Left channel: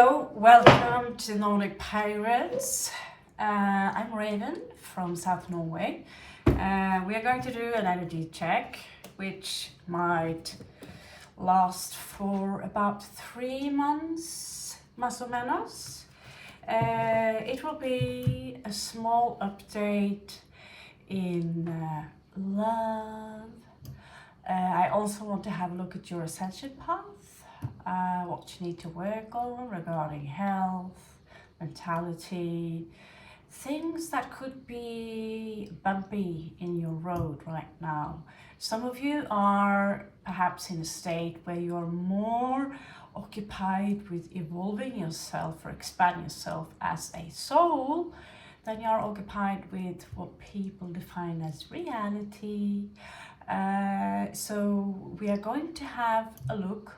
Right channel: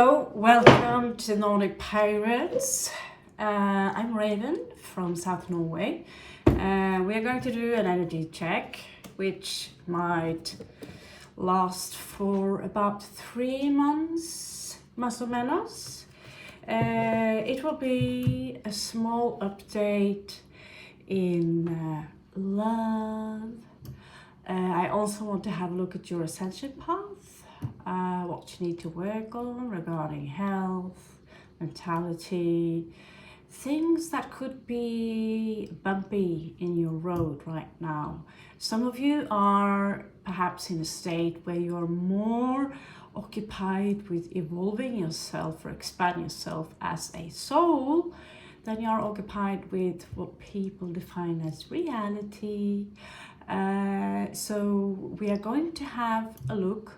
Hello, welcome to Nordic Pirates. I'm Raven from South Norway. We are going to do an energy check, which might last for about 3 months, más o menos. It will be a small update in love. I also want to have a look at your ascension path. What you need to work on regarding health, mentality, things that could be bumpy in your road right now. Some of you are perhaps in a state where you are more occupied with evolving yourself or expanding yourself as a soul than you are occupied with what people define as reality. So we are going to have a look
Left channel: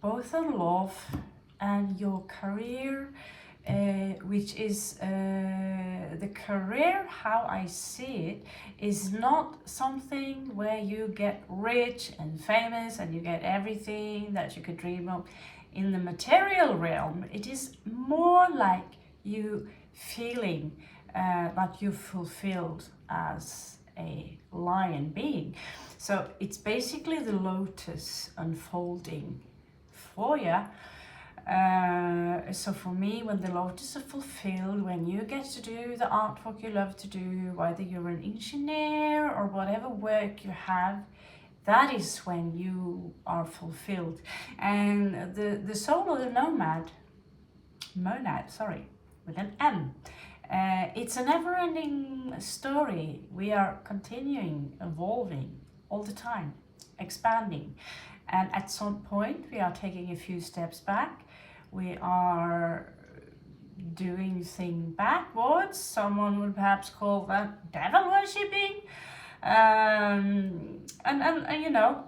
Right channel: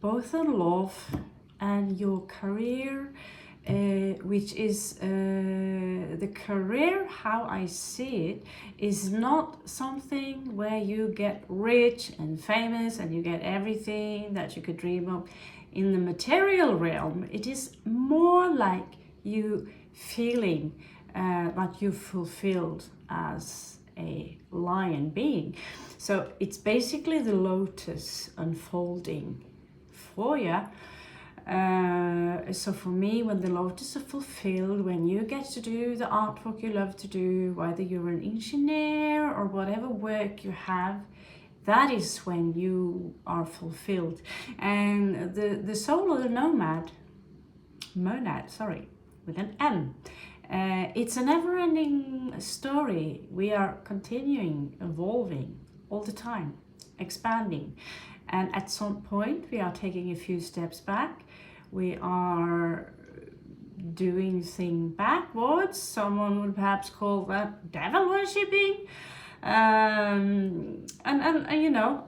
both on love and your career, which is the career, how I see it, is not something where you get rich and famous and you get everything that you could dream of in the material realm. It is more like you feeling that you're fulfilled as a lion being. So it's basically the lotus unfolding for you. So for me, when the lotus is fulfilled, when you get to do the artwork you love to do, whether you're an engineer or whatever work you have, that is when you are fulfilled. And the soul of the monad, sorry, with an M. It's a never-ending story. We are continuing, evolving all the time, expanding. And at some point, we are taking a few steps back. We are doing things backwards. Someone would perhaps call that devil worshipping. And you know,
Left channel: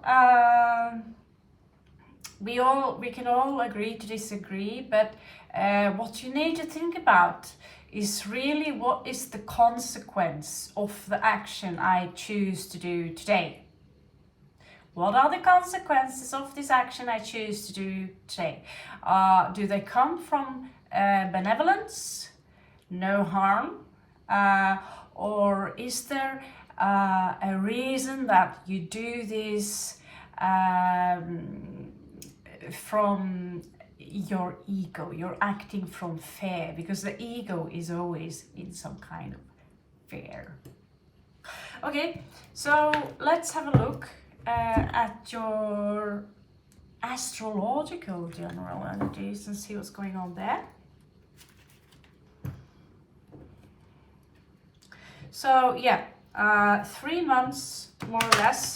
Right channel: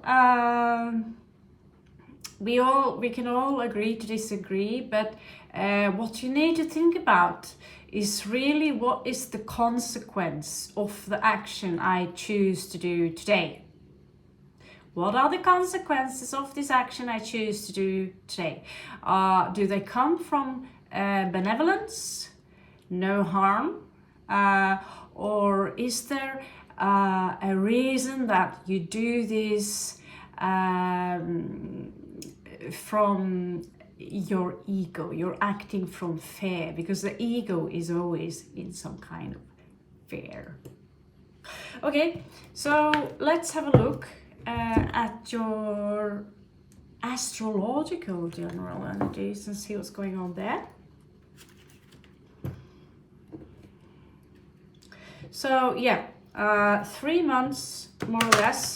we can all agree to disagree. But what you need to think about is really what is the consequence of the action I choose to do today. What are the consequences of this action I choose to do today? Do they come from benevolence, no harm? Or is there a reason that you do this from your ego? You're acting from fear, because the ego is always in some kind of fear. Okay, so let's have a look at your astrological general energies and see what's going on there. So yeah, 3 months more or less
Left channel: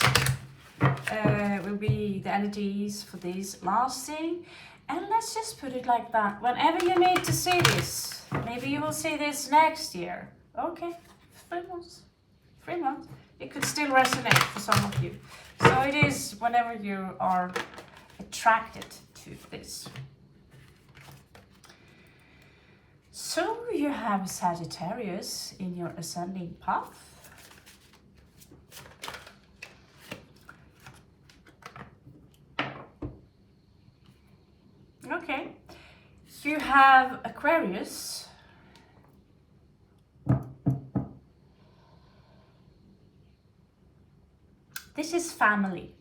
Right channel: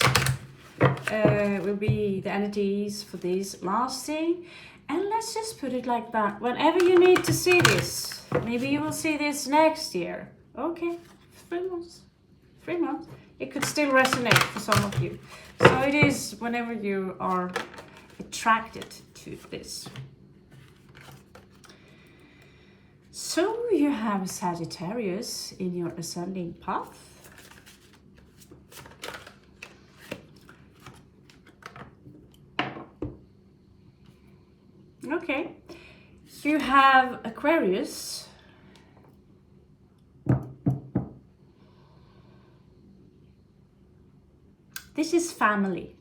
will be the energies for these lasting. And let's just put it like that. Whenever you need to see this, maybe you will see this next year. Okay, 3 months. 3 months. It could still resonate for some of you. So it is whenever you are attracted to this. So you have Sagittarius in your ascending path. Okay. You have Aquarius. This is family.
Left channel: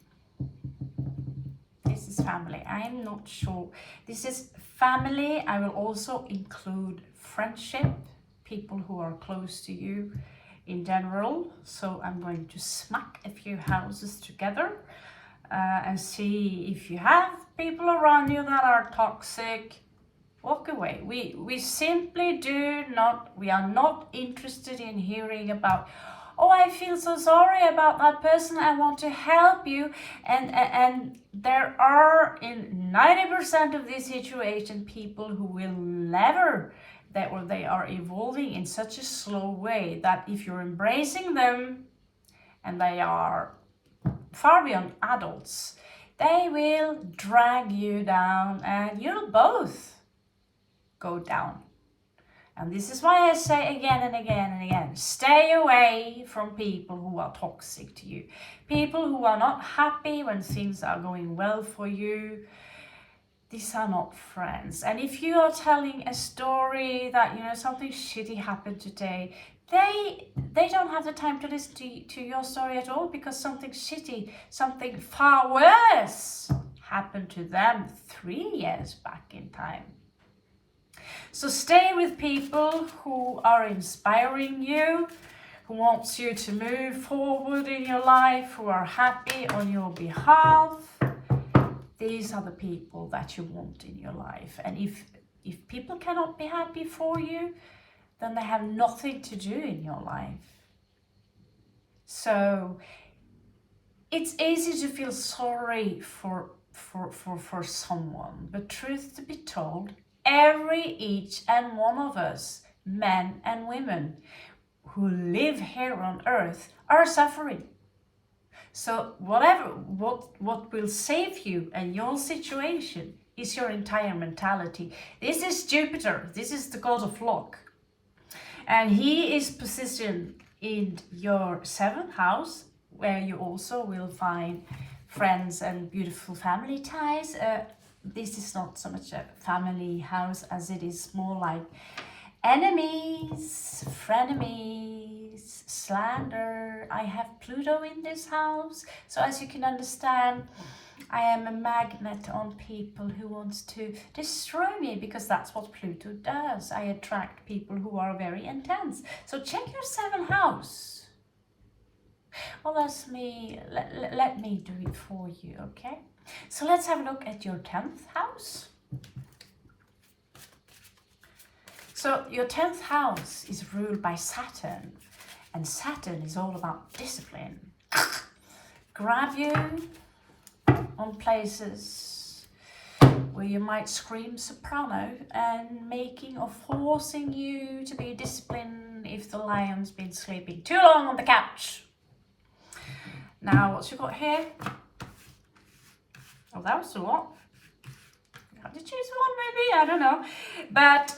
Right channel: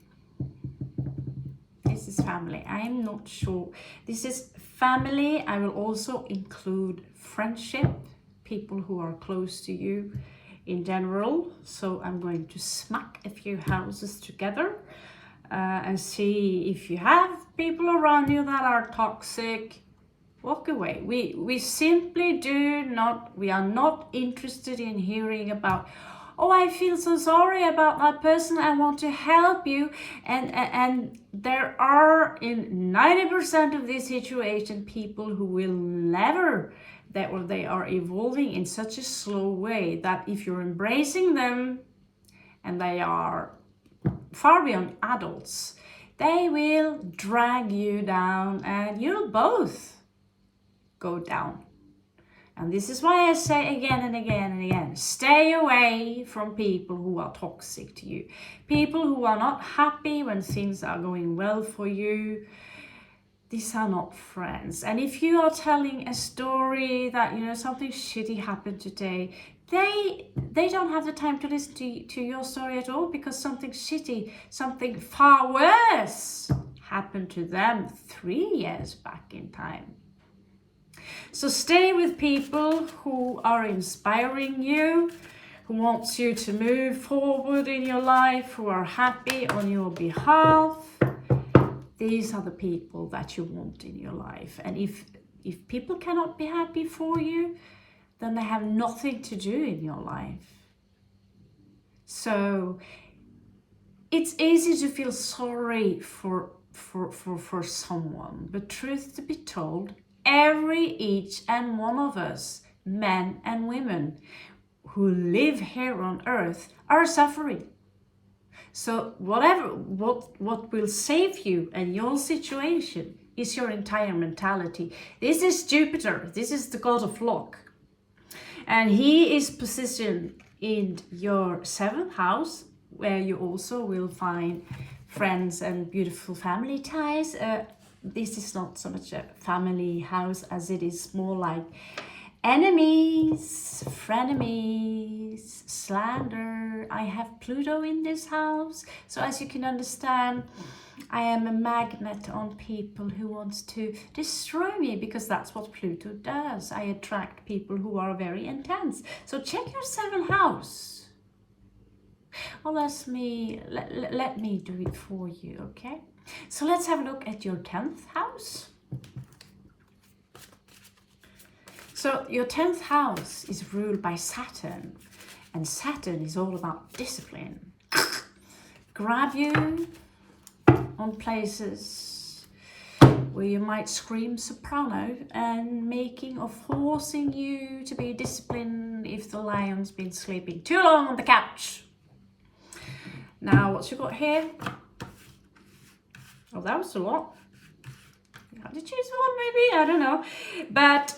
This is family. I am not sure. This is family. I will also include friendship, people who are close to you in general. So I'm going to smack a few houses together and see if you have people around you that are toxic. Walk away. We simply we are not interested in hearing about, oh, I feel so sorry about that person, I want to help you. And there are in 90% of this situation people who will never, they are evolving in such a slow way that if you're embracing them, and they are far beyond adults, they will drag you down and you'll both go down. And this is why I say again and again and again, stay away from people who are toxic to you. People who are not happy when things are going well for you. these are not friends. And if you are telling a story that, you know, something shitty happened today, they don't have the time to listen to your story at all, because something shitty, something far worse happened to them 3 years back in time. So stay with people who are inspiring you, who wants you to move forward in your life, who are happy on your behalf. These are the people that you want in your life. And if people cannot be happy for you, then they have nothing to do in your life. So it's easy to feel sorry for someone, but truth to be told, each and one of us, men and women who live here on earth, are suffering. So what will save you and your situation is your entire mentality. This is Jupiter, this is the god of luck. And he is positioned in your 7th house, where you also will find friends and beautiful family ties. This is not so much a family house as it is more like enemies, frenemies, slander. I have Pluto in this house. So as you can understand, I am a magnet on people who wants to destroy me, because that's what Pluto does. I attract people who are very intense. So check your 7th house. Well, let me do it for you, okay? So let's have a look at your 10th house. So your 10th house is ruled by Saturn, and Saturn is all about discipline. Grab you on places where you might scream soprano, and making or forcing you to be disciplined if the lion's been sleeping too long on the couch. Now, what's you got here? Oh, that was a lot. You have to choose one, maybe, I don't know. But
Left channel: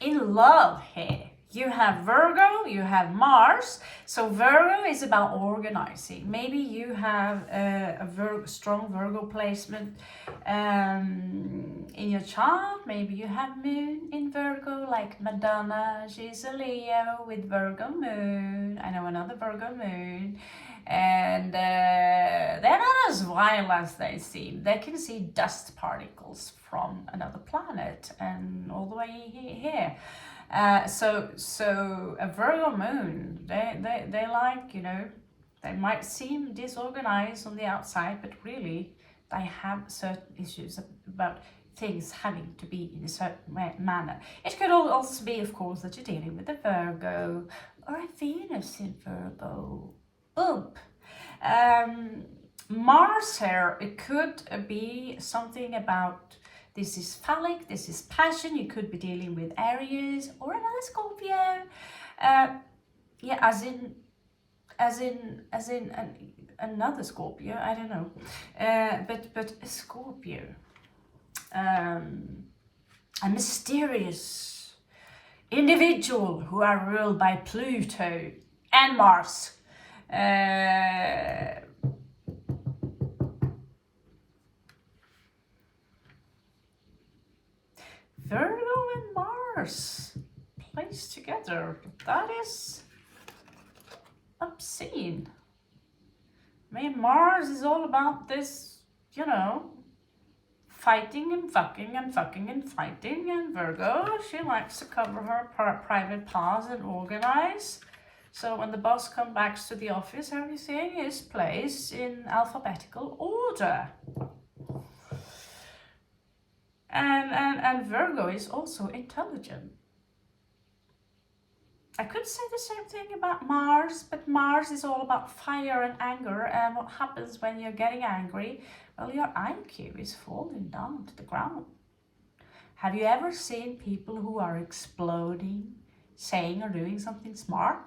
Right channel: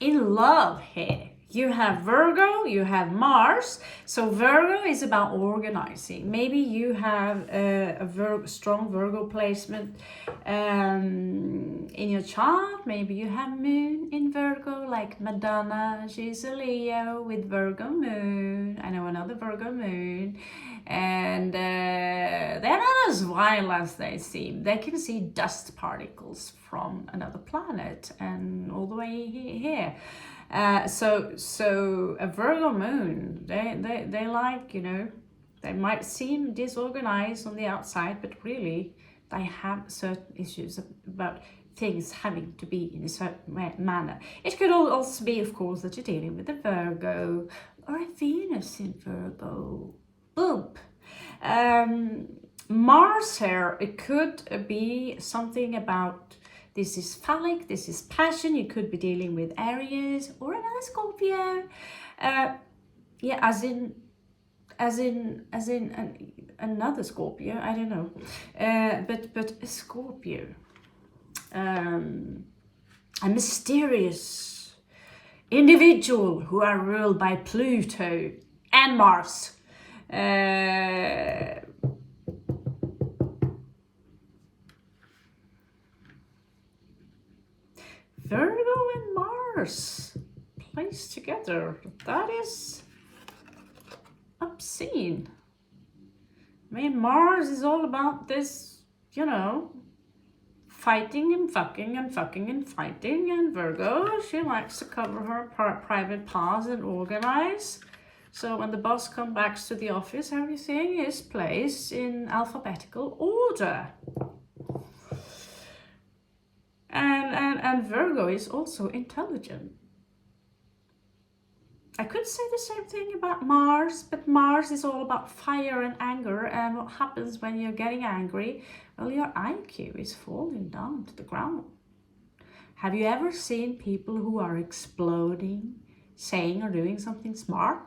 in love here, you have Virgo, you have Mars. So Virgo is about organizing. Maybe you have a strong Virgo placement in your chart. Maybe you have Moon in Virgo, like Madonna. She's a Leo with Virgo Moon. I know another Virgo Moon. And they're not as wild as they seem. They can see dust particles from another planet and all the way here. So a Virgo moon, they like, you know, they might seem disorganized on the outside, but really they have certain issues about things having to be in a certain manner. It could also be, of course, that you're dealing with a Virgo or a Venus in Virgo. Oop. Mars here, it could be something about, this is phallic, this is passion. You could be dealing with Aries or another Scorpio. Yeah, as in another Scorpio, I don't know. But a Scorpio. A mysterious individual who are ruled by Pluto and Mars. Virgo and Mars placed together. That is obscene. I mean, Mars is all about this, you know, fighting and fucking and fucking and fighting. And Virgo, she likes to cover her private parts and organize. So when the boss comes back to the office, everything is placed in alphabetical order. And Virgo is also intelligent. I could say the same thing about Mars, but Mars is all about fire and anger. And what happens when you're getting angry? Well, your IQ is falling down to the ground. Have you ever seen people who are exploding, saying or doing something smart?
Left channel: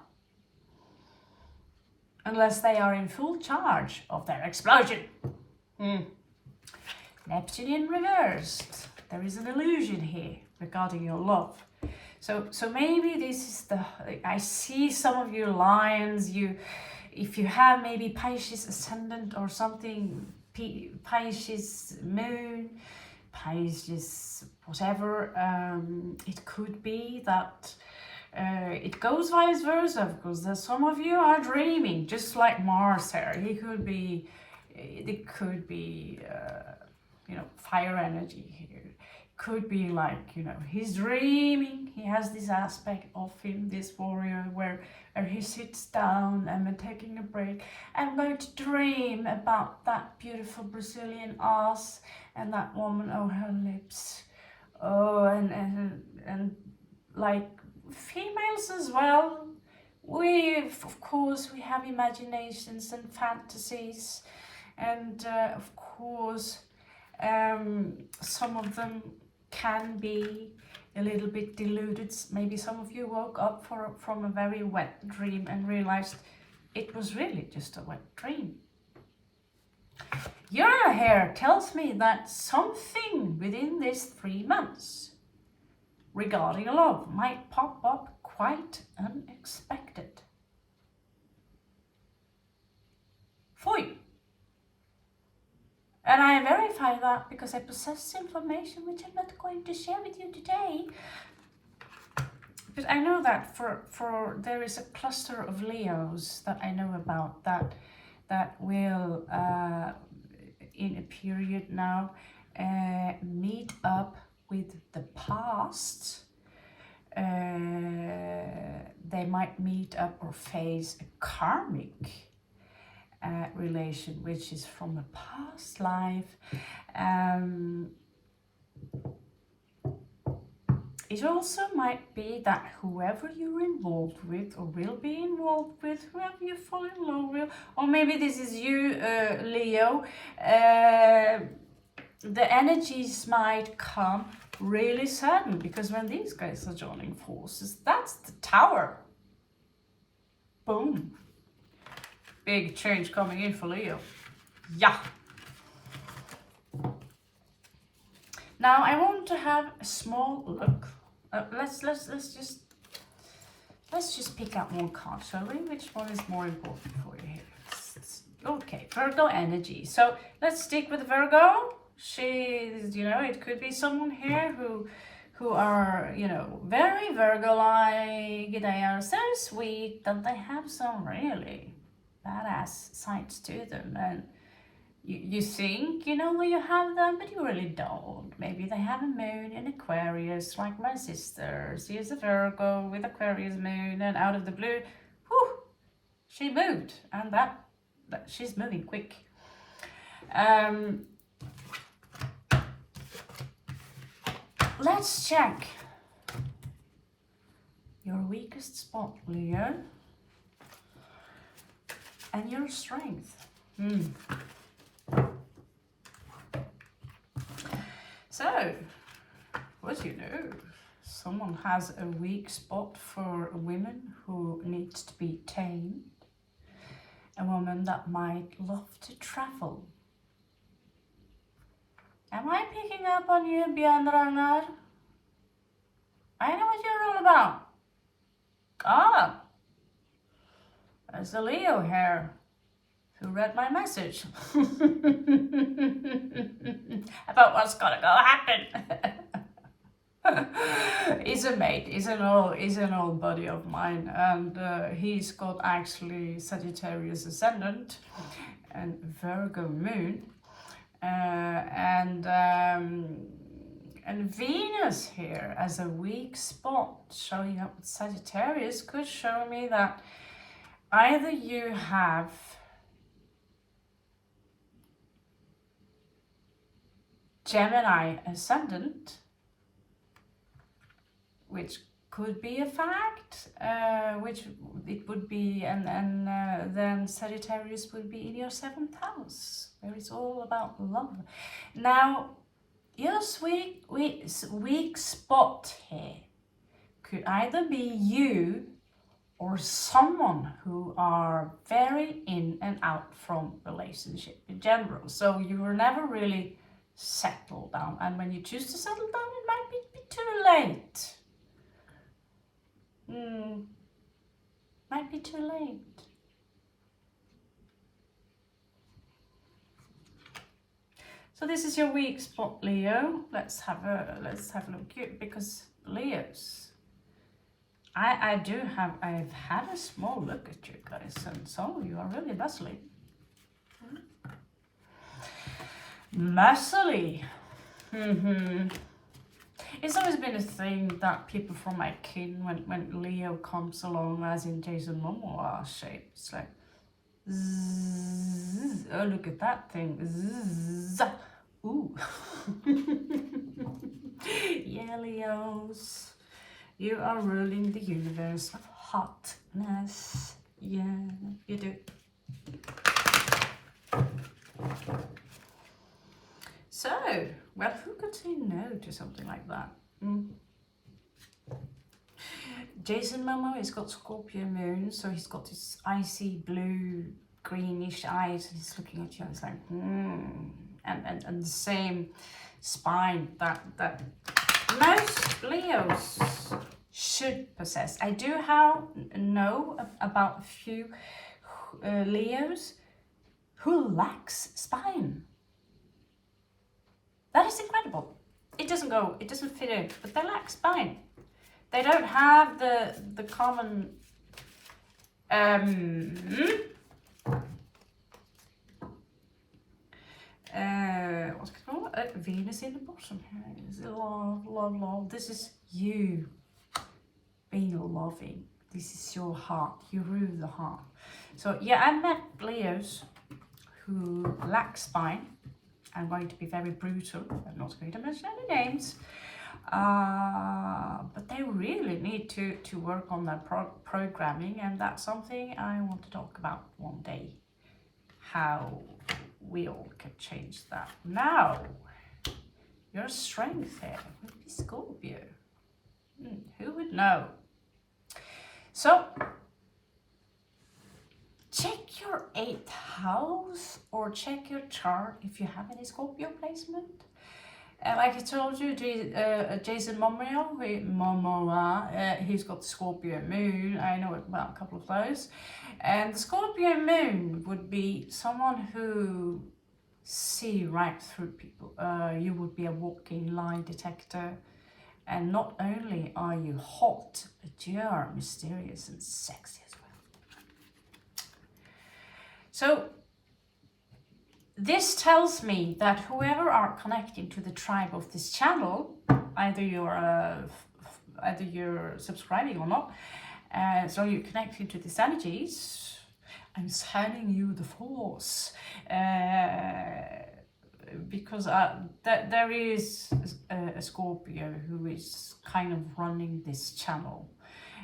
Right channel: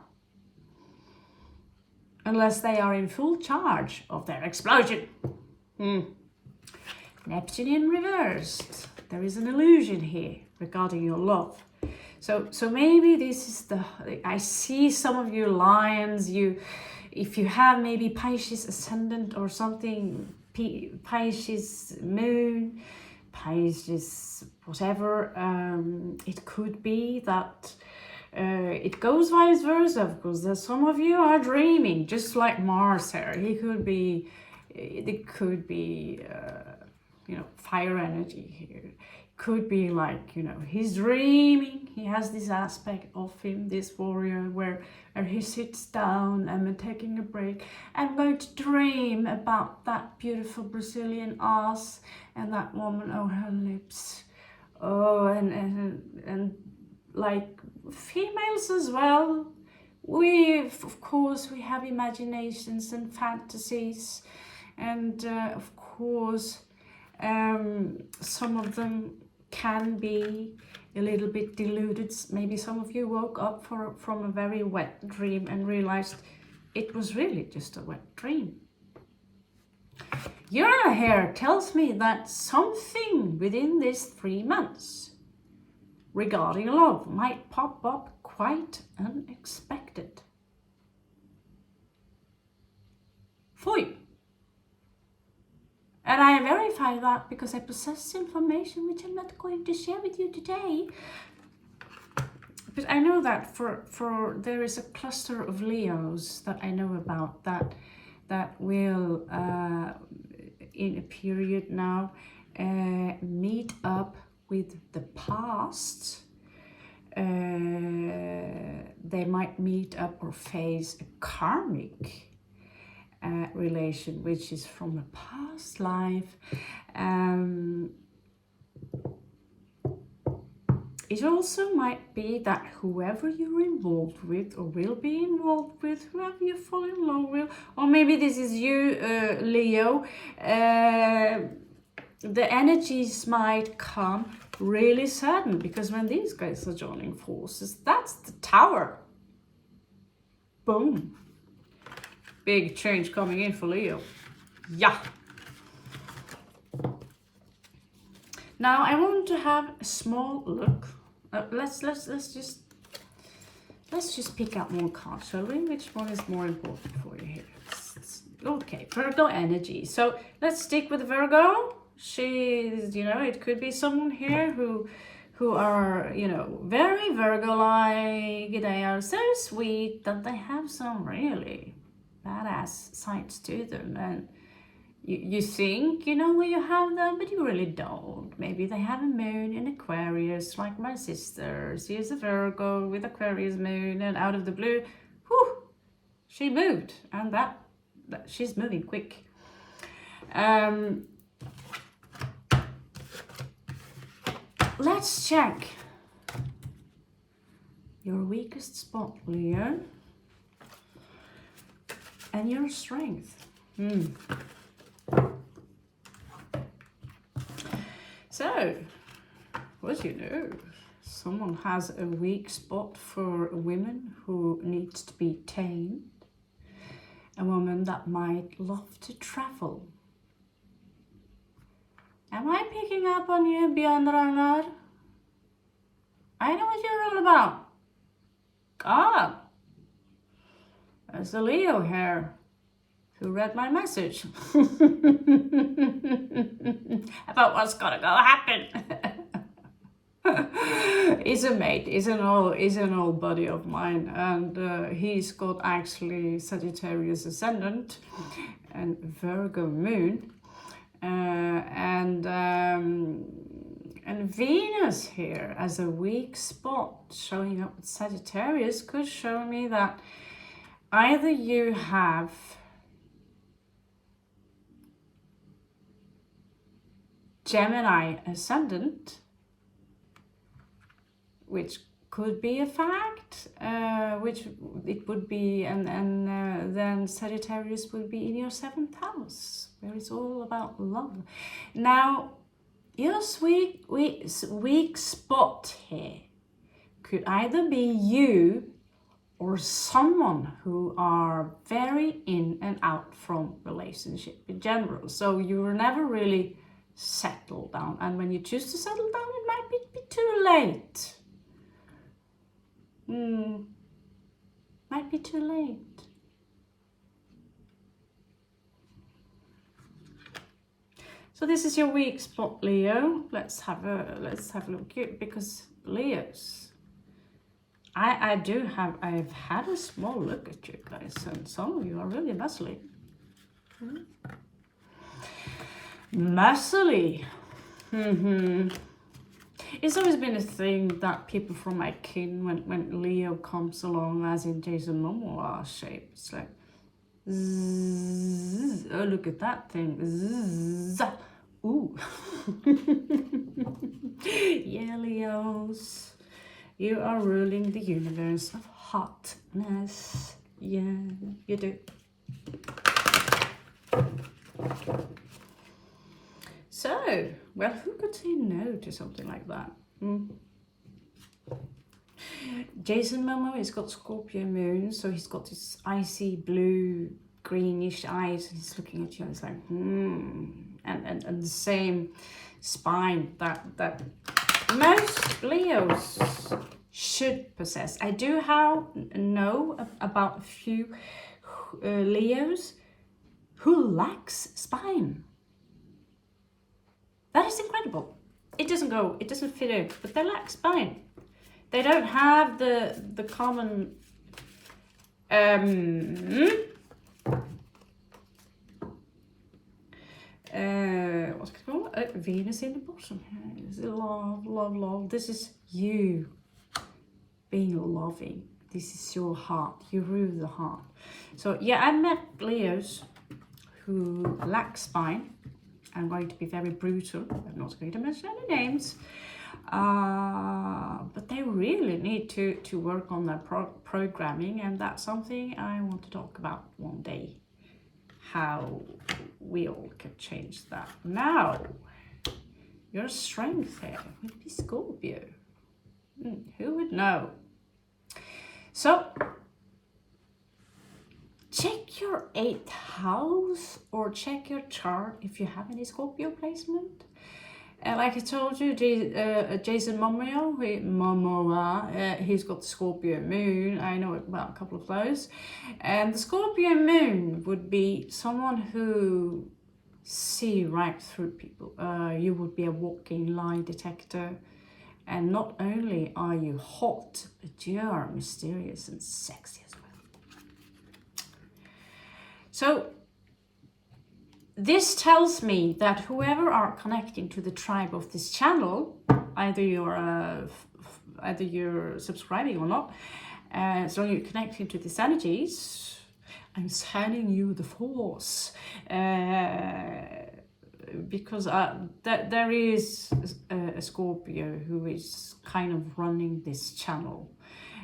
Unless they are in full charge of their explosion. Neptune in reversed. There is an illusion here regarding your love. So maybe this is I see some of you lions, if you have maybe Pisces ascendant or something, Pisces moon, Pisces whatever. It could be that it goes vice versa, because some of you are dreaming, just like Mars here. It could be you know, fire energy here. Could be like, you know, he's dreaming, he has this aspect of him, this warrior, where he sits down and taking a break. I'm going to dream about that beautiful Brazilian ass and that woman, oh, her lips, oh, and like females as well. Of course, we have imaginations and fantasies, and of course, some of them can be a little bit deluded. Maybe some of you woke up from a very wet dream and realized it was really just a wet dream. Your hair tells me that something within these 3 months regarding love might pop up quite unexpected for you. And I verify that because I possess information which I'm not going to share with you today. But I know that for there is a cluster of Leos that I know about that will in a period now meet up with the past. They might meet up or face a karmic relation, which is from a past life. It also might be that whoever you're involved with or will be involved with, whoever you fall in love with, or maybe this is you, Leo, the energies might come really sudden, because when these guys are joining forces, that's the Tower. Boom. Big change coming in for Leo. Yeah. Now I want to have a small look. Let's just pick up one card, shall we? Which one is more important for you here? Okay, Virgo energy. So let's stick with Virgo. She's, you know, it could be someone here who are, you know, very Virgo-like. They are so sweet that they have some really badass sides to them, and you think you know where you have them, but you really don't. Maybe they have a moon in Aquarius, like my sister. She is a Virgo with Aquarius moon, and out of the blue, whew, she moved, and that she's moving quick. Let's check your weakest spot, Leo, and your strength. So, what you know, someone has a weak spot for a woman who needs to be tamed, a woman that might love to travel. Am I picking up on you, Björn Ragnar? I know what you're all about. God, there's a Leo here who read my message about what's gonna go happen. He's a mate, he's an old buddy of mine, and he's got actually Sagittarius ascendant and Virgo moon, and Venus here as a weak spot showing up with Sagittarius could show me that either you have Gemini ascendant, which could be a fact, which it would be, and then Sagittarius would be in your 7th house, where it's all about love. Now, your weak spot here could either be you or someone who are very in and out from relationship in general. So you were never really settled down, and when you choose to settle down, it might be too late. Might be too late. So this is your weak spot, Leo. Let's have a look here, because Leos, I've had a small look at you guys, and some of you are really muscly. Muscly. It's always been a thing that people from my kin, when Leo comes along, as in Jason Momoa shape, it's like, zzz, oh, look at that thing. Zzz, ooh. Yeah, Leos, you are ruling the universe of hotness. Yeah, you do. So, well, who could say no to something like that? Jason Momoa has got Scorpio moon, so he's got this icy blue, greenish eyes, and he's looking at you and it's like, and the same spine that most Leos should possess. I do know about a few Leos who lacks spine. That is incredible. It doesn't fit in, but they lack spine. They don't have the common what's it called? Venus in the bottom. Love. This is you being loving. This is your heart. You rule the heart. So yeah, I met Leos who lack spine. I'm going to be very brutal. I'm not going to mention any names. But they really need to work on their programming, and that's something I want to talk about one day. How we all can change that. Now, your strength here would be Scorpio. Who would know? So, check your 8th house or check your chart if you have any Scorpio placement. Like I told you, Jason Momoa, he's got the Scorpio moon. I know about a couple of those. And the Scorpio moon would be someone who see right through people. You would be a walking lie detector. And not only are you hot, but you are mysterious and sexy as well. So this tells me that whoever are connecting to the tribe of this channel, either you're subscribing or not, so you're connecting to these energies, I'm sending you the force, because there is a Scorpio who is kind of running this channel,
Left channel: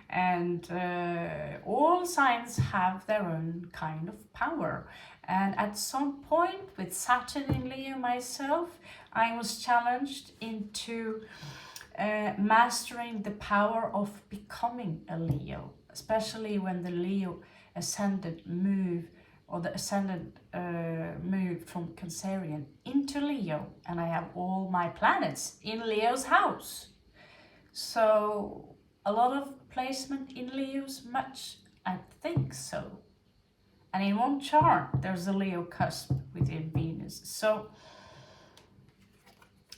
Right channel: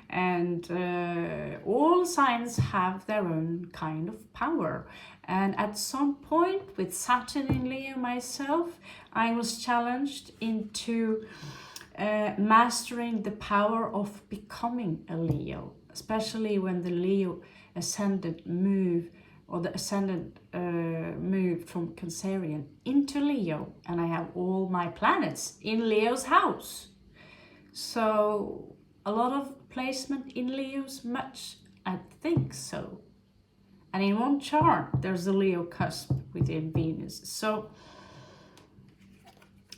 and all signs have their own kind of power. And at some point with Saturn in Leo myself, I was challenged into mastering the power of becoming a Leo, especially when the Leo ascendant move, or the ascendant moved from Cancerian into Leo, and I have all my planets in Leo's house. So a lot of placement in Leo's much, I think so. And in one chart, there's a Leo cusp within Venus. So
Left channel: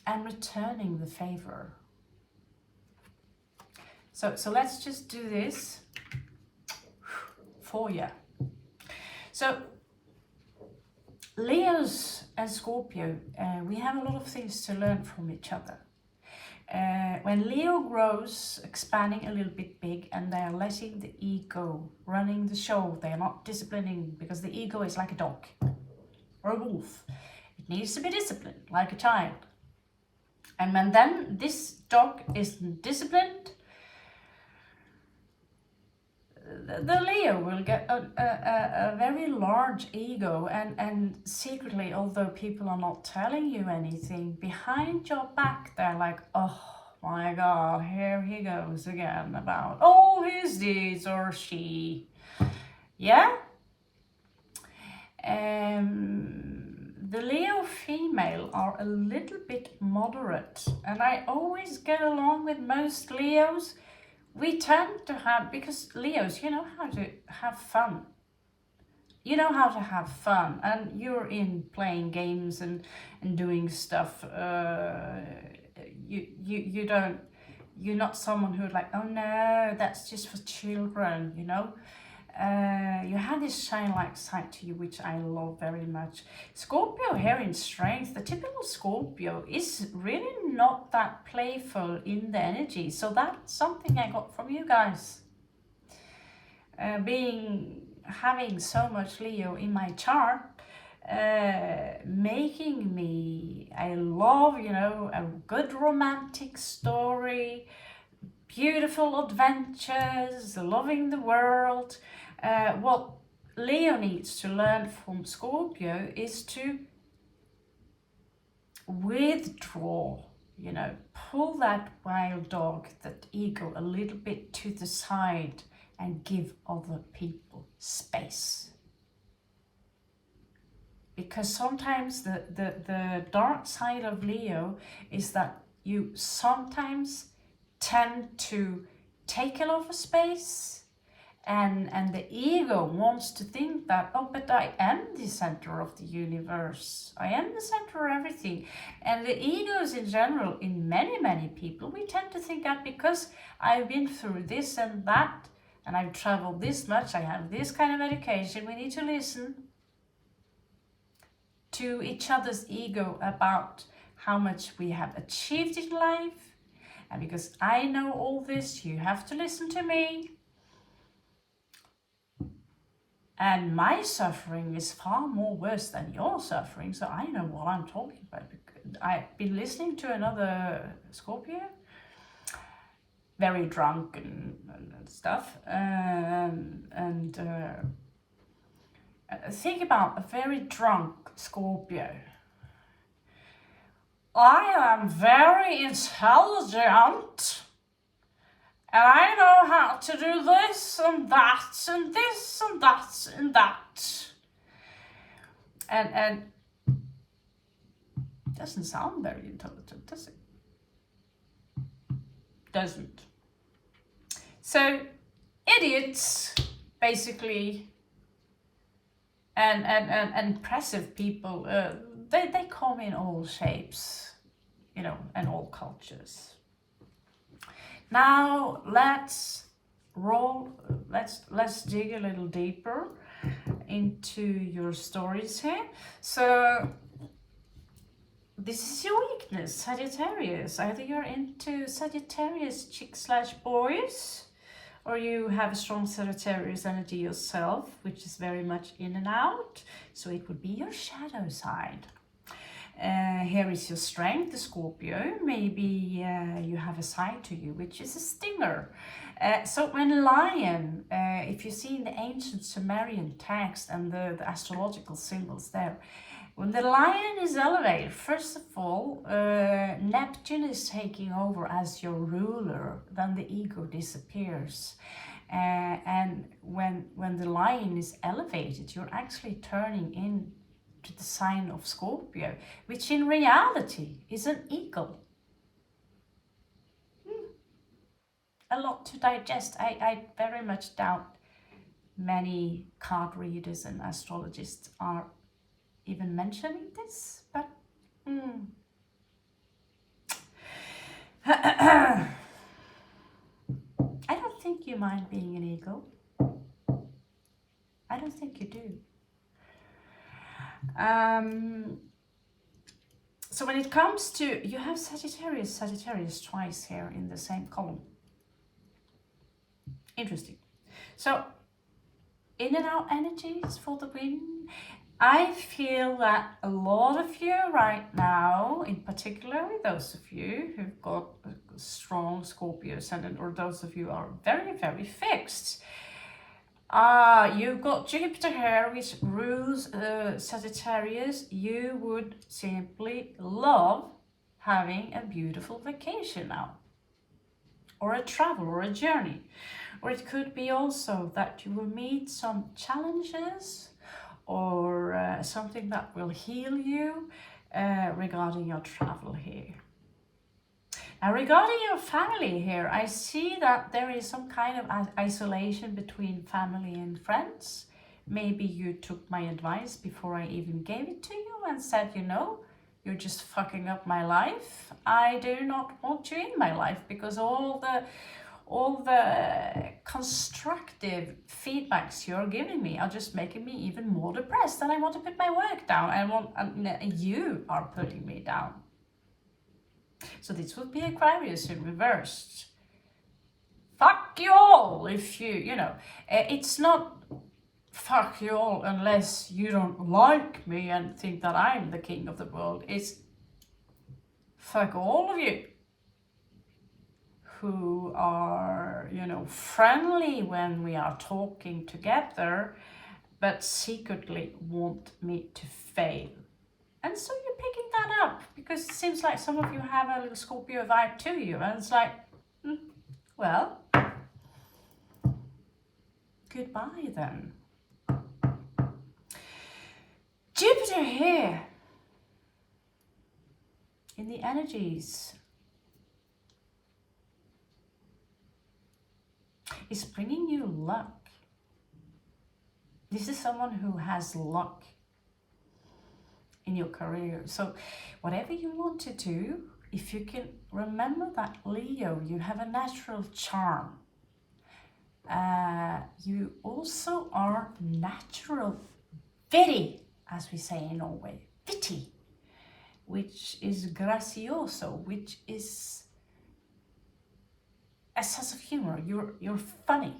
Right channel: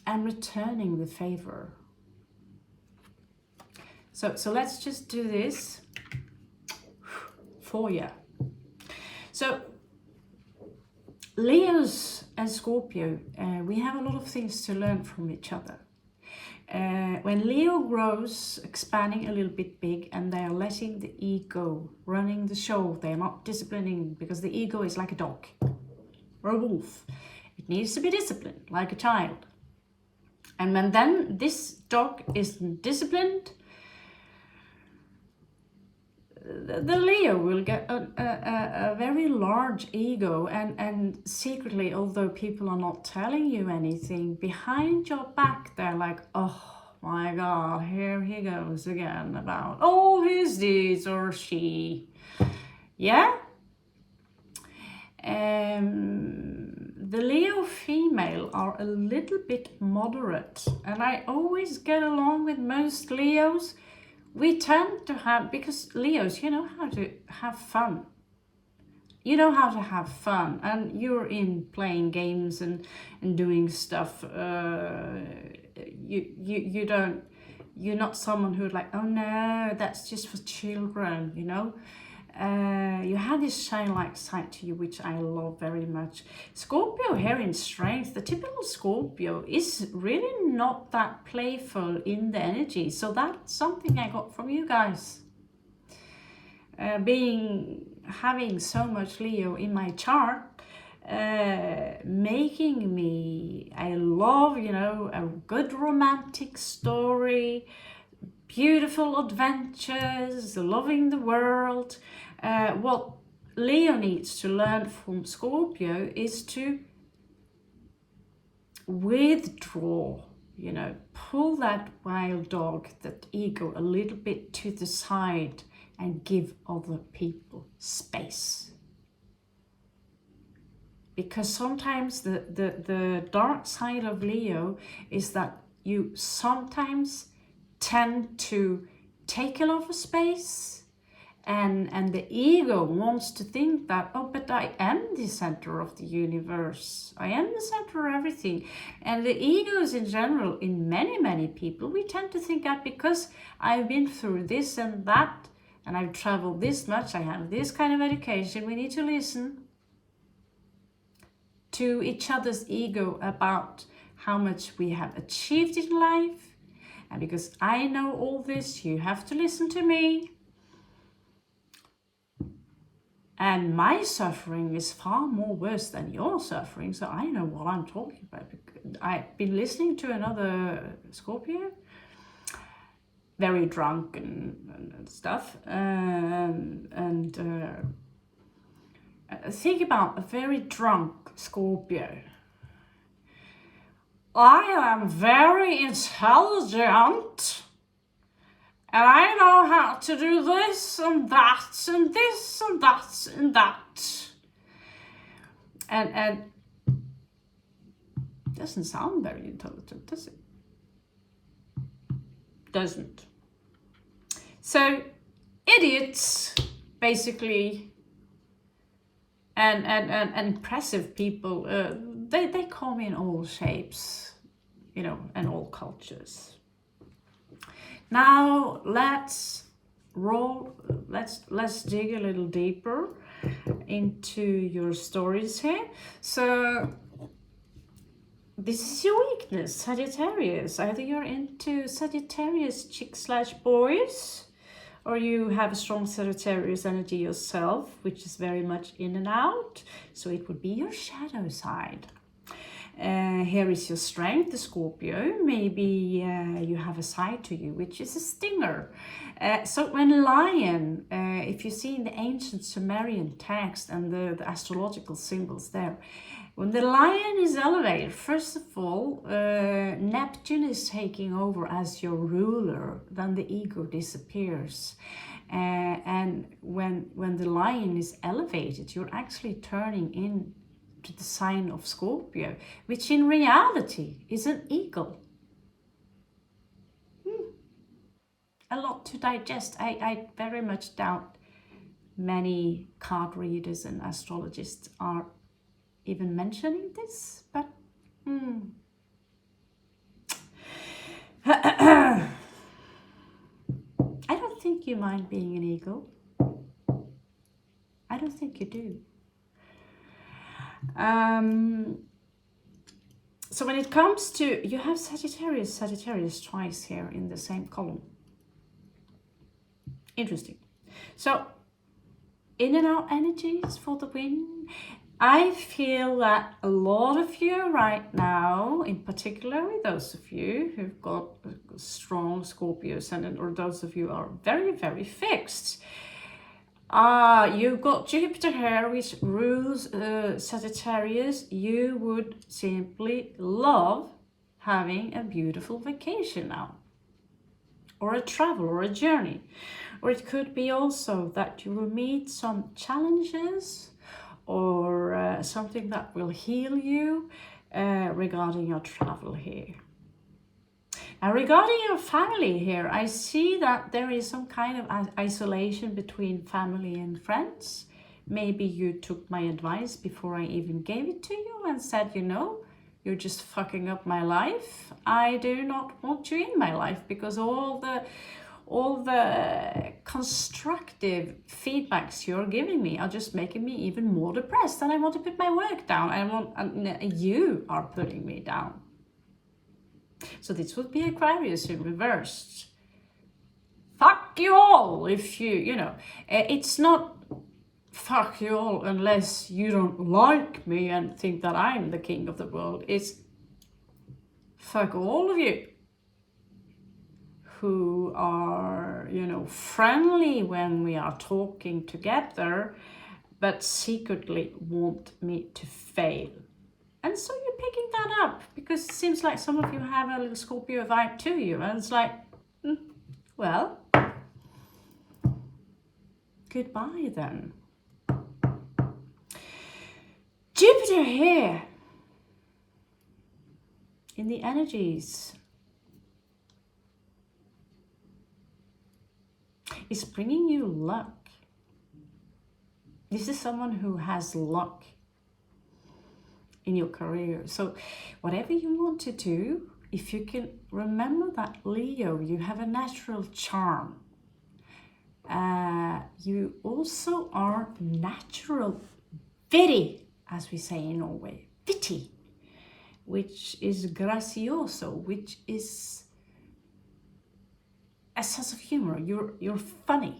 I'm returning the favor. So let's just do this for you. So Leos and Scorpio, we have a lot of things to learn from each other. When Leo grows, expanding a little bit big, and they are letting the ego running the show, they are not disciplining, because the ego is like a dog or a wolf. It needs to be disciplined like a child. And when then this dog isn't disciplined, the Leo will get a very large ego, and secretly, although people are not telling you anything, behind your back they're like, oh my God, here he goes again about all his deeds, or she. Yeah? The Leo female are a little bit moderate, and I always get along with most Leos. We tend to have, because Leos, you know how to have fun. you know how to have fun, and you're in playing games and doing stuff. You don't, you're not someone who's like, oh no, that's just for children, you know. You have this childlike side to you, which I love very much. Scorpio here in strength, the typical Scorpio is really not that playful in the energy. So that's something I got from you guys. Having so much Leo in my chart, making me, I love, you know, a good romantic story, beautiful adventures, loving the world. What Leo needs to learn from Scorpio is to withdraw, you know, pull that wild dog, that ego a little bit to the side and give other people space. Because sometimes the dark side of Leo is that you sometimes tend to take a lot of space, and the ego wants to think that, oh, but I am the center of the universe, I am the center of everything. And the egos in general, in many people, we tend to think that because I've been through this and that, and I've traveled this much, I have this kind of education, we need to listen to each other's ego about how much we have achieved in life. And because I know all this, you have to listen to me. And my suffering is far more worse than your suffering, so I know what I'm talking about. I've been listening to another Scorpio, very drunk and stuff, think about a very drunk Scorpio. I am very intelligent, and I know how to do this and that and this and that and that. And doesn't sound very intelligent, does it? Doesn't. So idiots, basically, and impressive people, they come in all shapes, you know, and all cultures. Now let's dig a little deeper into your stories here. So this is your weakness, Sagittarius. Either you're into Sagittarius chick/boys, or you have a strong Sagittarius energy yourself, which is very much in and out. So it would be your shadow side. Here is your strength, the Scorpio. Maybe you have a side to you, which is a stinger. So when lion, if you see in the ancient Sumerian text and the astrological symbols there, when the lion is elevated, first of all, Neptune is taking over as your ruler, then the ego disappears. And when the lion is elevated, you're actually turning in to the sign of Scorpio, which in reality is an eagle. A lot to digest. I very much doubt many card readers and astrologists are even mentioning this, but I don't think you mind being an eagle. I don't think you do. So when it comes to, you have Sagittarius twice here in the same column. Interesting. So in and out energies for the win. I feel that a lot of you right now, in particular those of you who've got a strong Scorpio ascendant, or those of you are very, very fixed, you've got Jupiter here, which rules Sagittarius. You would simply love having a beautiful vacation now, or a travel, or a journey. Or it could be also that you will meet some challenges, or something that will heal you regarding your travel here. Now, regarding your family here, I see that there is some kind of isolation between family and friends, Maybe you took my advice before I even gave it to you and said, you know, you're just fucking up my life. I do not want you in my life, because all the constructive feedbacks you're giving me are just making me even more depressed, and I want to put my work down. You are putting me down. So this would be Aquarius in reversed. Fuck you all if you know. It's not fuck you all unless you don't like me and think that I'm the king of the world. It's fuck all of you who are, you know, friendly when we are talking together, but secretly want me to fail. And so you're picking that up, because it seems like some of you have a little Scorpio vibe to you, and it's like, well, goodbye then. Jupiter here in the energies is bringing you luck. This is someone who has luck in your career. So whatever you want to do, if you can remember that, Leo, you have a natural charm. You also are natural witty, as we say in Norway, witty, which is gracioso, which is a sense of humor. You're funny.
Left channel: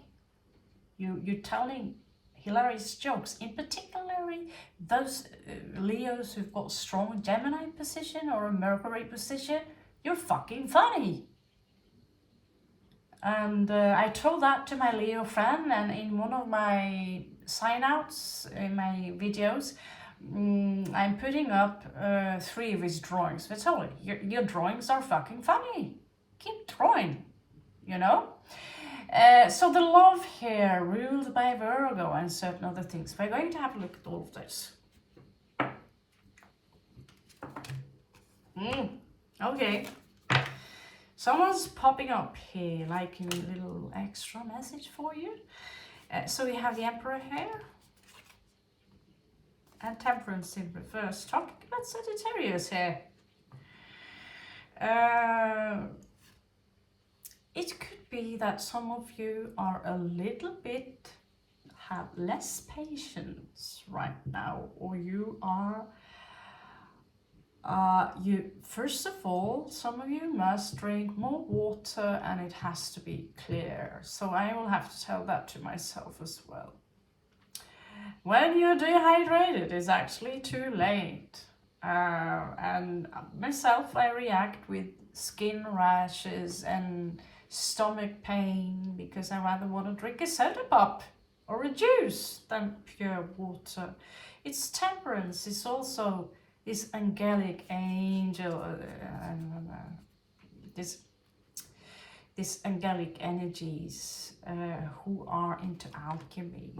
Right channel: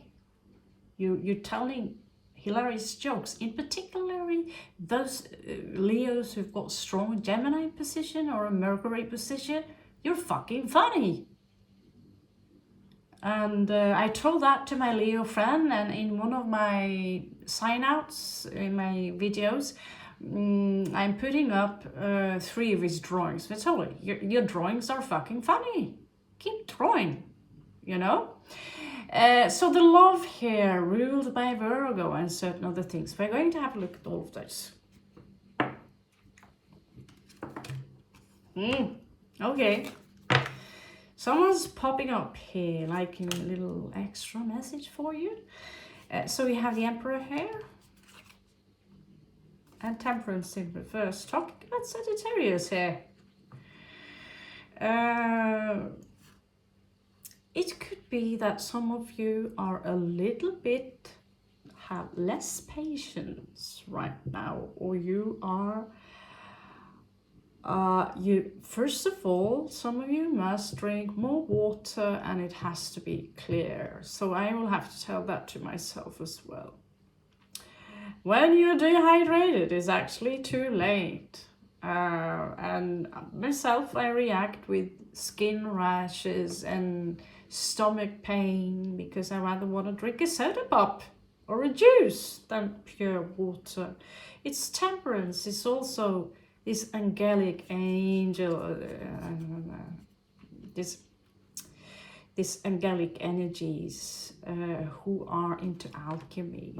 You're telling hilarious jokes. In particularly those Leos who've got strong Gemini position or a Mercury position, you're fucking funny. And I told that to my Leo friend, and in one of my sign-outs in my videos, I'm putting up 3 of his drawings. I told him, your drawings are fucking funny. Keep drawing, you know? So the love here, ruled by Virgo and certain other things. We're going to have a look at all of this. Okay. Someone's popping up here, like a little extra message for you. So we have the Emperor here. And Temperance in reverse. Talking about Sagittarius here. It could be that some of you are a little bit, have less patience right now, or you are, first of all, some of you must drink more water, and it has to be clear. So I will have to tell that to myself as well. When you're dehydrated, it's actually too late. And myself, I react with skin rashes and stomach pain because I rather want to drink a soda pop or a juice than pure water. It's Temperance. It's also this angelic angel, this angelic energies who are into alchemy.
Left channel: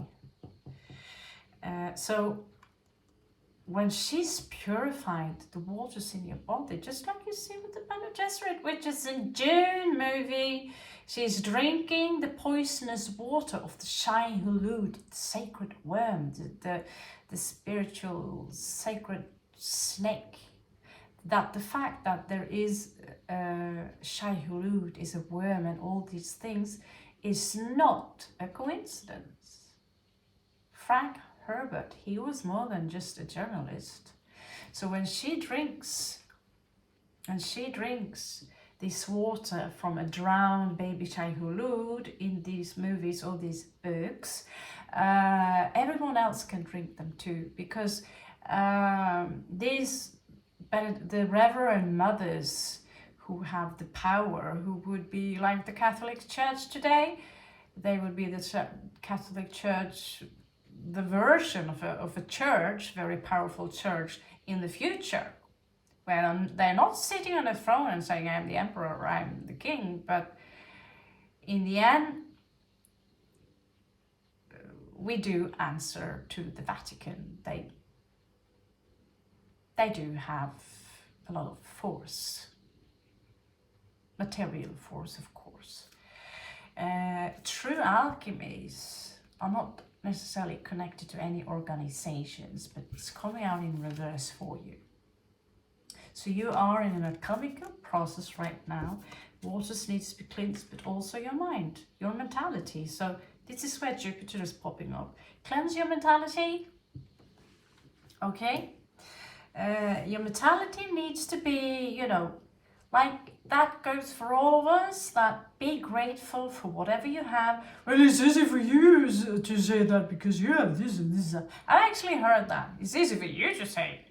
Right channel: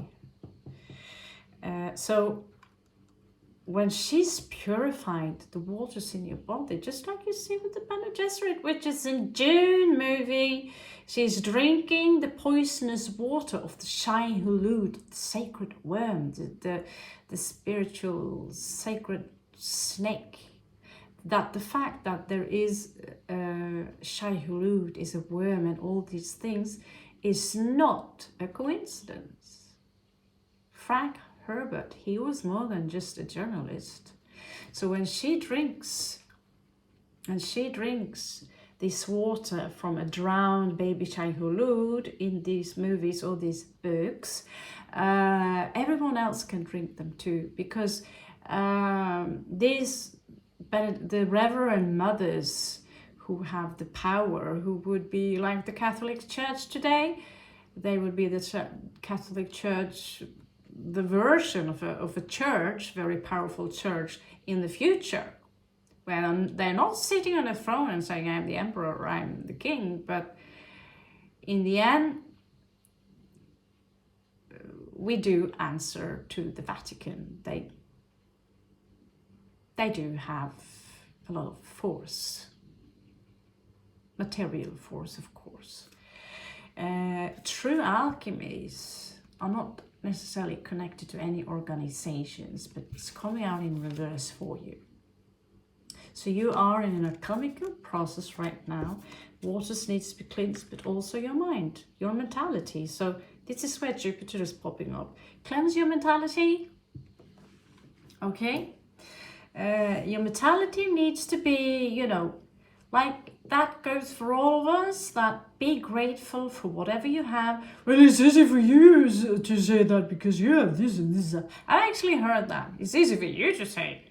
So when she's purified the waters in your body, just like you see with the Bene Gesserit witches in June movie, she's drinking the poisonous water of the Shai Hulud, the sacred worm, the spiritual sacred snake. That the fact that there is Shai Hulud is a worm and all these things is not a coincidence. Frank Herbert, he was more than just a journalist. So when she drinks, this water from a drowned baby Shai Hulud in these movies or these books, everyone else can drink them too, because the Reverend Mothers who have the power, who would be like the Catholic Church today, they would be the Catholic Church, the version of a church, very powerful church in the future, where they're not sitting on a throne and saying, I'm the emperor or I'm the king, but in the end, we do answer to the Vatican. They do have a lot of force, material force, of course. True alchemies are not necessarily connected to any organizations, but it's coming out in reverse for you. So you are in an alchemical process right now. Waters needs to be cleansed, but also your mind, your mentality. So this is where Jupiter is popping up. Cleanse your mentality. Okay? Your mentality needs to be, you know, like that goes for all of us, that be grateful for whatever you have. Well, it's easy for you to say that because you have this and this. I actually heard that. It's easy for you to say it.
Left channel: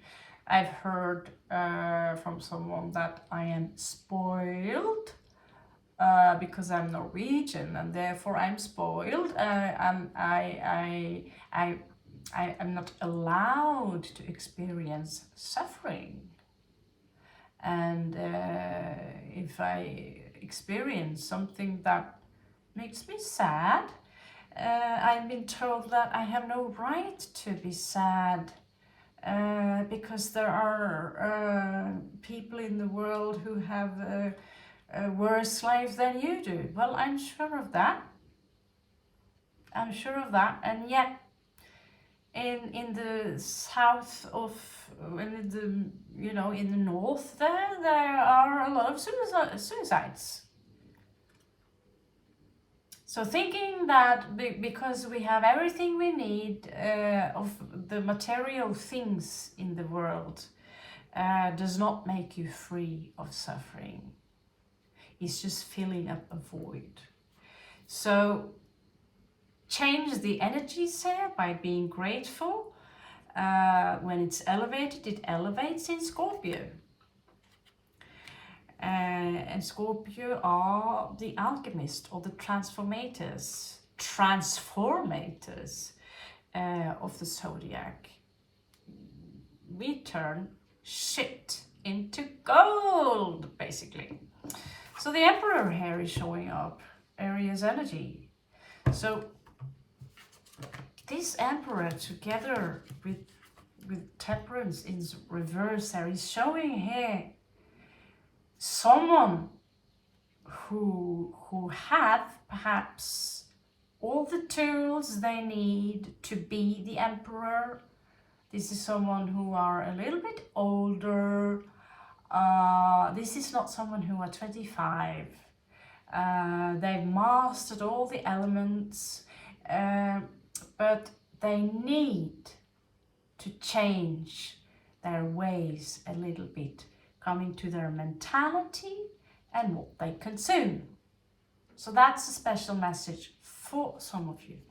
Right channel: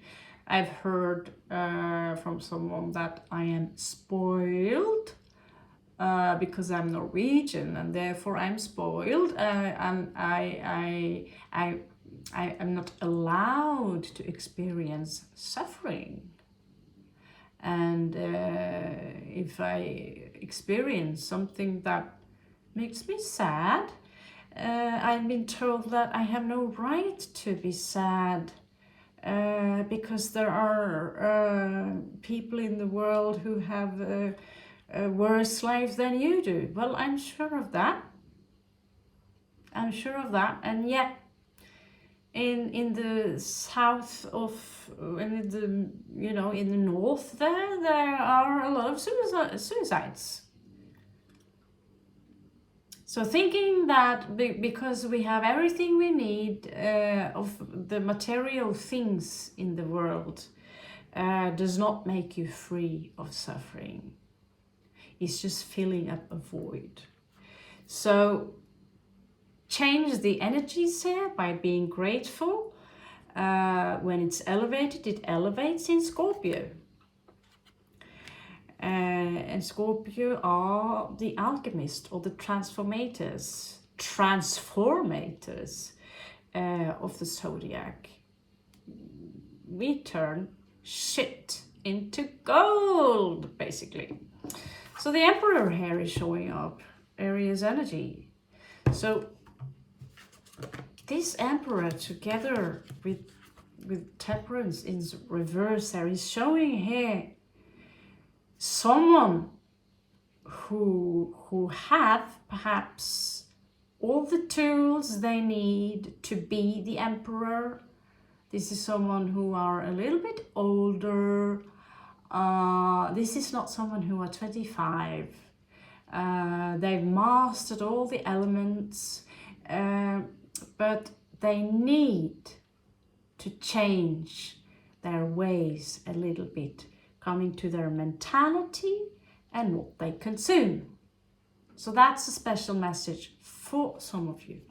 I've heard from someone that I am spoiled because I'm Norwegian and therefore I'm spoiled, and I'm not allowed to experience suffering. And if I experience something that makes me sad, I've been told that I have no right to be sad because there are people in the world who have a worse life than you do. Well, I'm sure of that. I'm sure of that. And yet, in the south of, in the, you know, in the north there are a lot of suicides. So thinking that because we have everything we need of the material things in the world does not make you free of suffering. It's just filling up a void. So change the energies here by being grateful. When it's elevated, it elevates in Scorpio. And Scorpio are the alchemists or the transformators of the zodiac. We turn shit into gold, basically. So the Emperor here is showing up, Aries energy. So this Emperor together with Temperance in reverse there is showing here someone who have perhaps all the tools they need to be the Emperor. This is someone who are a little bit older. This is not someone who are 25. They've mastered all the elements, but they need to change their ways a little bit, coming to their mentality and what they consume. So that's a special message for some of you.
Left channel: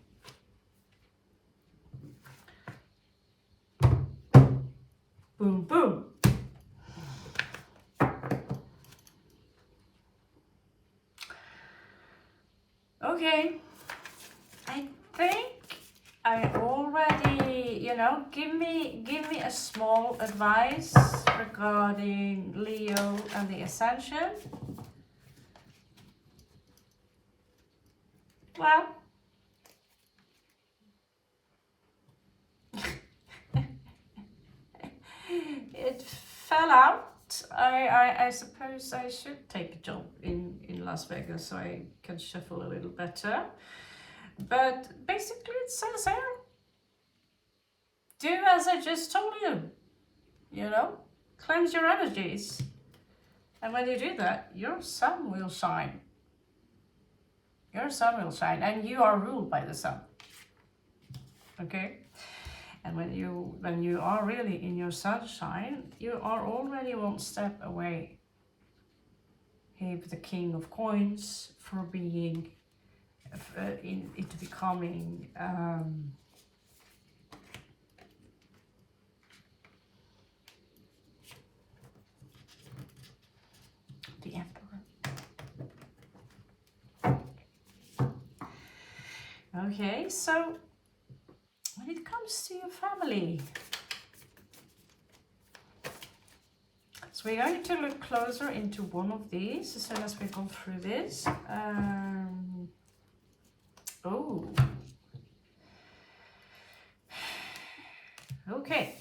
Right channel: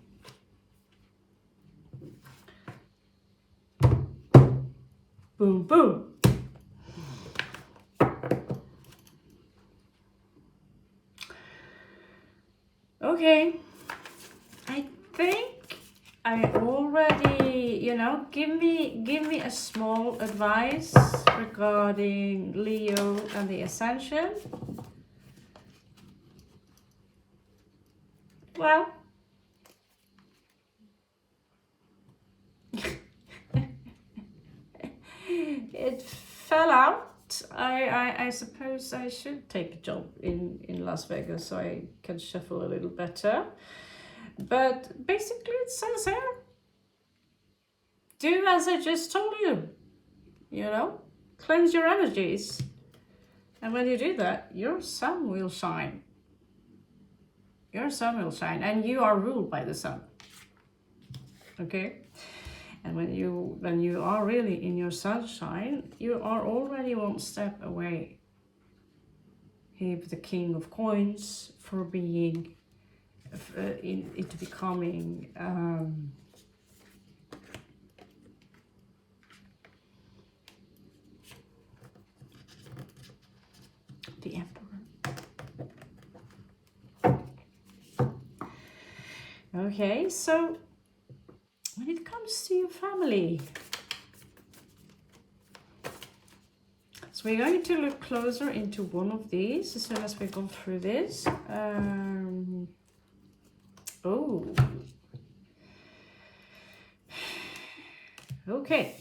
Boom, boom. Okay, I think I already, you know, give me a small advice regarding Leo and the Ascension. Well, it fell out. I suppose I should take a job in Las Vegas so I can shuffle a little better. But basically it says here, do as I just told you, you know, cleanse your energies. And when you do that, your sun will shine. Your sun will shine, and you are ruled by the sun. Okay? And when you are really in your sunshine, you are already one step away here with the King of Coins for being into becoming the Emperor. Okay, so when it comes to your family, so we're going to look closer into one of these as soon as we go through this. Oh, okay.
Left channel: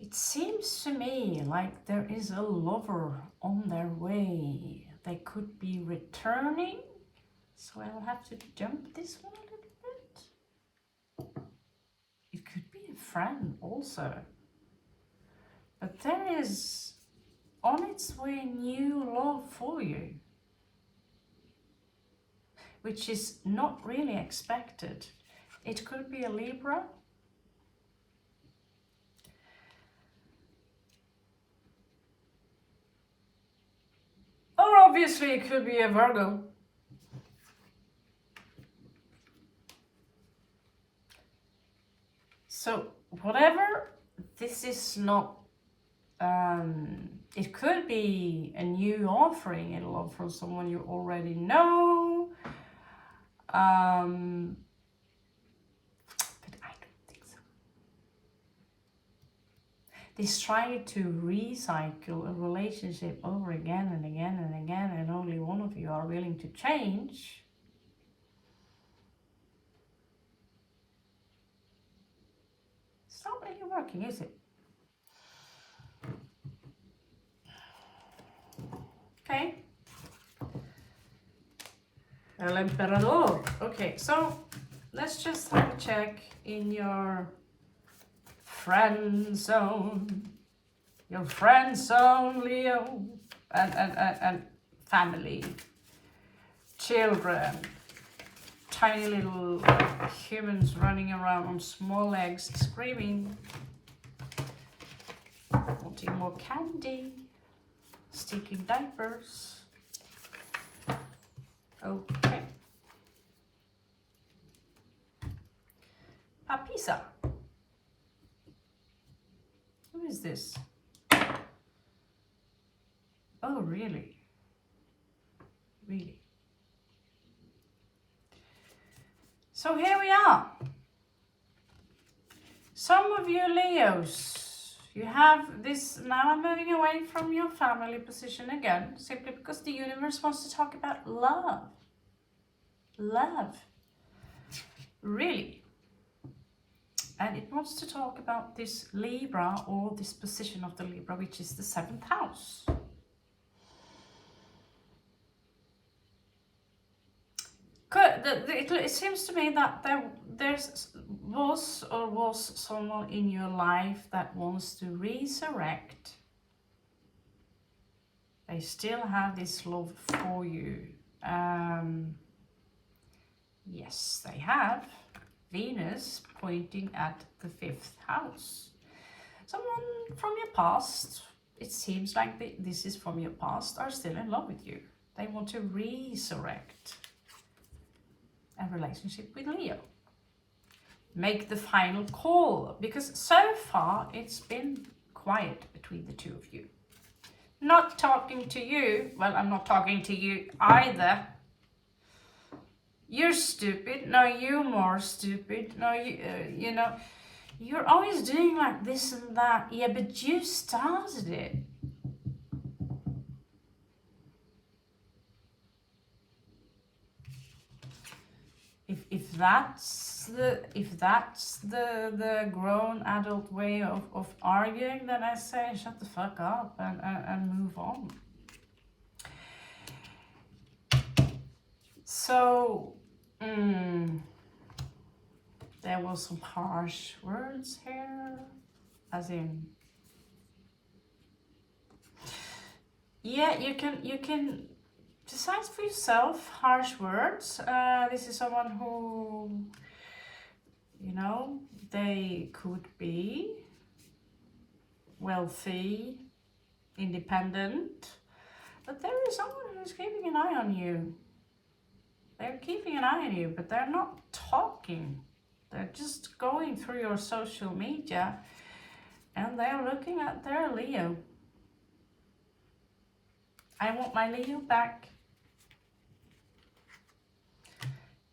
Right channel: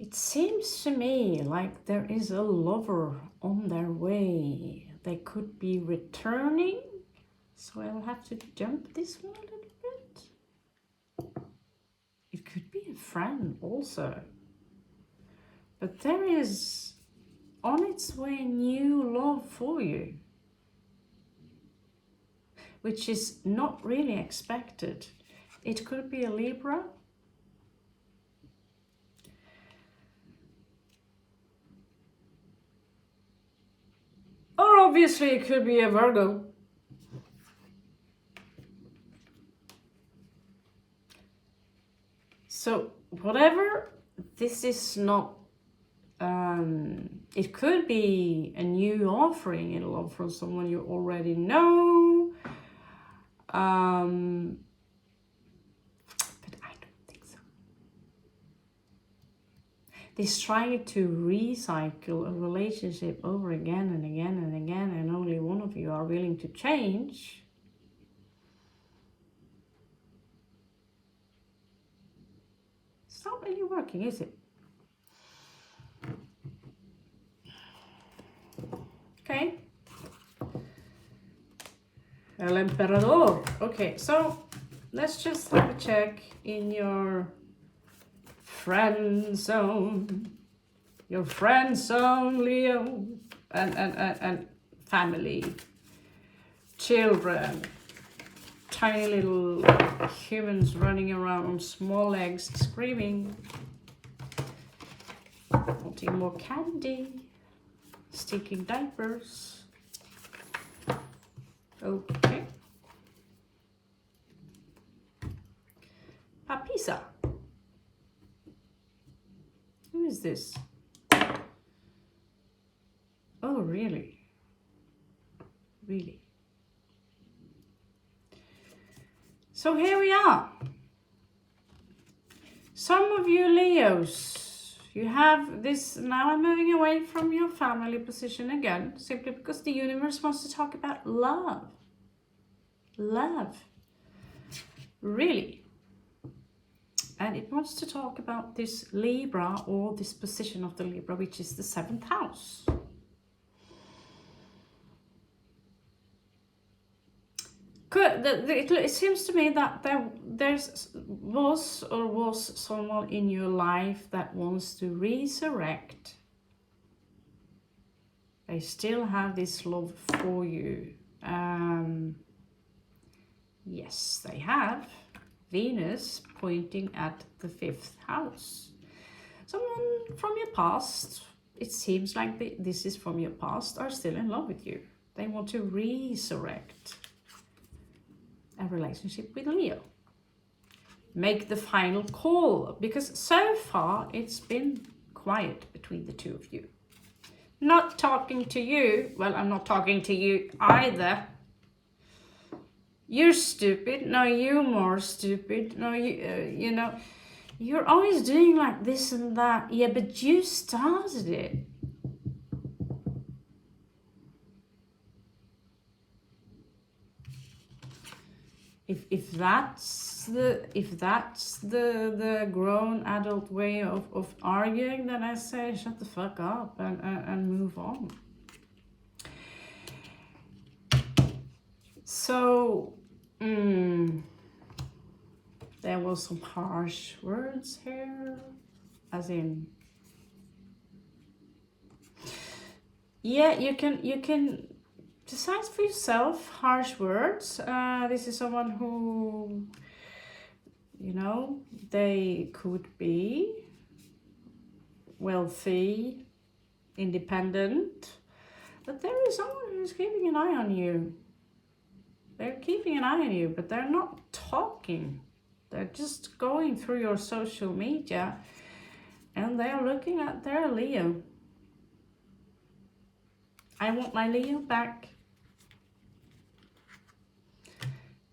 It seems seems to me like there is a lover on their way. They could be returning. So I will have to jump this one a little bit. It could be a friend also. But there is on its way new love for you, which is not really expected. It could be a Libra. Or obviously it could be a Virgo. So whatever, this is not, it could be a new offering in love from someone you already know. But I don't think so. This trying to recycle a relationship over again and again and again, and only one of you are willing to change. It's not really working, is it? Okay. El Emperador. Okay, so let's just have a check in your friend zone. Your friend zone, Leo. And family. Children. Tiny little humans running around on small legs screaming. Wanting more candy. Sticking diapers. Okay. Papisa. Who is this? Oh, really? Really? So here we are. Some of you Leos, you have this, now I'm moving away from your family position again, simply because the universe wants to talk about love. Love. Really. And it wants to talk about this Libra, or this position of the Libra, which is the 7th house. It seems to me that there was someone in your life that wants to resurrect. They still have this love for you. Yes, they have. Venus pointing at the 5th house. Someone from your past, it seems like this is from your past, are still in love with you. They want to resurrect a relationship with Leo. Make the final call, because so far it's been quiet between the two of you. Not talking to you. Well, I'm not talking to you either. You're stupid. No, you're more stupid. No, you know, you're always doing like this and that. Yeah, but you started it. If that's the grown adult way of arguing, then I say shut the fuck up and move on. So there was some harsh words here, as in, yeah, you can decide for yourself harsh words. This is someone who, you know, they could be wealthy, independent, but there is someone who's keeping an eye on you. They're keeping an eye on you, but they're not talking. They're just going through your social media and they're looking at their Leo. I want my Leo back.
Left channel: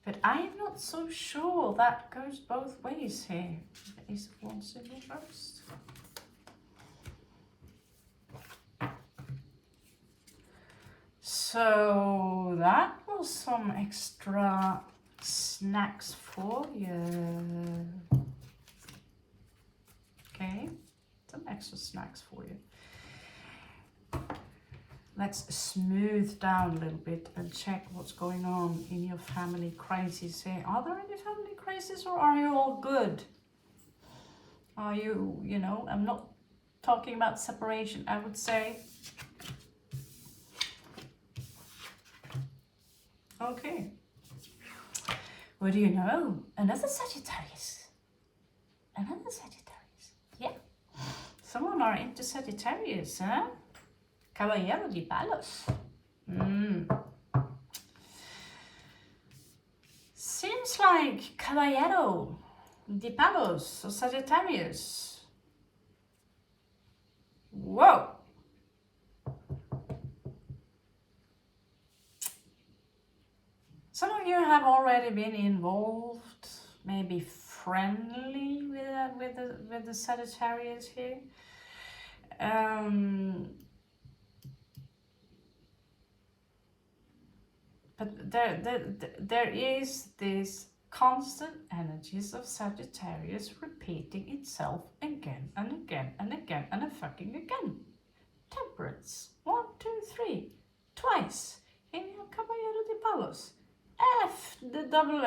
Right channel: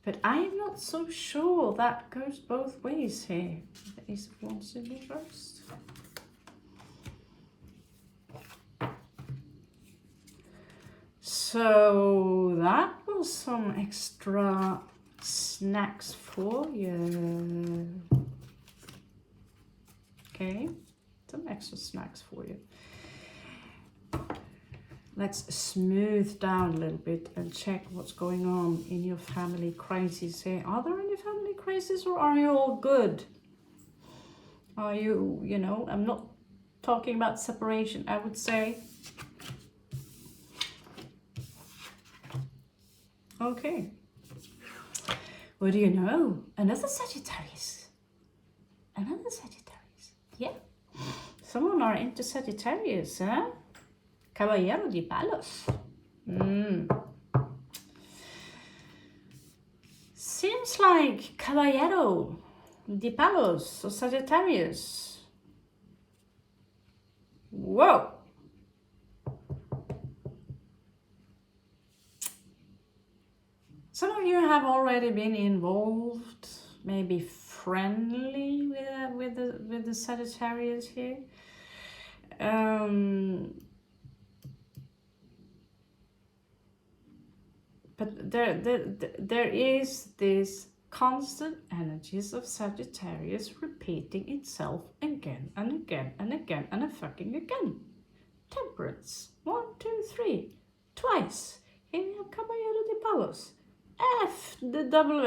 But I am not so sure that goes both ways here. The Ace of Wands in reverse. So that was some extra snacks for you. Okay, so some extra snacks for you. Let's smooth down a little bit and check what's going on in your family crisis here. Are there any family crises, or are you all good? Are you, you know, I'm not talking about separation, I would say. Okay. What do you know? Another Sagittarius. Another Sagittarius. Yeah. Someone are into Sagittarius, huh? Caballero de Palos. Seems like Caballero de Palos or Sagittarius. Whoa. Some of you have already been involved, maybe friendly with the Sagittarius here. But there is this constant energies of Sagittarius repeating itself again and again and again and a fucking again. Temperance. 1, 2, 3. Twice. Here we have Caballero de Palos. F the W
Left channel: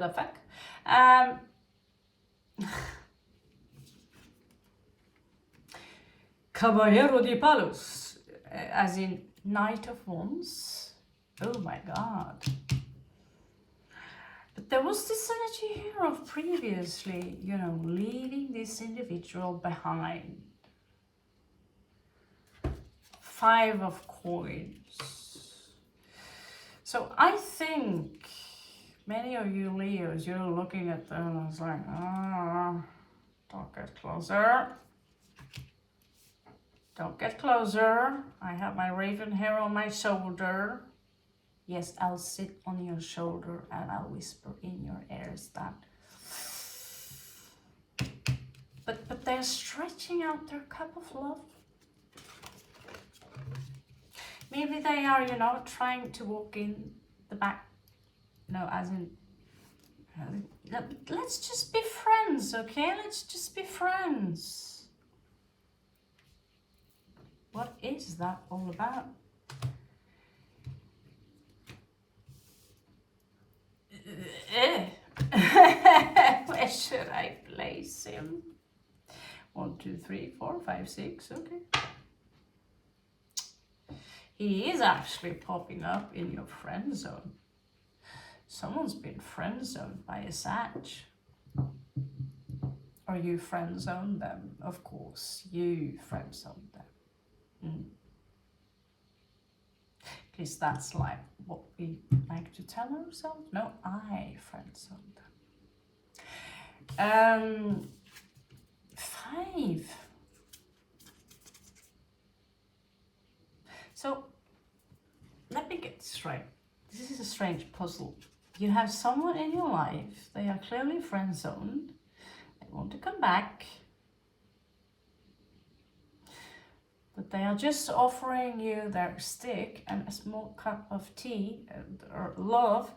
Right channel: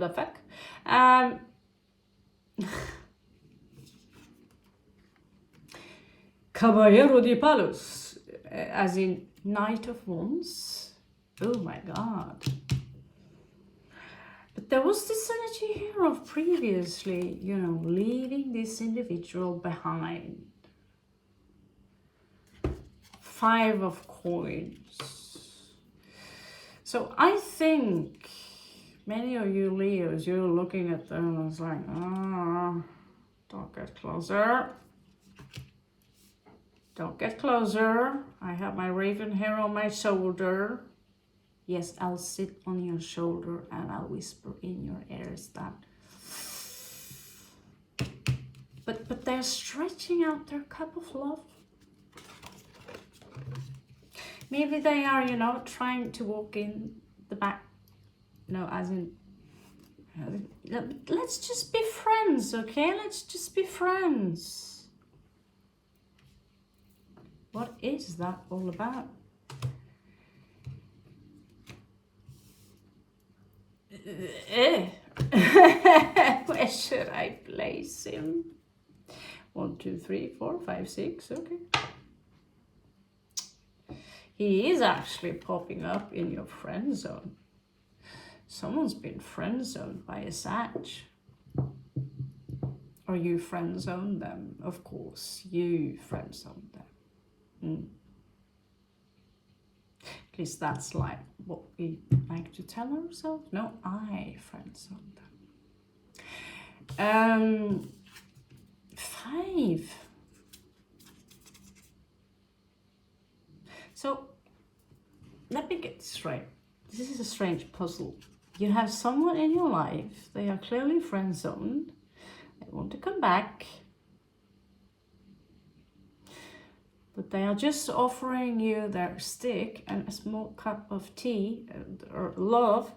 the fuck. Caballero de Palos, as in Knight of Wands. Oh my god. But there was this energy here of previously, you know, leaving this individual behind. 5 of Coins. So I think many of you Leos, you're looking at them and it's like, don't get closer. Don't get closer. I have my raven here on my shoulder. Yes, I'll sit on your shoulder and I'll whisper in your ears that. But they're stretching out their cup of love. Maybe they are, you know, trying to walk in the back. No, as in, let's just be friends, okay? Let's just be friends. What is that all about? Where should I place him? 1, 2, 3, 4, 5, 6, okay. He is actually popping up in your friend zone. Someone's been friend zoned by a Sag. Or you friend zone them, of course. You friend zone them. At least that's like what we like to tell ourselves. No, I friend zone them. 5. So let me get straight. This is a strange puzzle. You have someone in your life, they are clearly friend zoned, they want to come back, but they are just offering you their stick and a small cup of tea or love.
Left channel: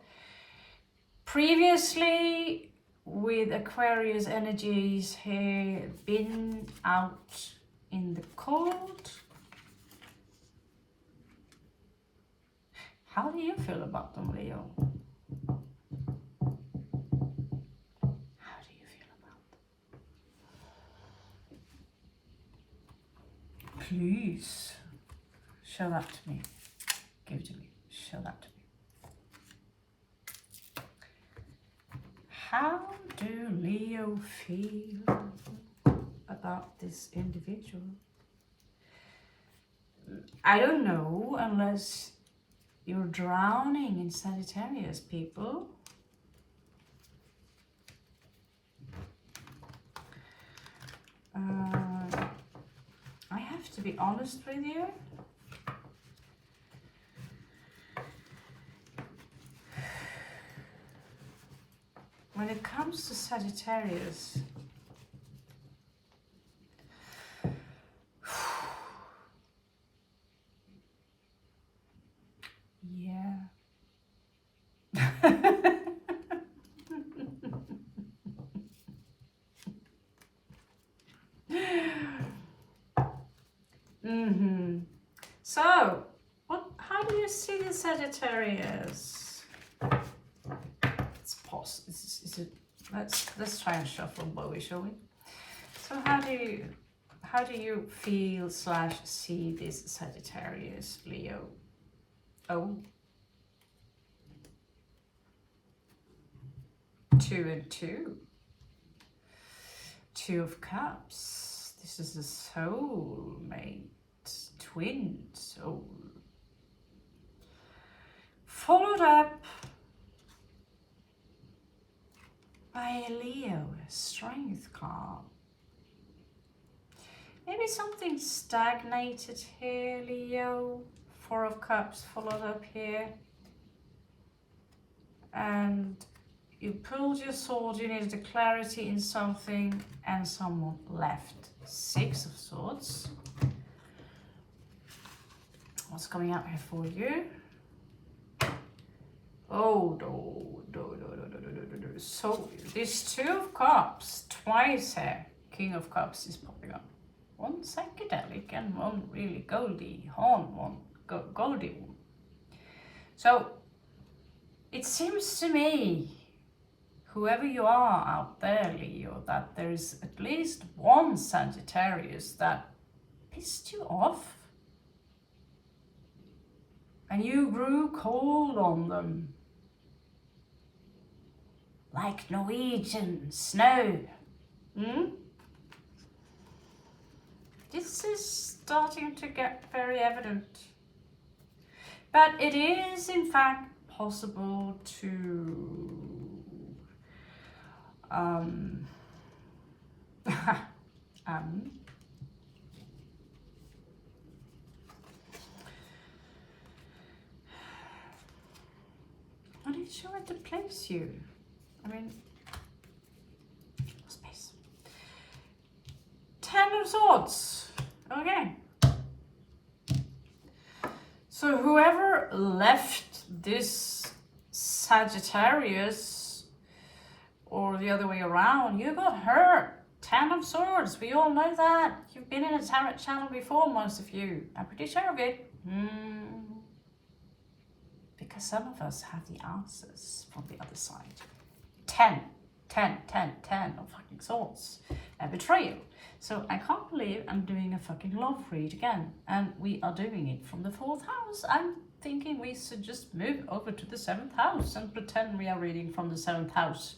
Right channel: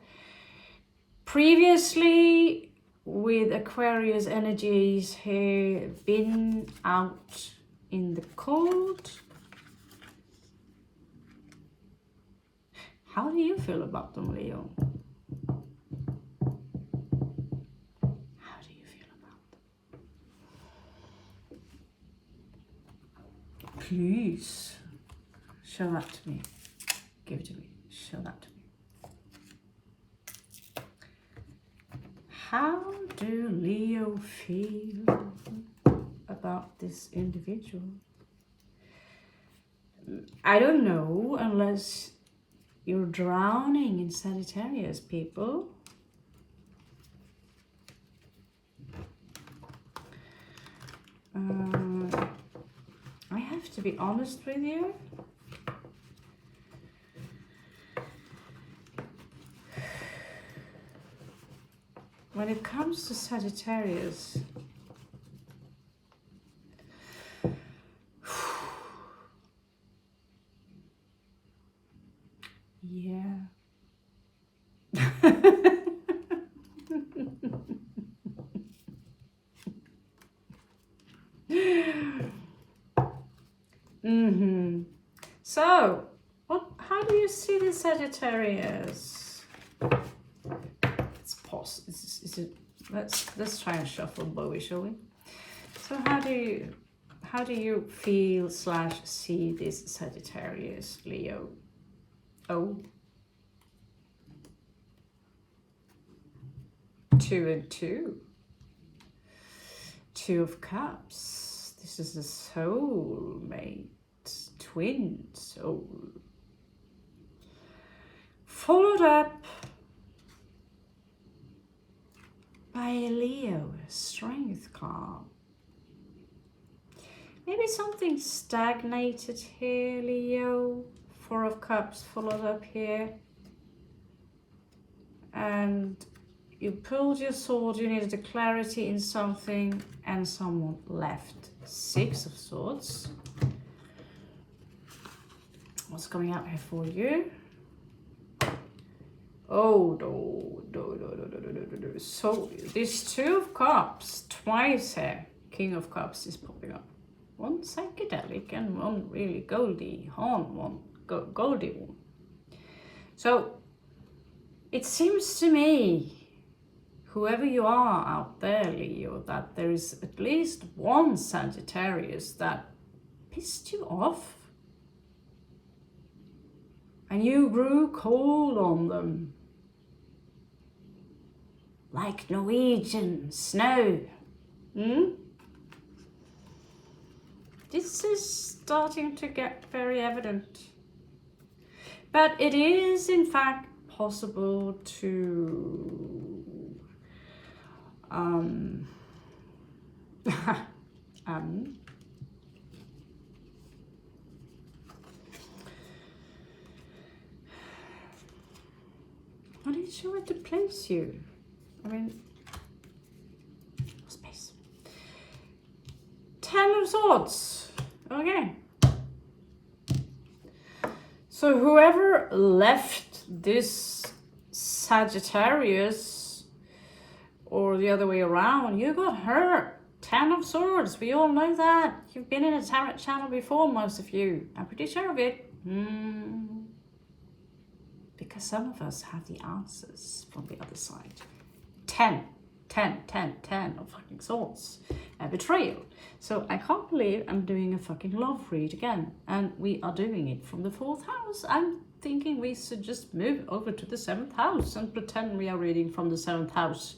Previously, with Aquarius energies here, been out in the cold. How do you feel about them, Leo? How do you feel about them? Please, show that to me. Give it to me. Show that to me. How do Leo feel about this individual? I don't know, unless you're drowning in Sagittarius, people. I have to be honest with you. When it comes to Sagittarius, yeah. Sagittarius. Let's pause. Let's try and shuffle Bowie, shall we? So how do you feel / see this Sagittarius, Leo? Oh. 2 and 2. 2 of Cups. This is a soulmate, twin soul. Followed up by a Leo, a Strength card. Maybe something stagnated here, Leo. 4 of Cups followed up here. And you pulled your sword, you needed a clarity in something, and someone left. 6 of Swords. What's coming out here for you? Oh, no. So, this 2 of Cups, twice here. King of Cups is popping up. One psychedelic and one really goldy one. So, it seems to me, whoever you are out there, Leo, that there is at least one Sagittarius that pissed you off. And you grew cold on them. Like Norwegian snow. This is starting to get very evident. But it is in fact possible to I'm not sure where to place you. I mean, space. 10 of Swords. Okay. So whoever left this Sagittarius, or the other way around, you got hurt. 10 of Swords. We all know that. You've been in a tarot channel before, most of you. I'm pretty sure of it. Because some of us have the answers from the other side. 10 of fucking Swords. A betrayal. So I can't believe I'm doing a fucking love read again. And we are doing it from the 4th house. I'm thinking we should just move over to the 7th house and pretend we are reading from the 7th house.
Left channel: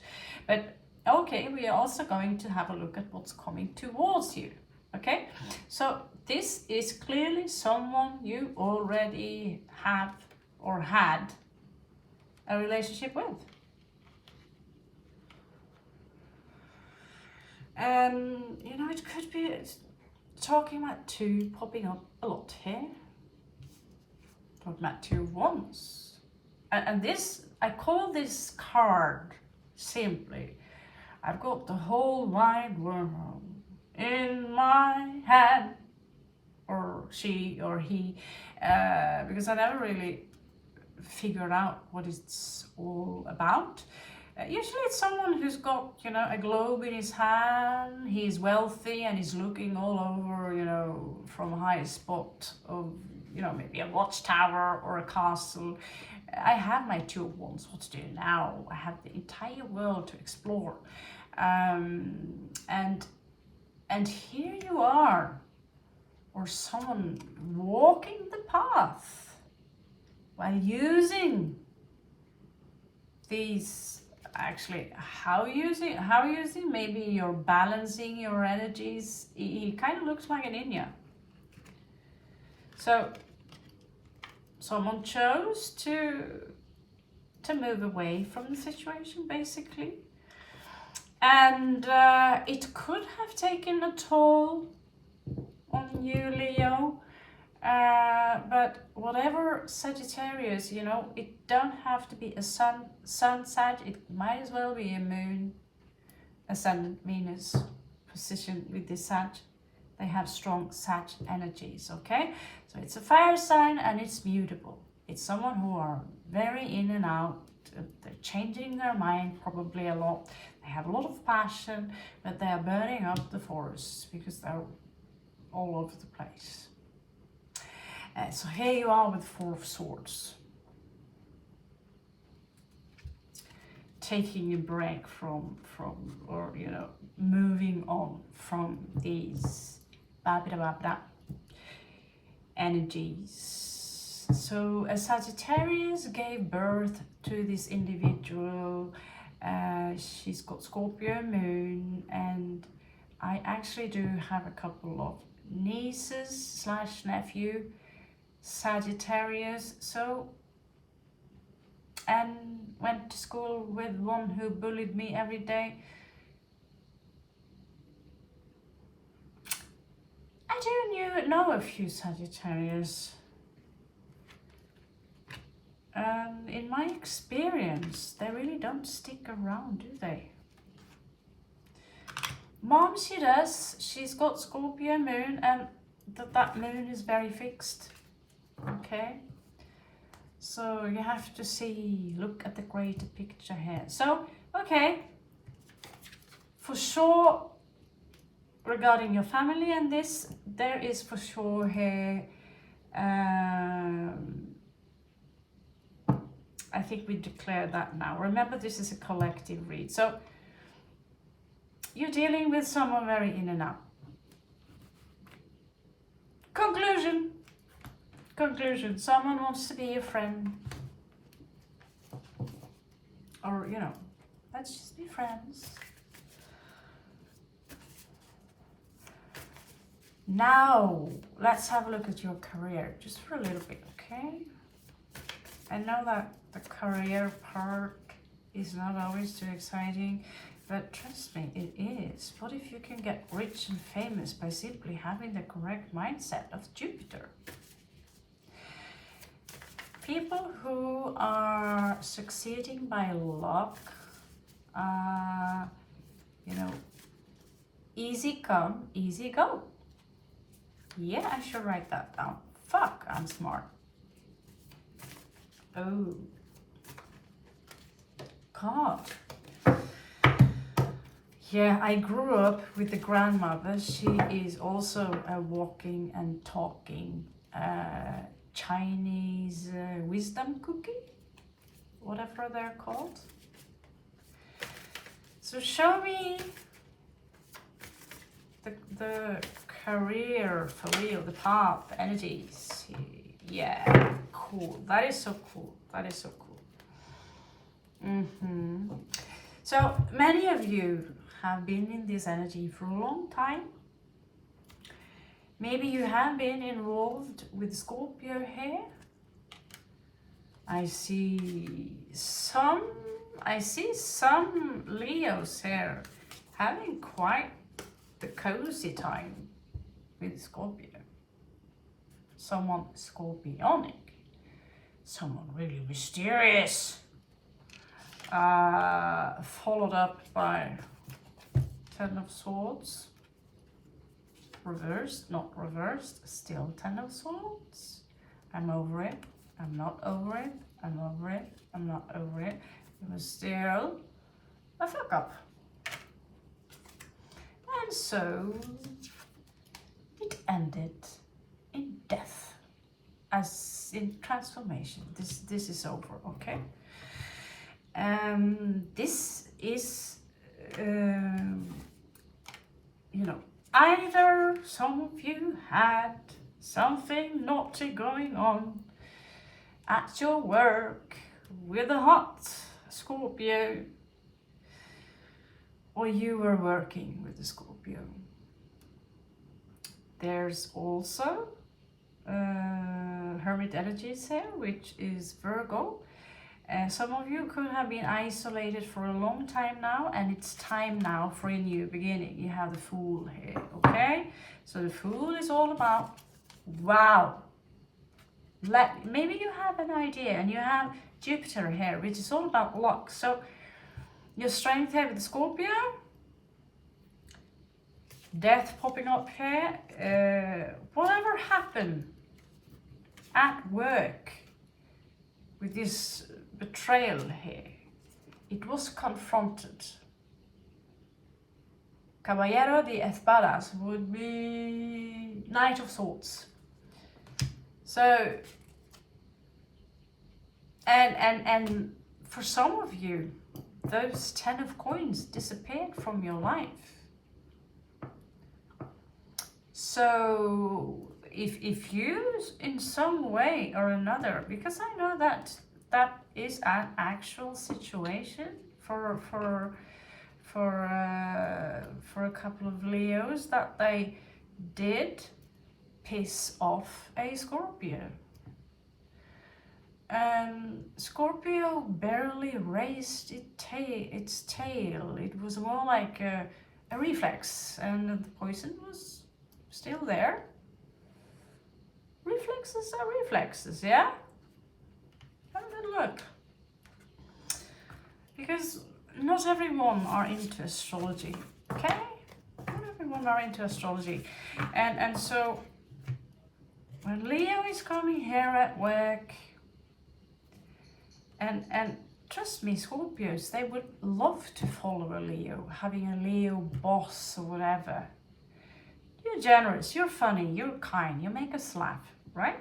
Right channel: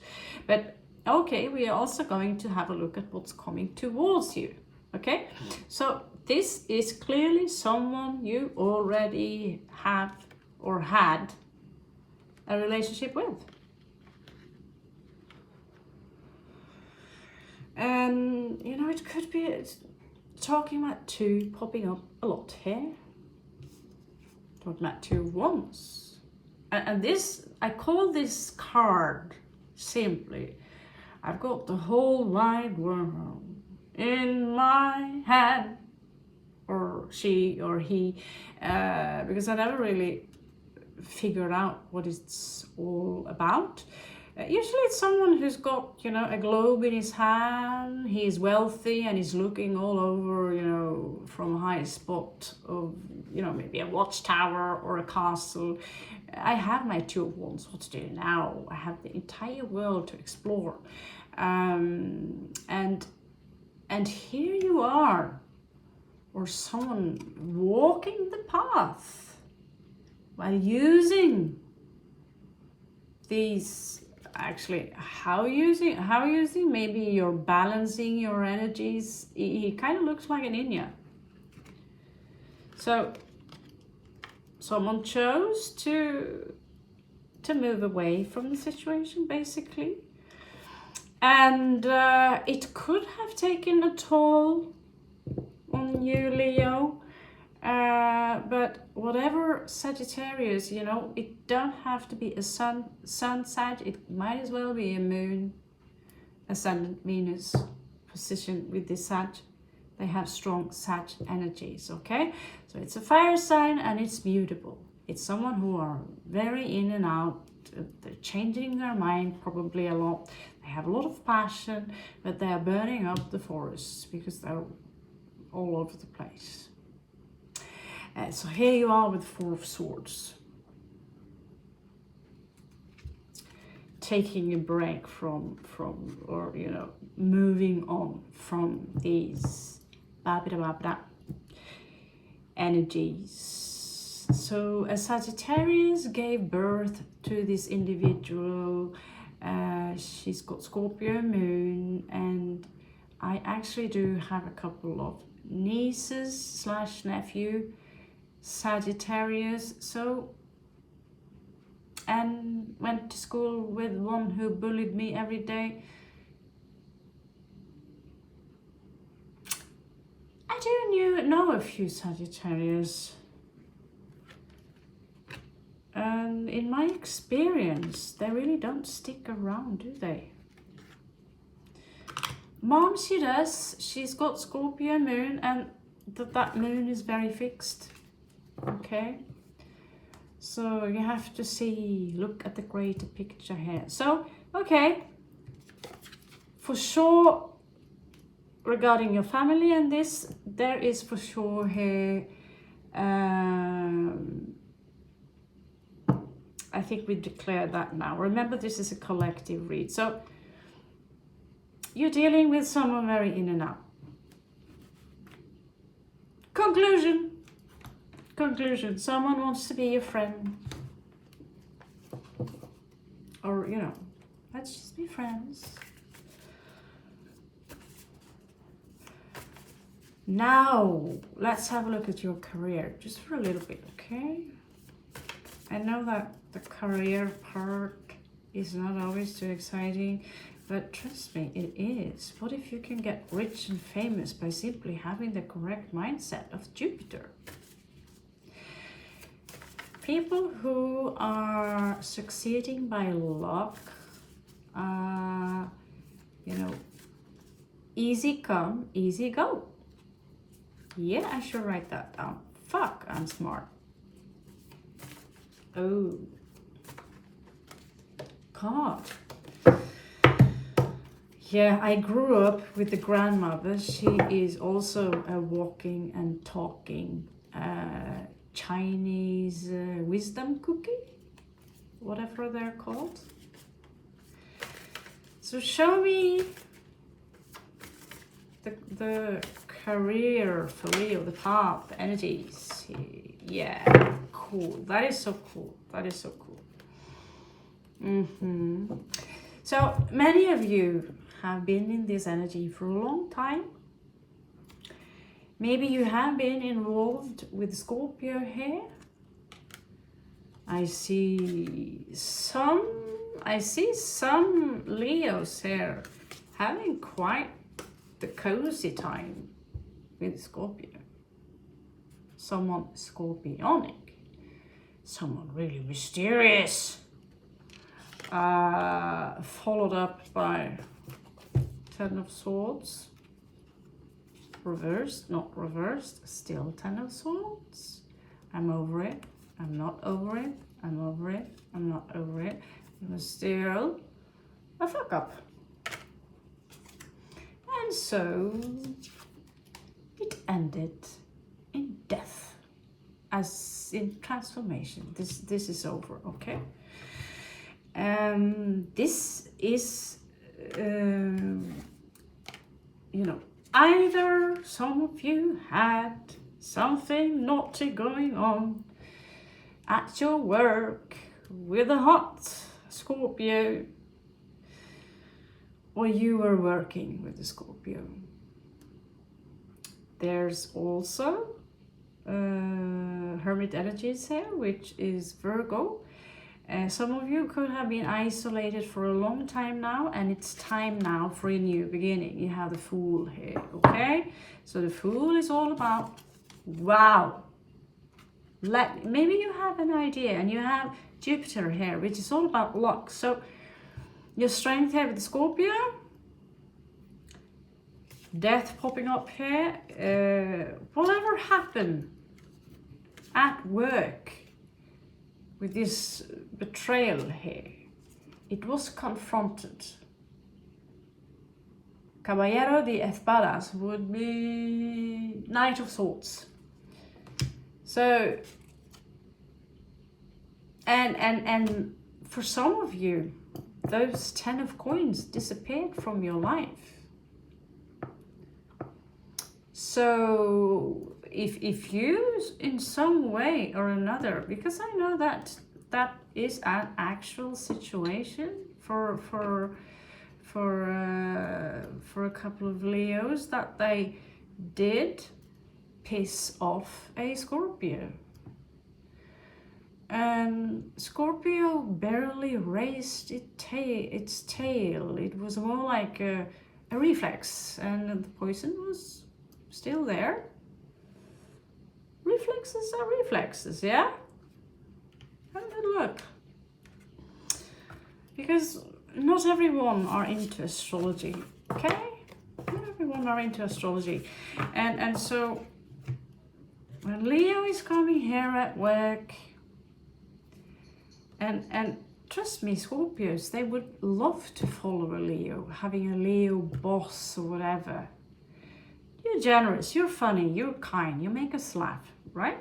But okay, we are also going to have a look at what's coming towards you. Okay? So this is clearly someone you already have or had a relationship with. And, you know, it could be talking about 2 popping up a lot here. Talking about 2 wands. And this, I call this card simply, I've got the whole wide world in my hand. Or she or he. Because I never really figured out what it's all about. Usually it's someone who's got, you know, a globe in his hand, he's wealthy and he's looking all over, you know, from a high spot of, you know, maybe a watchtower or a castle. I have my 2 of Wands, what to do now? I have the entire world to explore. And here you are, or someone walking the path while using these. Actually, how using, maybe you're balancing your energies. He kind of looks like an India. So someone chose to move away from the situation, basically. And it could have taken a toll on you, Leo. But whatever Sagittarius, you know, it don't have to be a sun Sag, it might as well be a moon, ascendant Venus position with this Sag. They have strong Sag energies, okay? So it's a fire sign and it's mutable. It's someone who are very in and out, they're changing their mind probably a lot. They have a lot of passion, but they're burning up the forests because they're all over the place. So here you are with 4 of Swords. taking a break from or you know, moving on from these energies. So a Sagittarius gave birth to this individual. She's got Scorpio moon, and I actually do have a couple of nieces slash nephew Sagittarius. So, and went to school with one who bullied me every day. I do know a few Sagittarius. And in my experience, they really don't stick around, do they? Mom, she does. She's got Scorpio moon, and that moon is very fixed. Okay? So you have to see, look at the greater picture here. So, okay. For sure, regarding your family and this, there is for sure here, I think we declared that now. Remember, this is a collective read. So you're dealing with someone very in and out. Conclusion. Someone wants to be your friend. Or, you know, let's just be friends. Now, let's have a look at your career, just for a little bit, okay? I know that the career part is not always too exciting, but trust me, it is. What if you can get rich and famous by simply having the correct mindset of Jupiter? People who are succeeding by luck, you know, easy come, easy go. Yeah, I should write that down. Fuck, I'm smart. Oh. God. Yeah, I grew up with the grandmother. She is also a walking and talking Chinese wisdom cookie, whatever they're called. So show me the career for you, the path, the energies. Yeah, cool. That is so cool. That is so cool. So many of you have been in this energy for a long time. Maybe you have been involved with Scorpio here. I see some Leos here having quite the cozy time with Scorpio. Someone scorpionic, someone really mysterious, followed up by Ten of Swords, reversed, not reversed, still Ten of Swords. I'm over it, I'm not over it, I'm over it, I'm not over it. It was still a fuck up. And so it ended in death, as in transformation. This is over, okay? This is, you know, either some of you had something naughty going on at your work with a hot Scorpio, or you were working with the Scorpio. There's also Hermit energies here, which is Virgo. Some of you could have been isolated for a long time now, and it's time now for a new beginning. You have the Fool here, okay? So the Fool is all about, wow. Maybe you have an idea, and you have Jupiter here, which is all about luck. So your strength here with the Scorpio, death popping up here, whatever happened at work with this betrayal here, it was confronted. Caballero de Espadas would be Knight of Swords. So, and for some of you, those 10 of coins disappeared from your life. So if you in some way or another, because I know that that is an actual situation for a couple of Leos, that they did piss off a Scorpio. And Scorpio barely raised its tail. It was more like a reflex, and the poison was still there. Reflexes are reflexes, yeah? Have a good look. Because not everyone are into astrology, okay? Not everyone are into astrology. And so when Leo is coming here at work, and trust me, Scorpios, they would love to follow a Leo, having a Leo boss or whatever. You're generous, you're funny, you're kind, you make us laugh, right?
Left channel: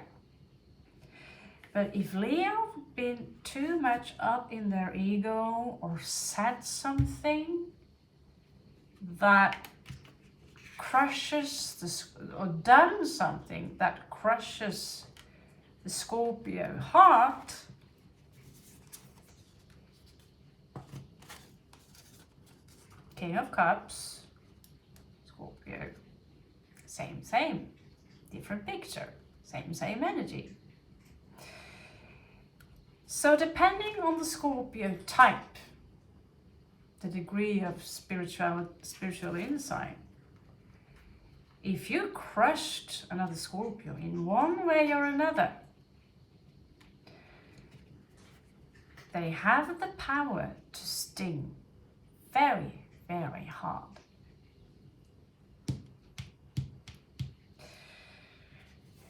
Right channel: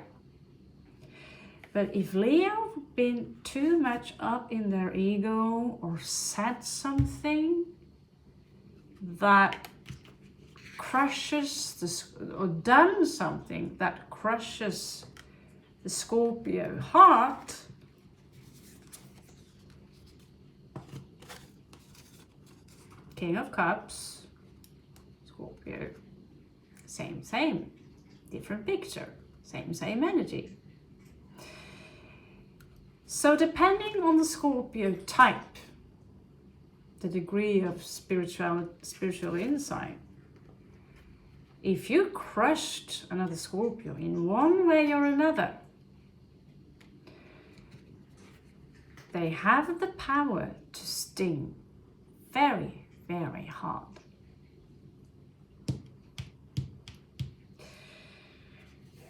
But if Leo been too much up in their ego or said something that crushes or done something that crushes the Scorpio heart, King of Cups, Scorpio, same, different picture, same energy. So depending on the Scorpio type, the degree of spiritual insight, if you crushed another Scorpio in one way or another, they have the power to sting very, very hard.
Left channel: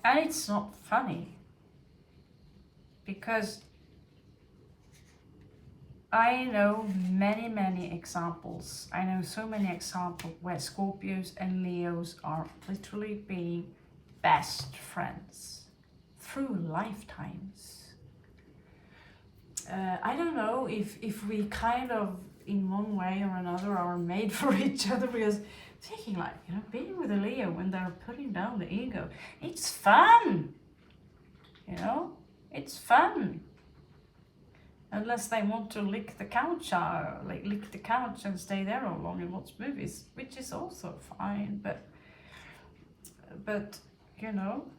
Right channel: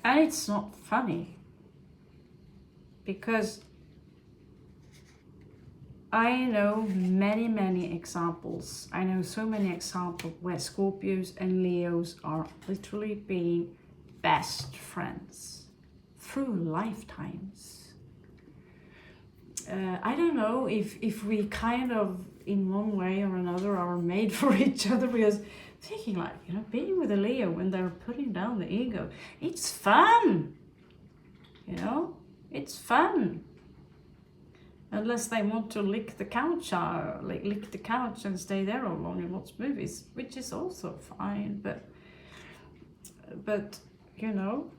And it's not funny, because I know many examples. I know so many examples where Scorpios and Leos are literally being best friends through lifetimes. I don't know if we kind of, in one way or another, are made for each other, because thinking like, you know, being with a Leo when they're putting down the ego, it's fun, you know, it's fun. Unless they want to lick the couch, lick the couch and stay there all along and watch movies, which is also fine. But you know,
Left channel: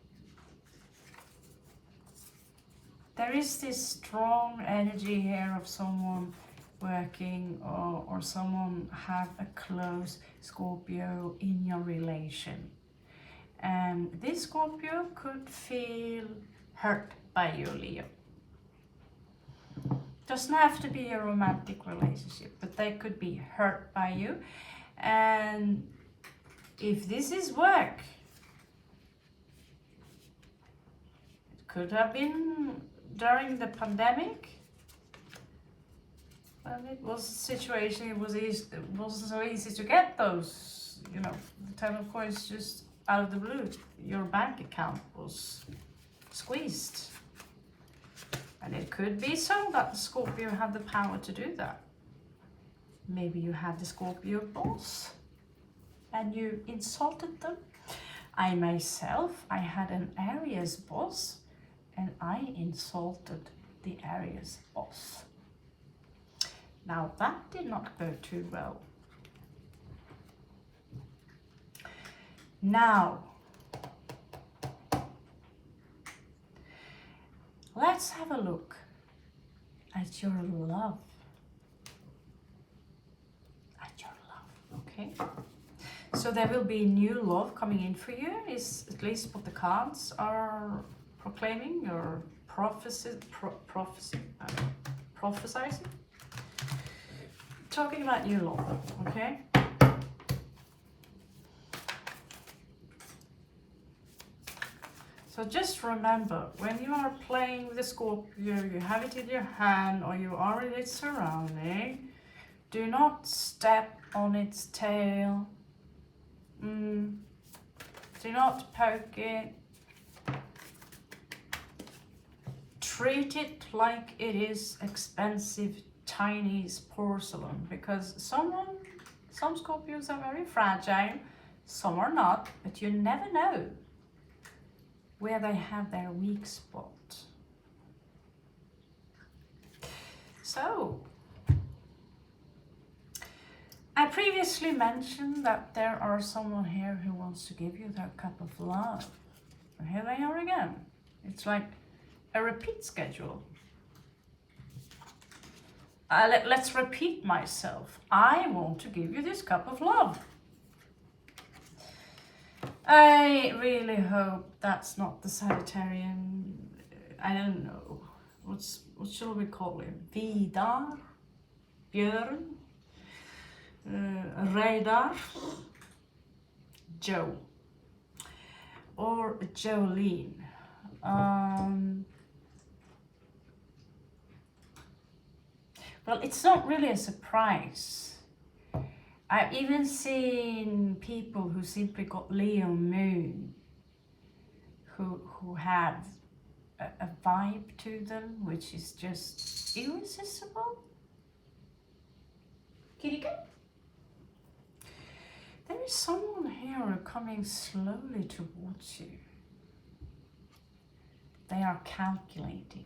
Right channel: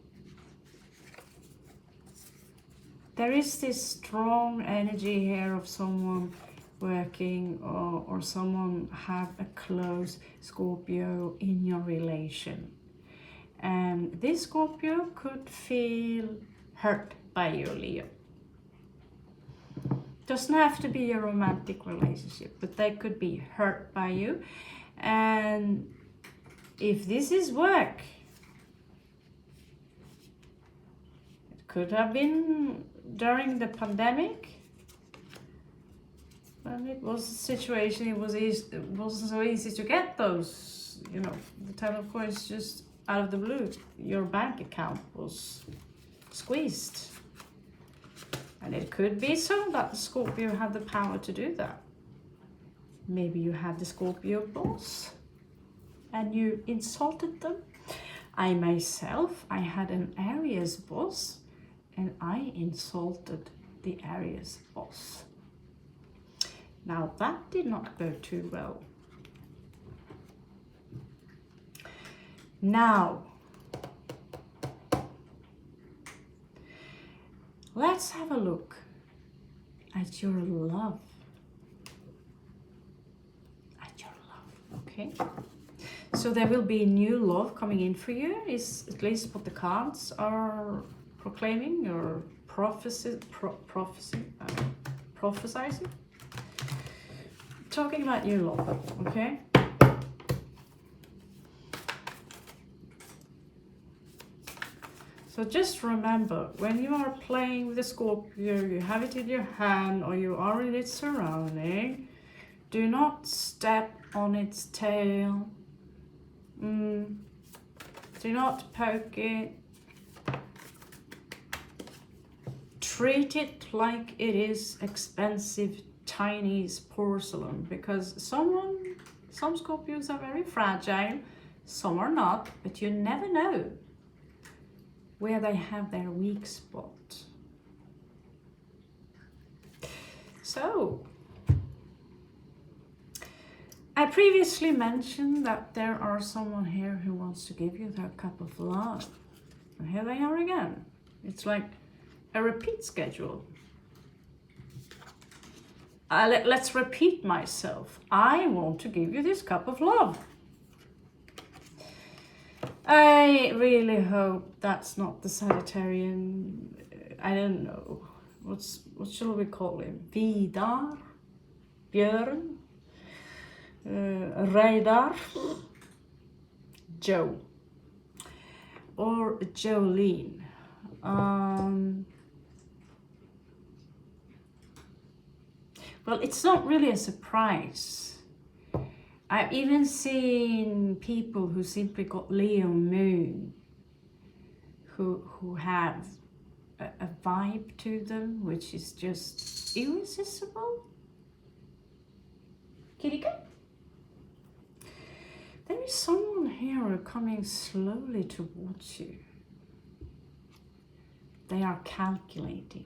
there is this strong energy here of someone working or someone have a close Scorpio in your relation, and this Scorpio could feel hurt by you, Leo. Doesn't have to be a romantic relationship, but they could be hurt by you. And if this is work, it could have been during the pandemic, when it was a situation, it wasn't so easy to get those, you know, the 10 of coins just out of the blue. Your bank account was squeezed. And it could be so that the Scorpio had the power to do that. Maybe you had the Scorpio boss and you insulted them. I myself, I had an Aries boss and I insulted the Aries boss. Now that did not go too well. Now, let's have a look at your love. Okay? So there will be new love coming in for you, is at least what the cards are proclaiming or prophesizing. Talking about new love, okay? So just remember, when you are playing with a Scorpio, you have it in your hand or you are in its surrounding, do not step on its tail. Do not poke it. Treat it like it is expensive Chinese porcelain, because some Scorpios are very fragile, some are not, but you never know where they have their weak spot. So, I previously mentioned that there are someone here who wants to give you their cup of love. And here they are again. It's like a repeat schedule. Let's repeat myself. I want to give you this cup of love. I really hope that's not the Sagittarian. I don't know. What shall we call him? Vidar? Björn? Reidar? Joe? Or Jolene? Well, it's not really a surprise. I've even seen people who simply got Leo Moon who have a vibe to them which is just irresistible. Kitty cat. There is someone here coming slowly towards you. They are calculating.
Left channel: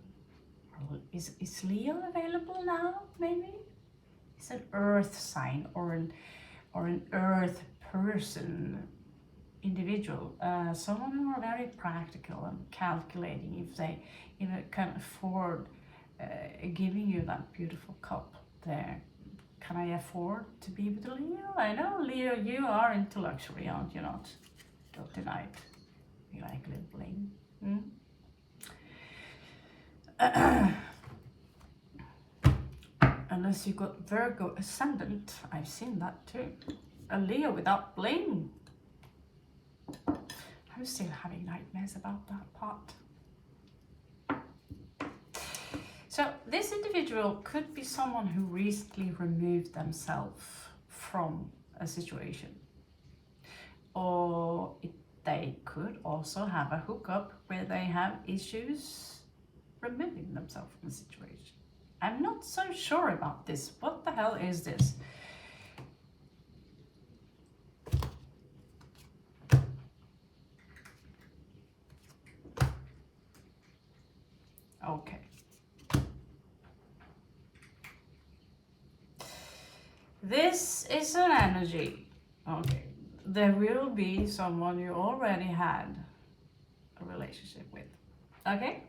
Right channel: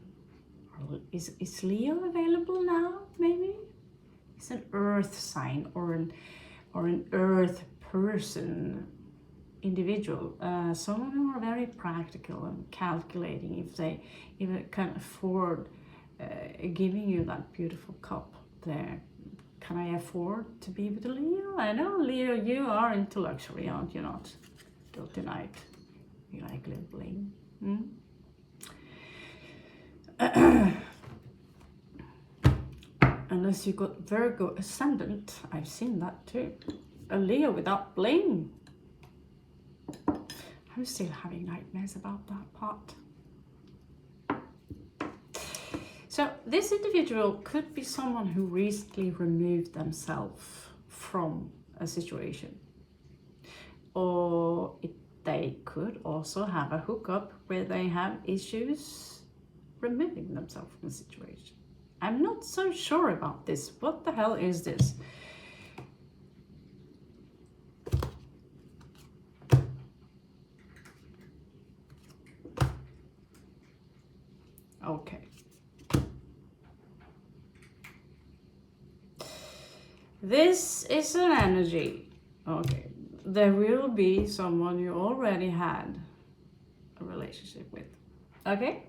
Is Leo available now, maybe? It's an earth sign or an earth person, individual. Someone who are very practical and calculating if they can afford giving you that beautiful cup there. Can I afford to be with Leo? I know, Leo, you are into luxury, aren't you not? Don't deny it. You like a little bling. Unless you got Virgo ascendant, I've seen that too. A Leo without bling. I'm still having nightmares about that part. So this individual could be someone who recently removed themselves from a situation. Or they could also have a hookup where they have issues removing themselves from the situation. I'm not so sure about this. What the hell is this? Okay. This is an energy. Okay. There will be someone you already had a relationship with. Okay?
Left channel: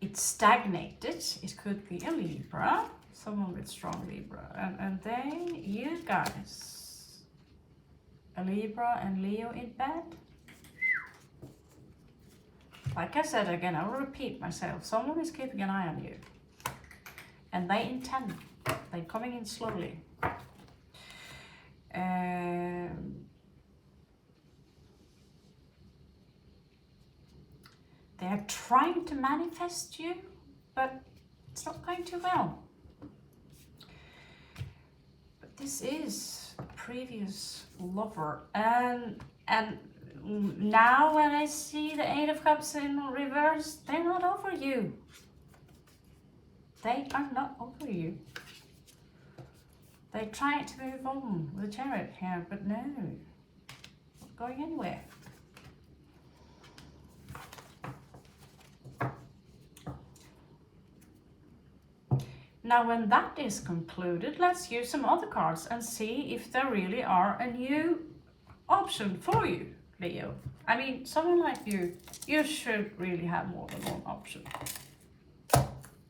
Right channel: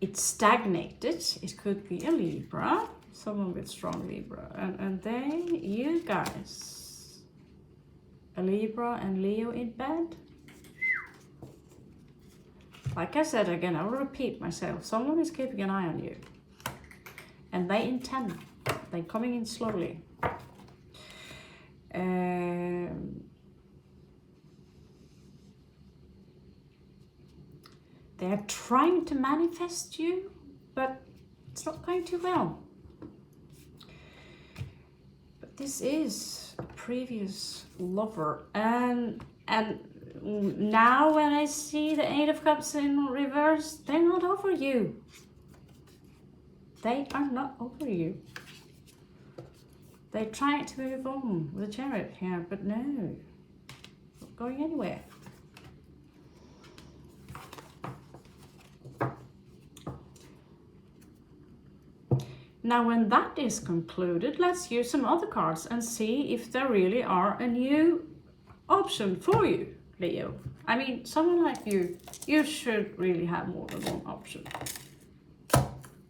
It's stagnated. It could be a Libra, someone with strong Libra. And then you guys, a Libra and Leo in bed. Like I said again, I will repeat myself. Someone is keeping an eye on you. And they intend. They're coming in slowly. They are trying to manifest you, but it's not going too well. But this is a previous lover, and now when I see the Eight of Cups in reverse, they're not over you. They are not over you. They trying to move on with the Chariot here, but no, not going anywhere. Now, when that is concluded, let's use some other cards and see if there really are a new option for you, Leo. I mean, someone like you should really have more than one option.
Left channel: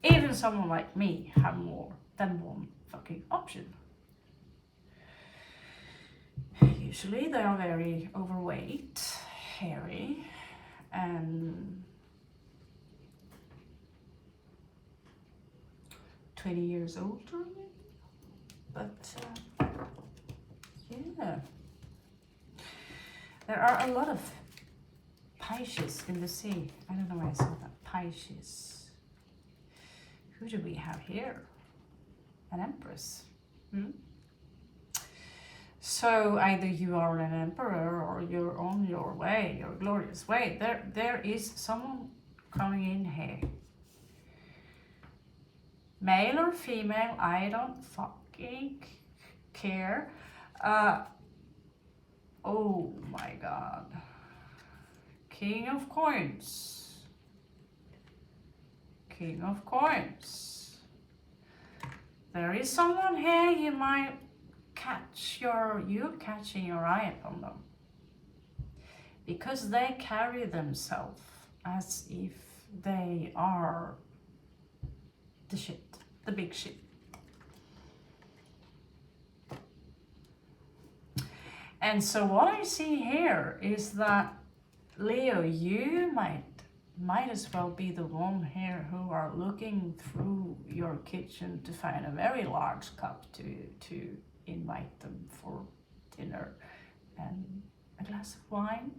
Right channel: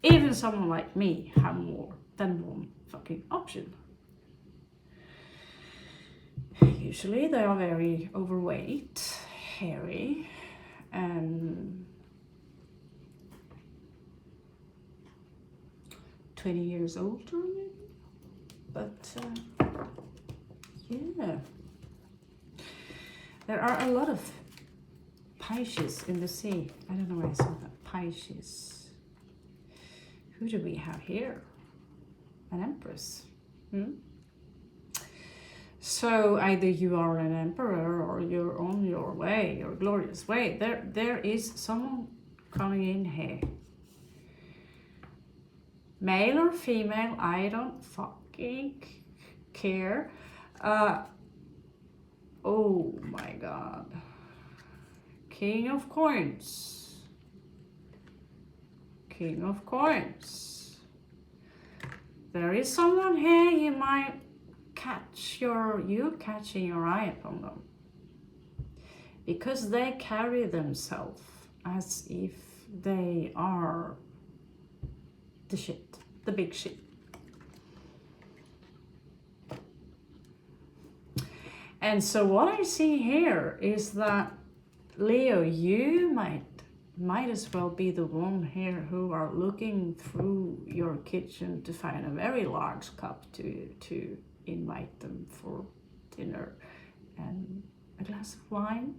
Even someone like me have more than one fucking option. Usually they are very overweight, hairy, and 20 years older maybe, but yeah, there are a lot of Pisces in the sea. I don't know why I saw that. Pisces. Who do we have here? An Empress. So either you are an emperor or you're on your way, your glorious way. There is someone coming in here. male or female, I don't fucking care. Oh my god. King of coins. King of coins. There is someone here you might you're catching your eye upon them. Because they carry themselves as if they are the shit, the big shit. And so what I see here is that, Leo, you might as well be the one here who are looking through your kitchen to find a very large cup to invite them for dinner and a glass of wine.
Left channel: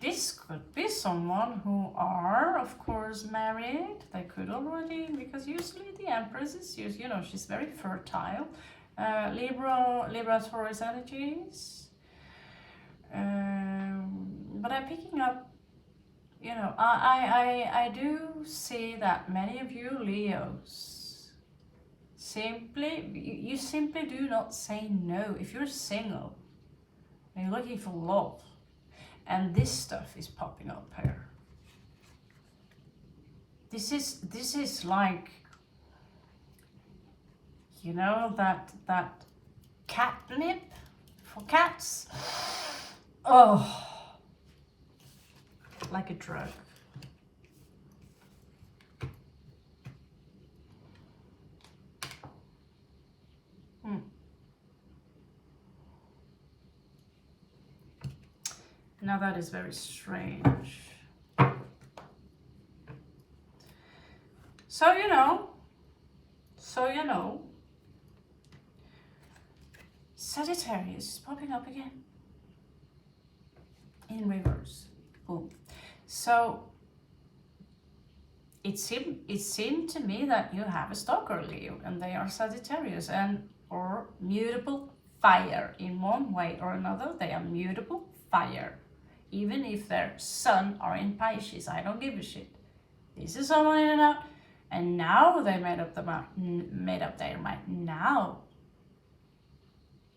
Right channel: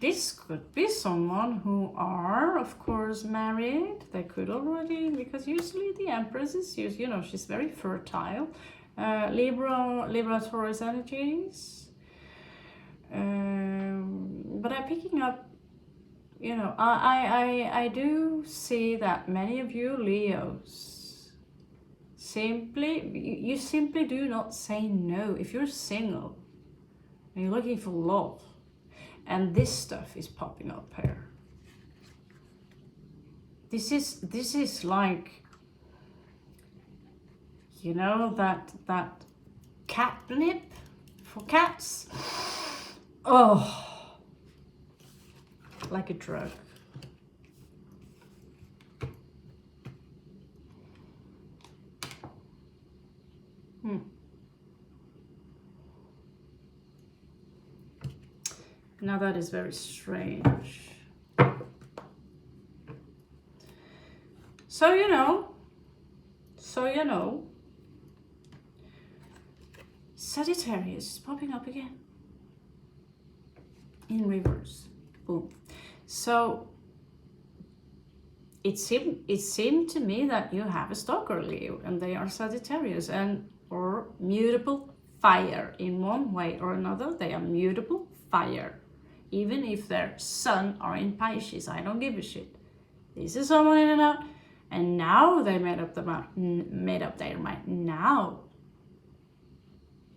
This could be someone who are, of course, married. They could already, because usually the Empress is, she's very fertile. Libra, Taurus energies. But I'm picking up, I do see that many of you Leos you simply do not say no. If you're single and you're looking for love, and this stuff is popping up here, this is like, that catnip for cats. Oh, like a drug. Now that is very strange. So you know, Sagittarius is popping up again in reverse. Boom. So it seemed to me that you have a stalker, Leo, and they are Sagittarius or mutable fire. In one way or another, they are mutable fire. Even if their sun are in Pisces, I don't give a shit. This is someone in and out, and now they made up their mind. Now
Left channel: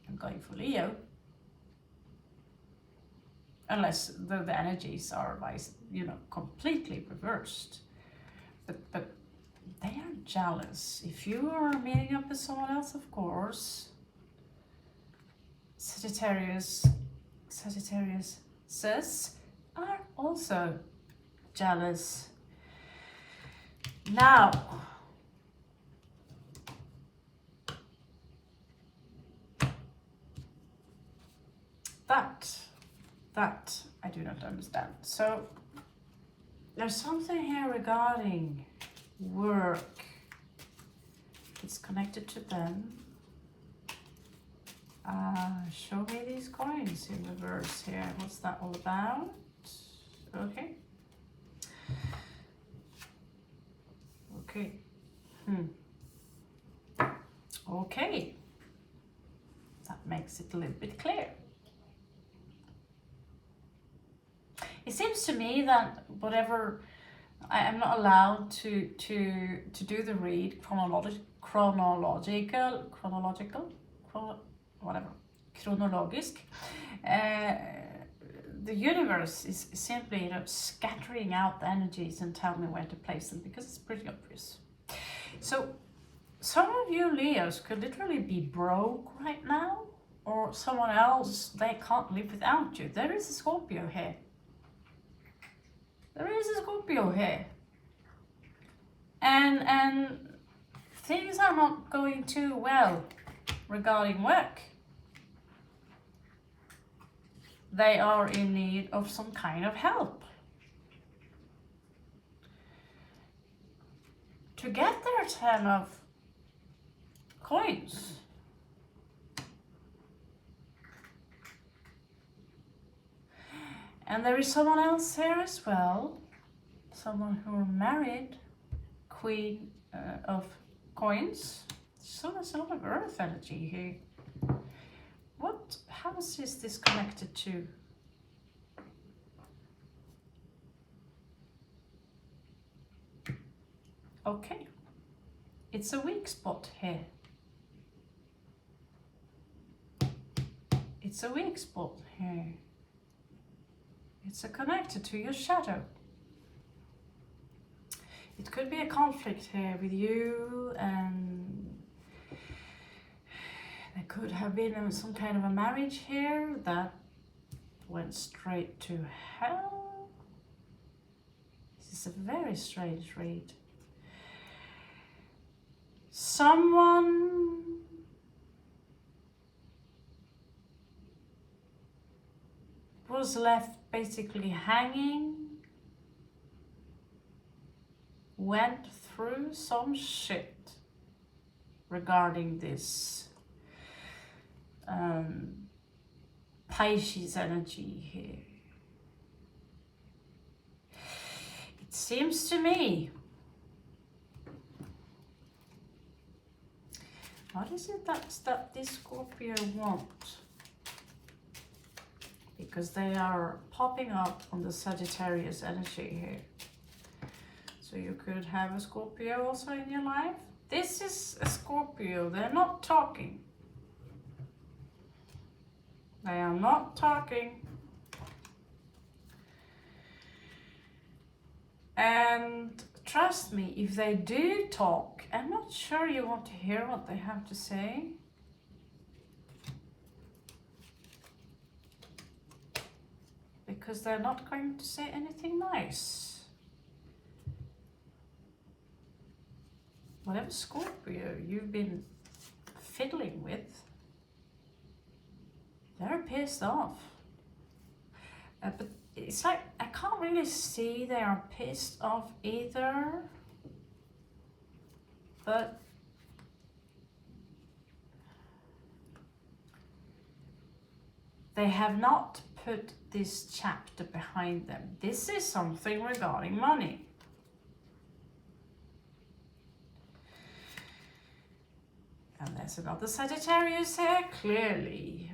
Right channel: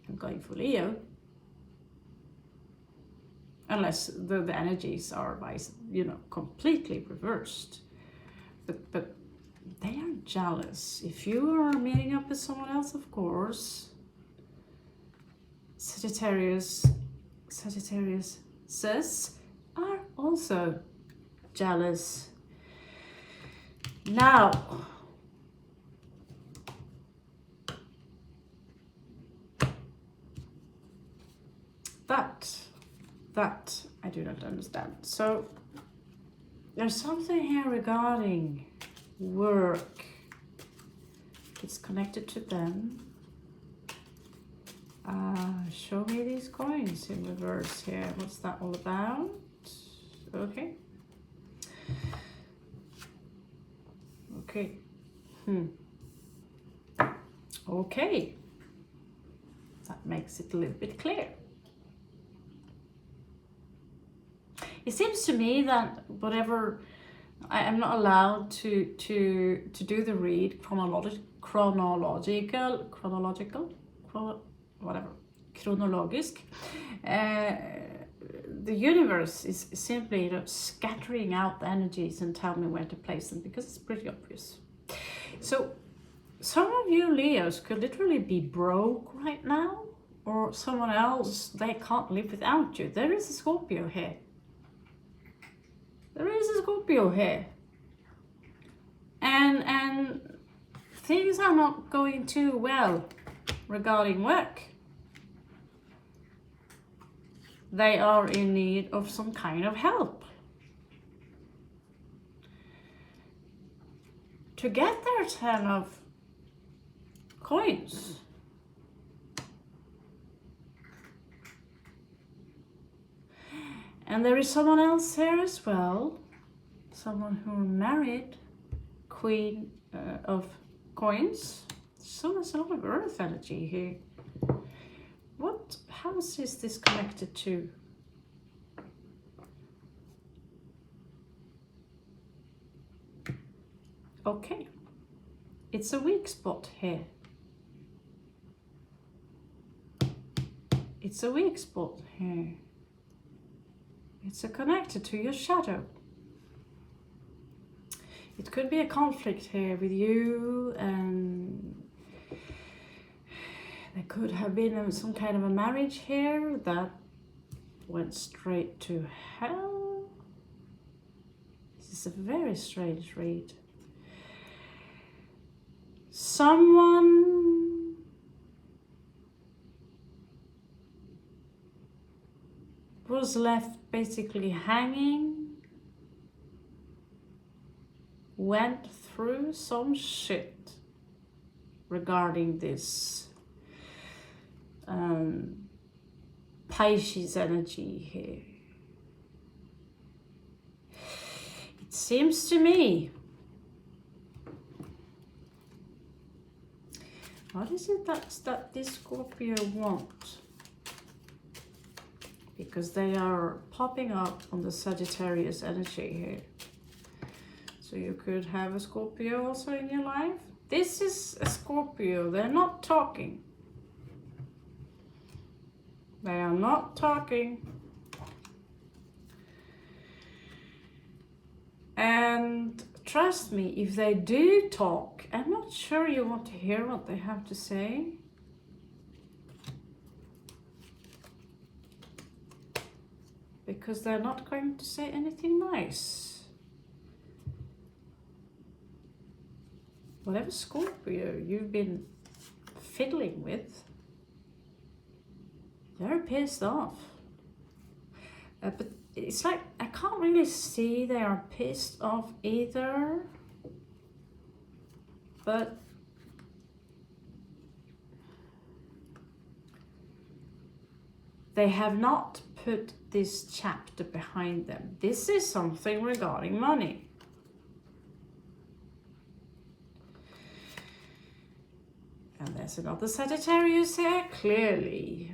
I'm going for Leo, unless the energies are completely reversed. But they are jealous. If you are meeting up with someone else, of course, Sagittarius are also jealous. Now, that I do not understand. So there's something here regarding work. It's connected to them. Show me these coins in reverse here. What's that all about? Okay. Okay. That makes it a little bit clear. It seems to me that whatever, I am not allowed to do the read chronological, chronologisk. The universe is simply scattering out the energies and tell me where to place them, because it's pretty obvious. So some of you Leos could literally be broke right now, or someone else, they can't live without you. There is a Scorpio here. And things are not going too well regarding work. They are in need of some kind of help to get their 10 of coins. And there is someone else here as well, someone who married, Queen of Coins. So there's a lot of earth energy here. What house is this connected to? Okay, it's a weak spot here. It's a weak spot here. It's connected to your shadow. It could be a conflict here with you, and there could have been some kind of a marriage here that went straight to hell. This is a very strange read. Someone was left basically hanging, went through some shit regarding this Pisces energy here. It seems to me, what is it that this Scorpio wants? Because they are popping up on the Sagittarius energy here. So you could have a Scorpio also in your life. This is a Scorpio. They're not talking. They are not talking. And trust me, if they do talk, I'm not sure you want to hear what they have to say. Because they're not going to say anything nice. Whatever Scorpio you've been fiddling with, they're pissed off. But it's like, I can't really see they are pissed off either. But they have not put this chapter behind them. This is something regarding money. And there's another Sagittarius here, clearly.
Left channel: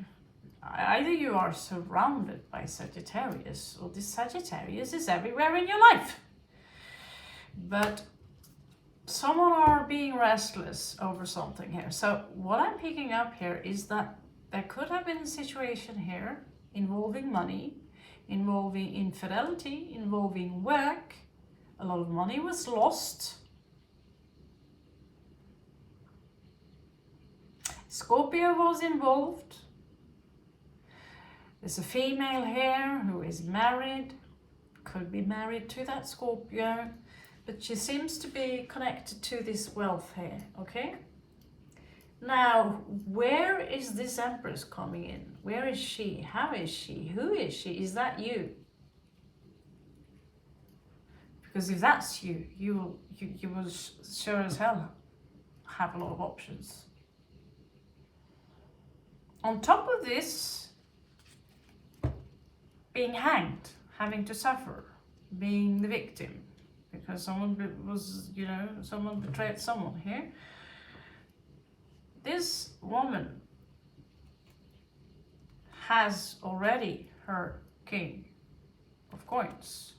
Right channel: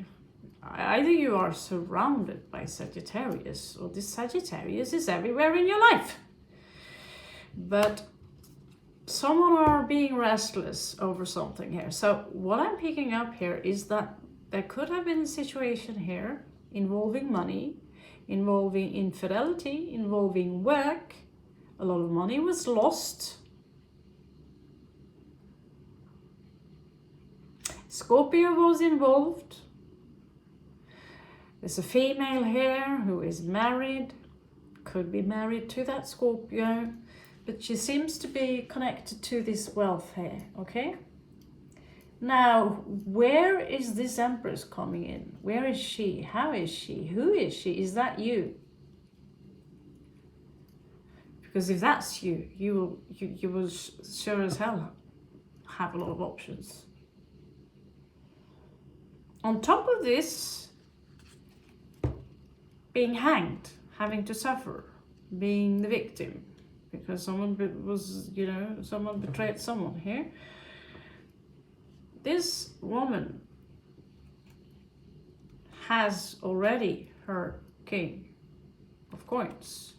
Either you are surrounded by Sagittarius, or this Sagittarius is everywhere in your life. But someone are being restless over something here. So what I'm picking up here is that there could have been a situation here involving money, involving infidelity, involving work. A lot of money was lost. Scorpio was involved. There's a female here who is married, could be married to that Scorpio, but she seems to be connected to this wealth here, okay? Now, where is this Empress coming in? Where is she? How is she? Who is she? Is that you? Because if that's you, you will sure as hell have a lot of options. On top of this, being hanged, having to suffer, being the victim, because someone was, someone betrayed someone here. This woman has already her King of Coins.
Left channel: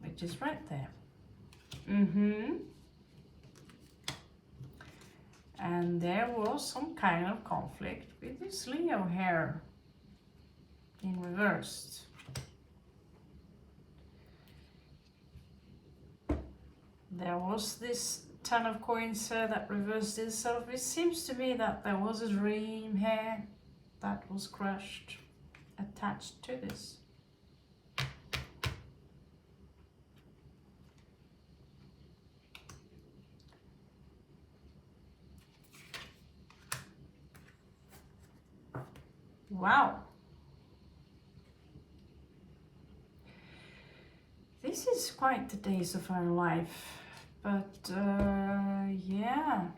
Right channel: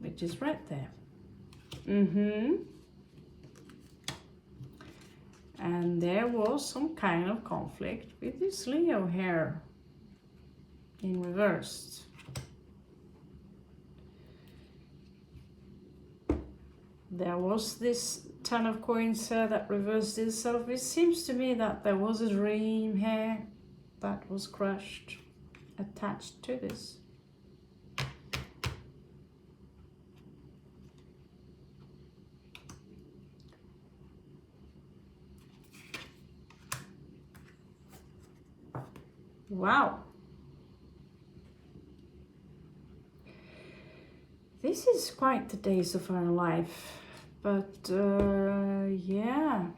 Which is right there. And there was some kind of conflict with this Leo here in reversed. There was this Ten of Coins here that reversed itself. It seems to me that there was a dream here that was crushed, attached to this. Wow. This is quite the days of our life, but yeah.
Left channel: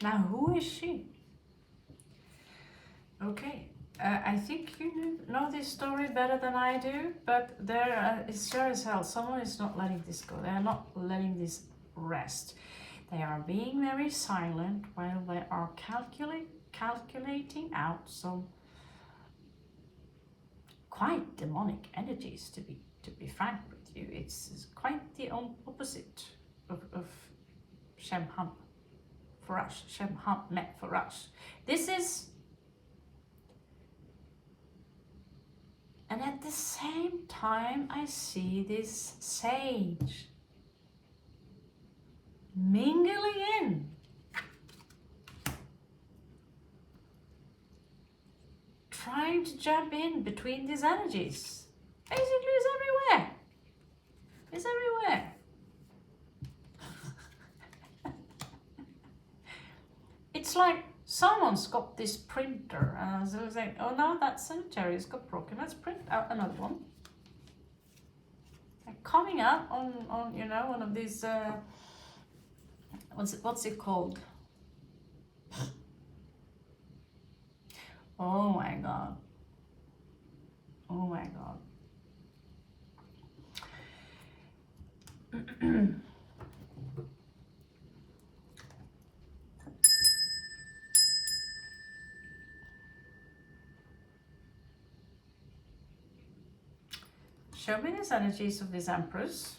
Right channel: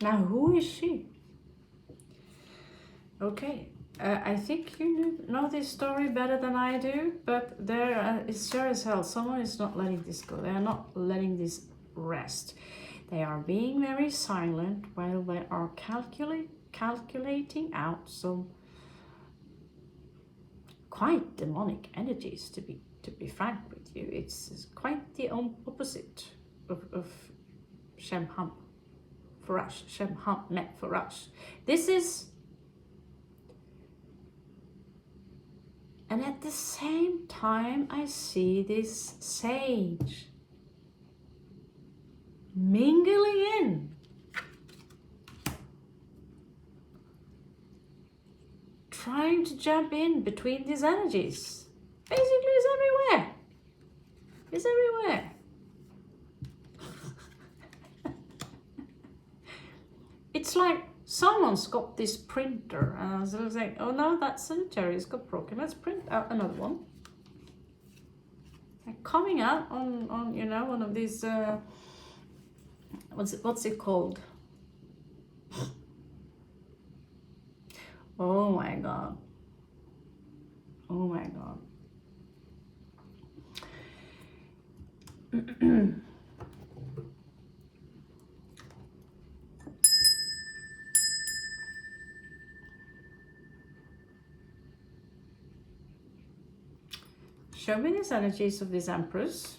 Now, who is she? Okay, I think you know this story better than I do, but there is sure as hell someone is not letting this go. They are not letting this rest. They are being very silent while they are calculating out some quite demonic energies, to be frank with you. It's quite the opposite of Shem-Ham Farash, Shem-Ham Met Farash. This is, and at the same time I see this sage mingling in, trying to jump in between these energies. Basically, it's everywhere. It's everywhere. It's like someone's got this printer and I was like, oh no, that sanitary has got broken. Let's print out another one. And coming out on you know, one of these what's it called? Oh my god. Oh my god. Show me these energies of this Empress.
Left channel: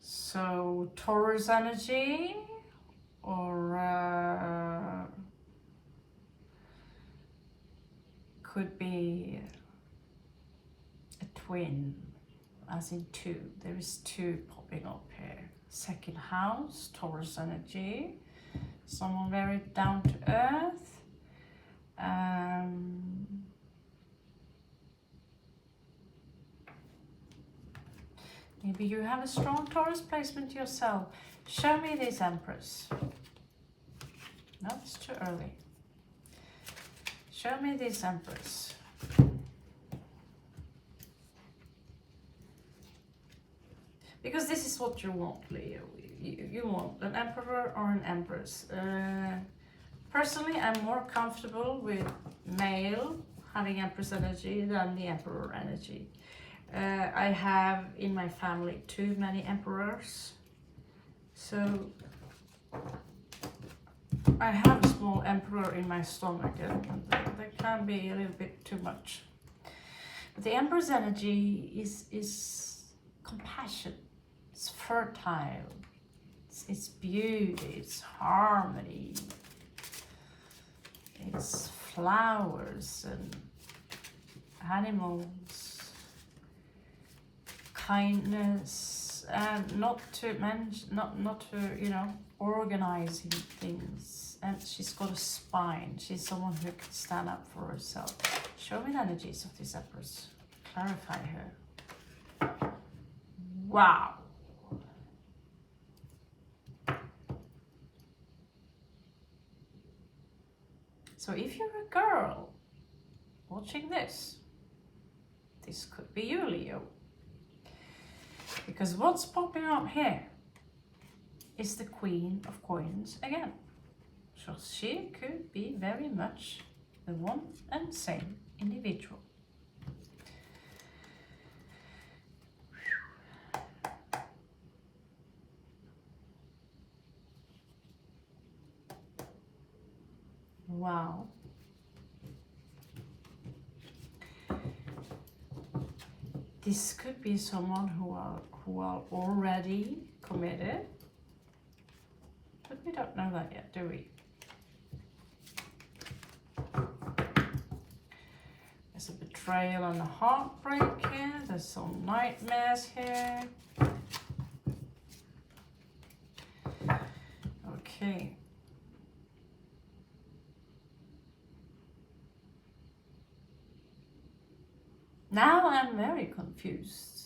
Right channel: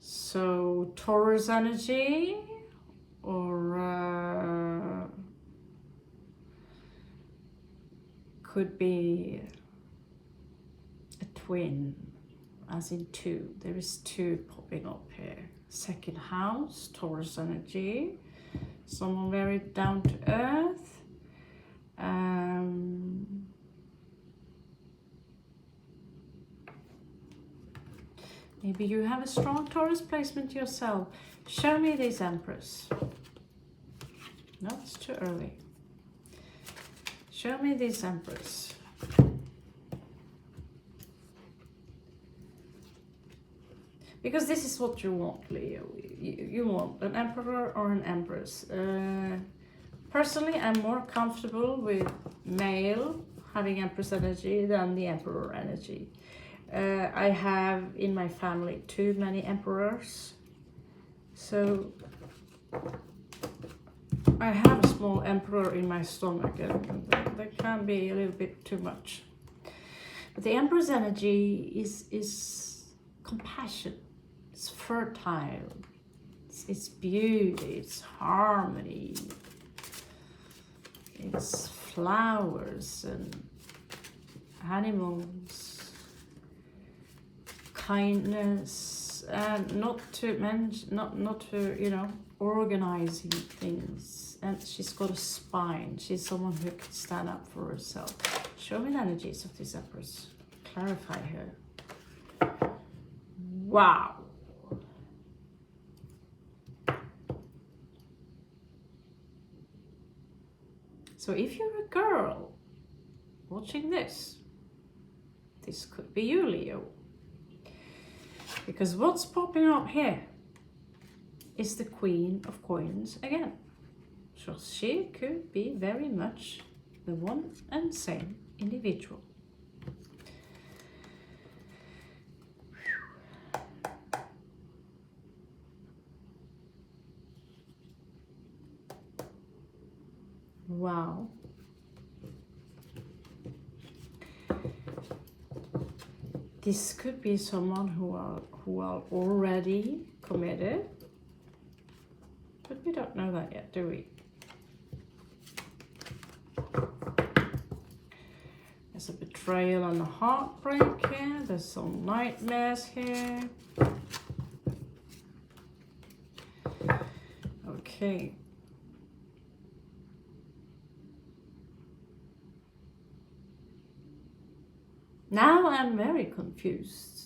So Taurus energy, or could be a twin, as in two. There is two popping up here. Second house, Taurus energy, someone very down to earth. Maybe you have a strong Taurus placement yourself. Show me this Empress. No, it's too early. Show me this Empress. Because this is what you want, Leo. You want an Emperor or an Empress. Personally, I'm more comfortable with male having Empress energy than the Emperor energy. I have in my family too many Emperors, so I have a small Emperor in my stomach, and that can be a little bit too much. But the Empress energy is compassion, it's fertile, it's beauty, it's harmony, it's flowers and animals, kindness, and not to mention, not to, you know, organizing things. And she's got a spine. She's someone who can stand up for herself. Show me the energies of this Empress. Clarify her. Wow. So if you're a girl watching this could be you, Leo. Because what's popping up here is the Queen of Coins again. So she could be very much the one and same individual. Wow. This could be someone who are already committed, but we don't know that yet, do we? There's a betrayal and a heartbreak here. There's some nightmares here. Okay. Now I'm very confused.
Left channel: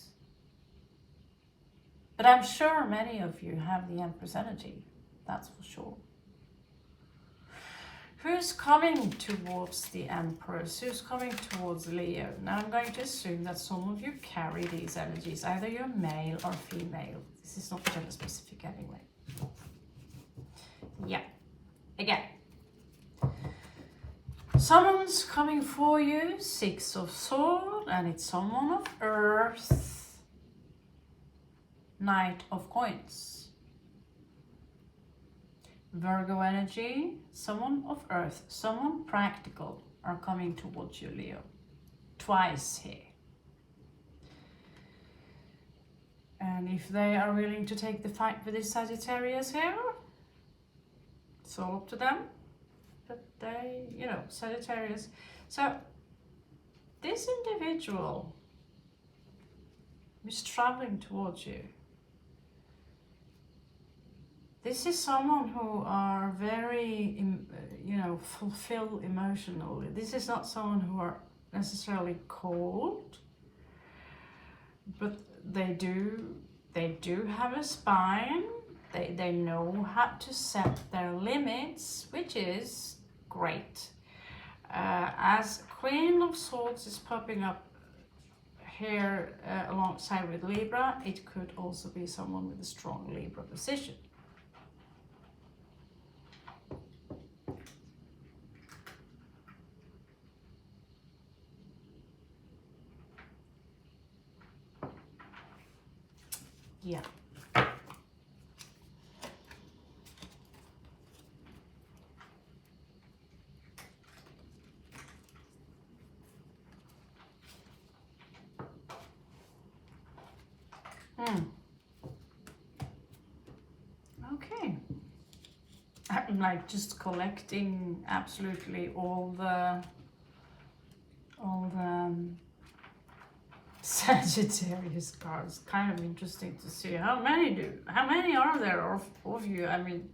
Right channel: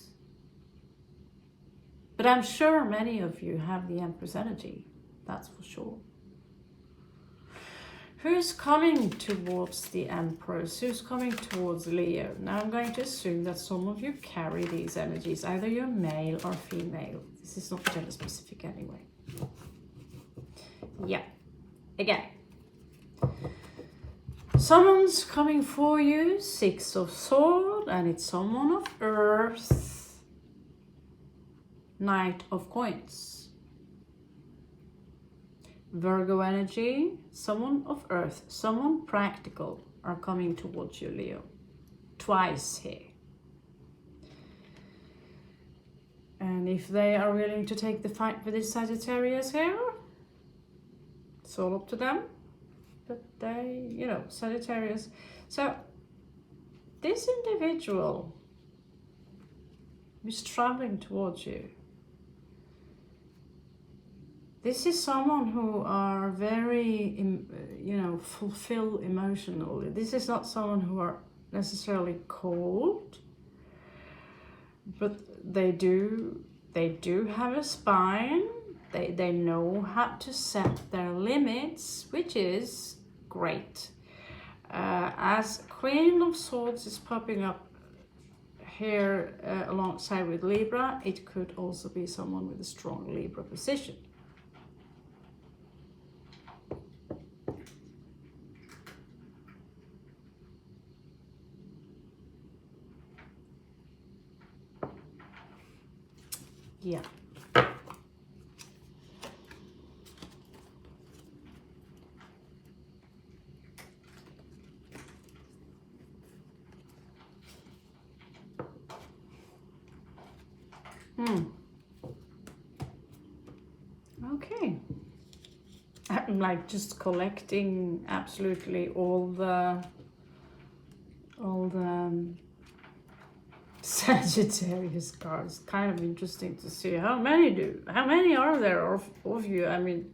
But I'm sure many of you have the Empress energy, that's for sure. Who's coming towards the Empress? Who's coming towards Leo? Now I'm going to assume that some of you carry these energies, either you're male or female. This is not gender specific anyway. Yeah, again. Someone's coming for you, Six of Swords, and it's someone of Earth. Knight of Coins. Virgo energy, someone of earth, someone practical are coming towards you, Leo. Twice here. And if they are willing to take the fight with this Sagittarius here, it's all up to them. But they, you know, Sagittarius. So this individual is traveling towards you. This is someone who are very, you know, fulfilled emotionally. This is not someone who are necessarily cold, but they do have a spine. They know how to set their limits, which is great. As Queen of Swords is popping up here alongside with Libra, it could also be someone with a strong Libra position. Yeah. Okay. I'm like just collecting absolutely all the Sagittarius cards. Kind of interesting to see how many are there of you. I mean,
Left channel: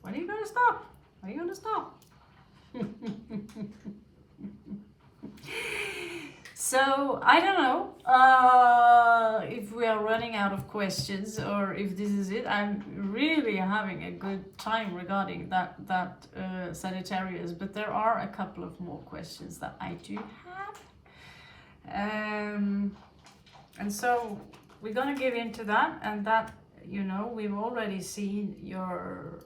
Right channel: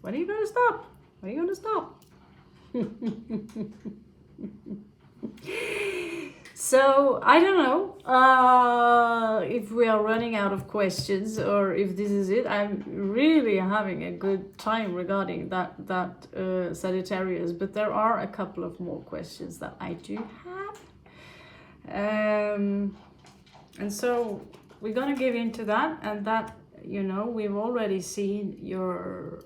when are you gonna stop? When are you gonna stop? So I don't know if we are running out of questions or if this is it. I'm really having a good time regarding that Sagittarius, but there are a couple of more questions that I do have, and so we're gonna give into that. And that, you know, we've already seen your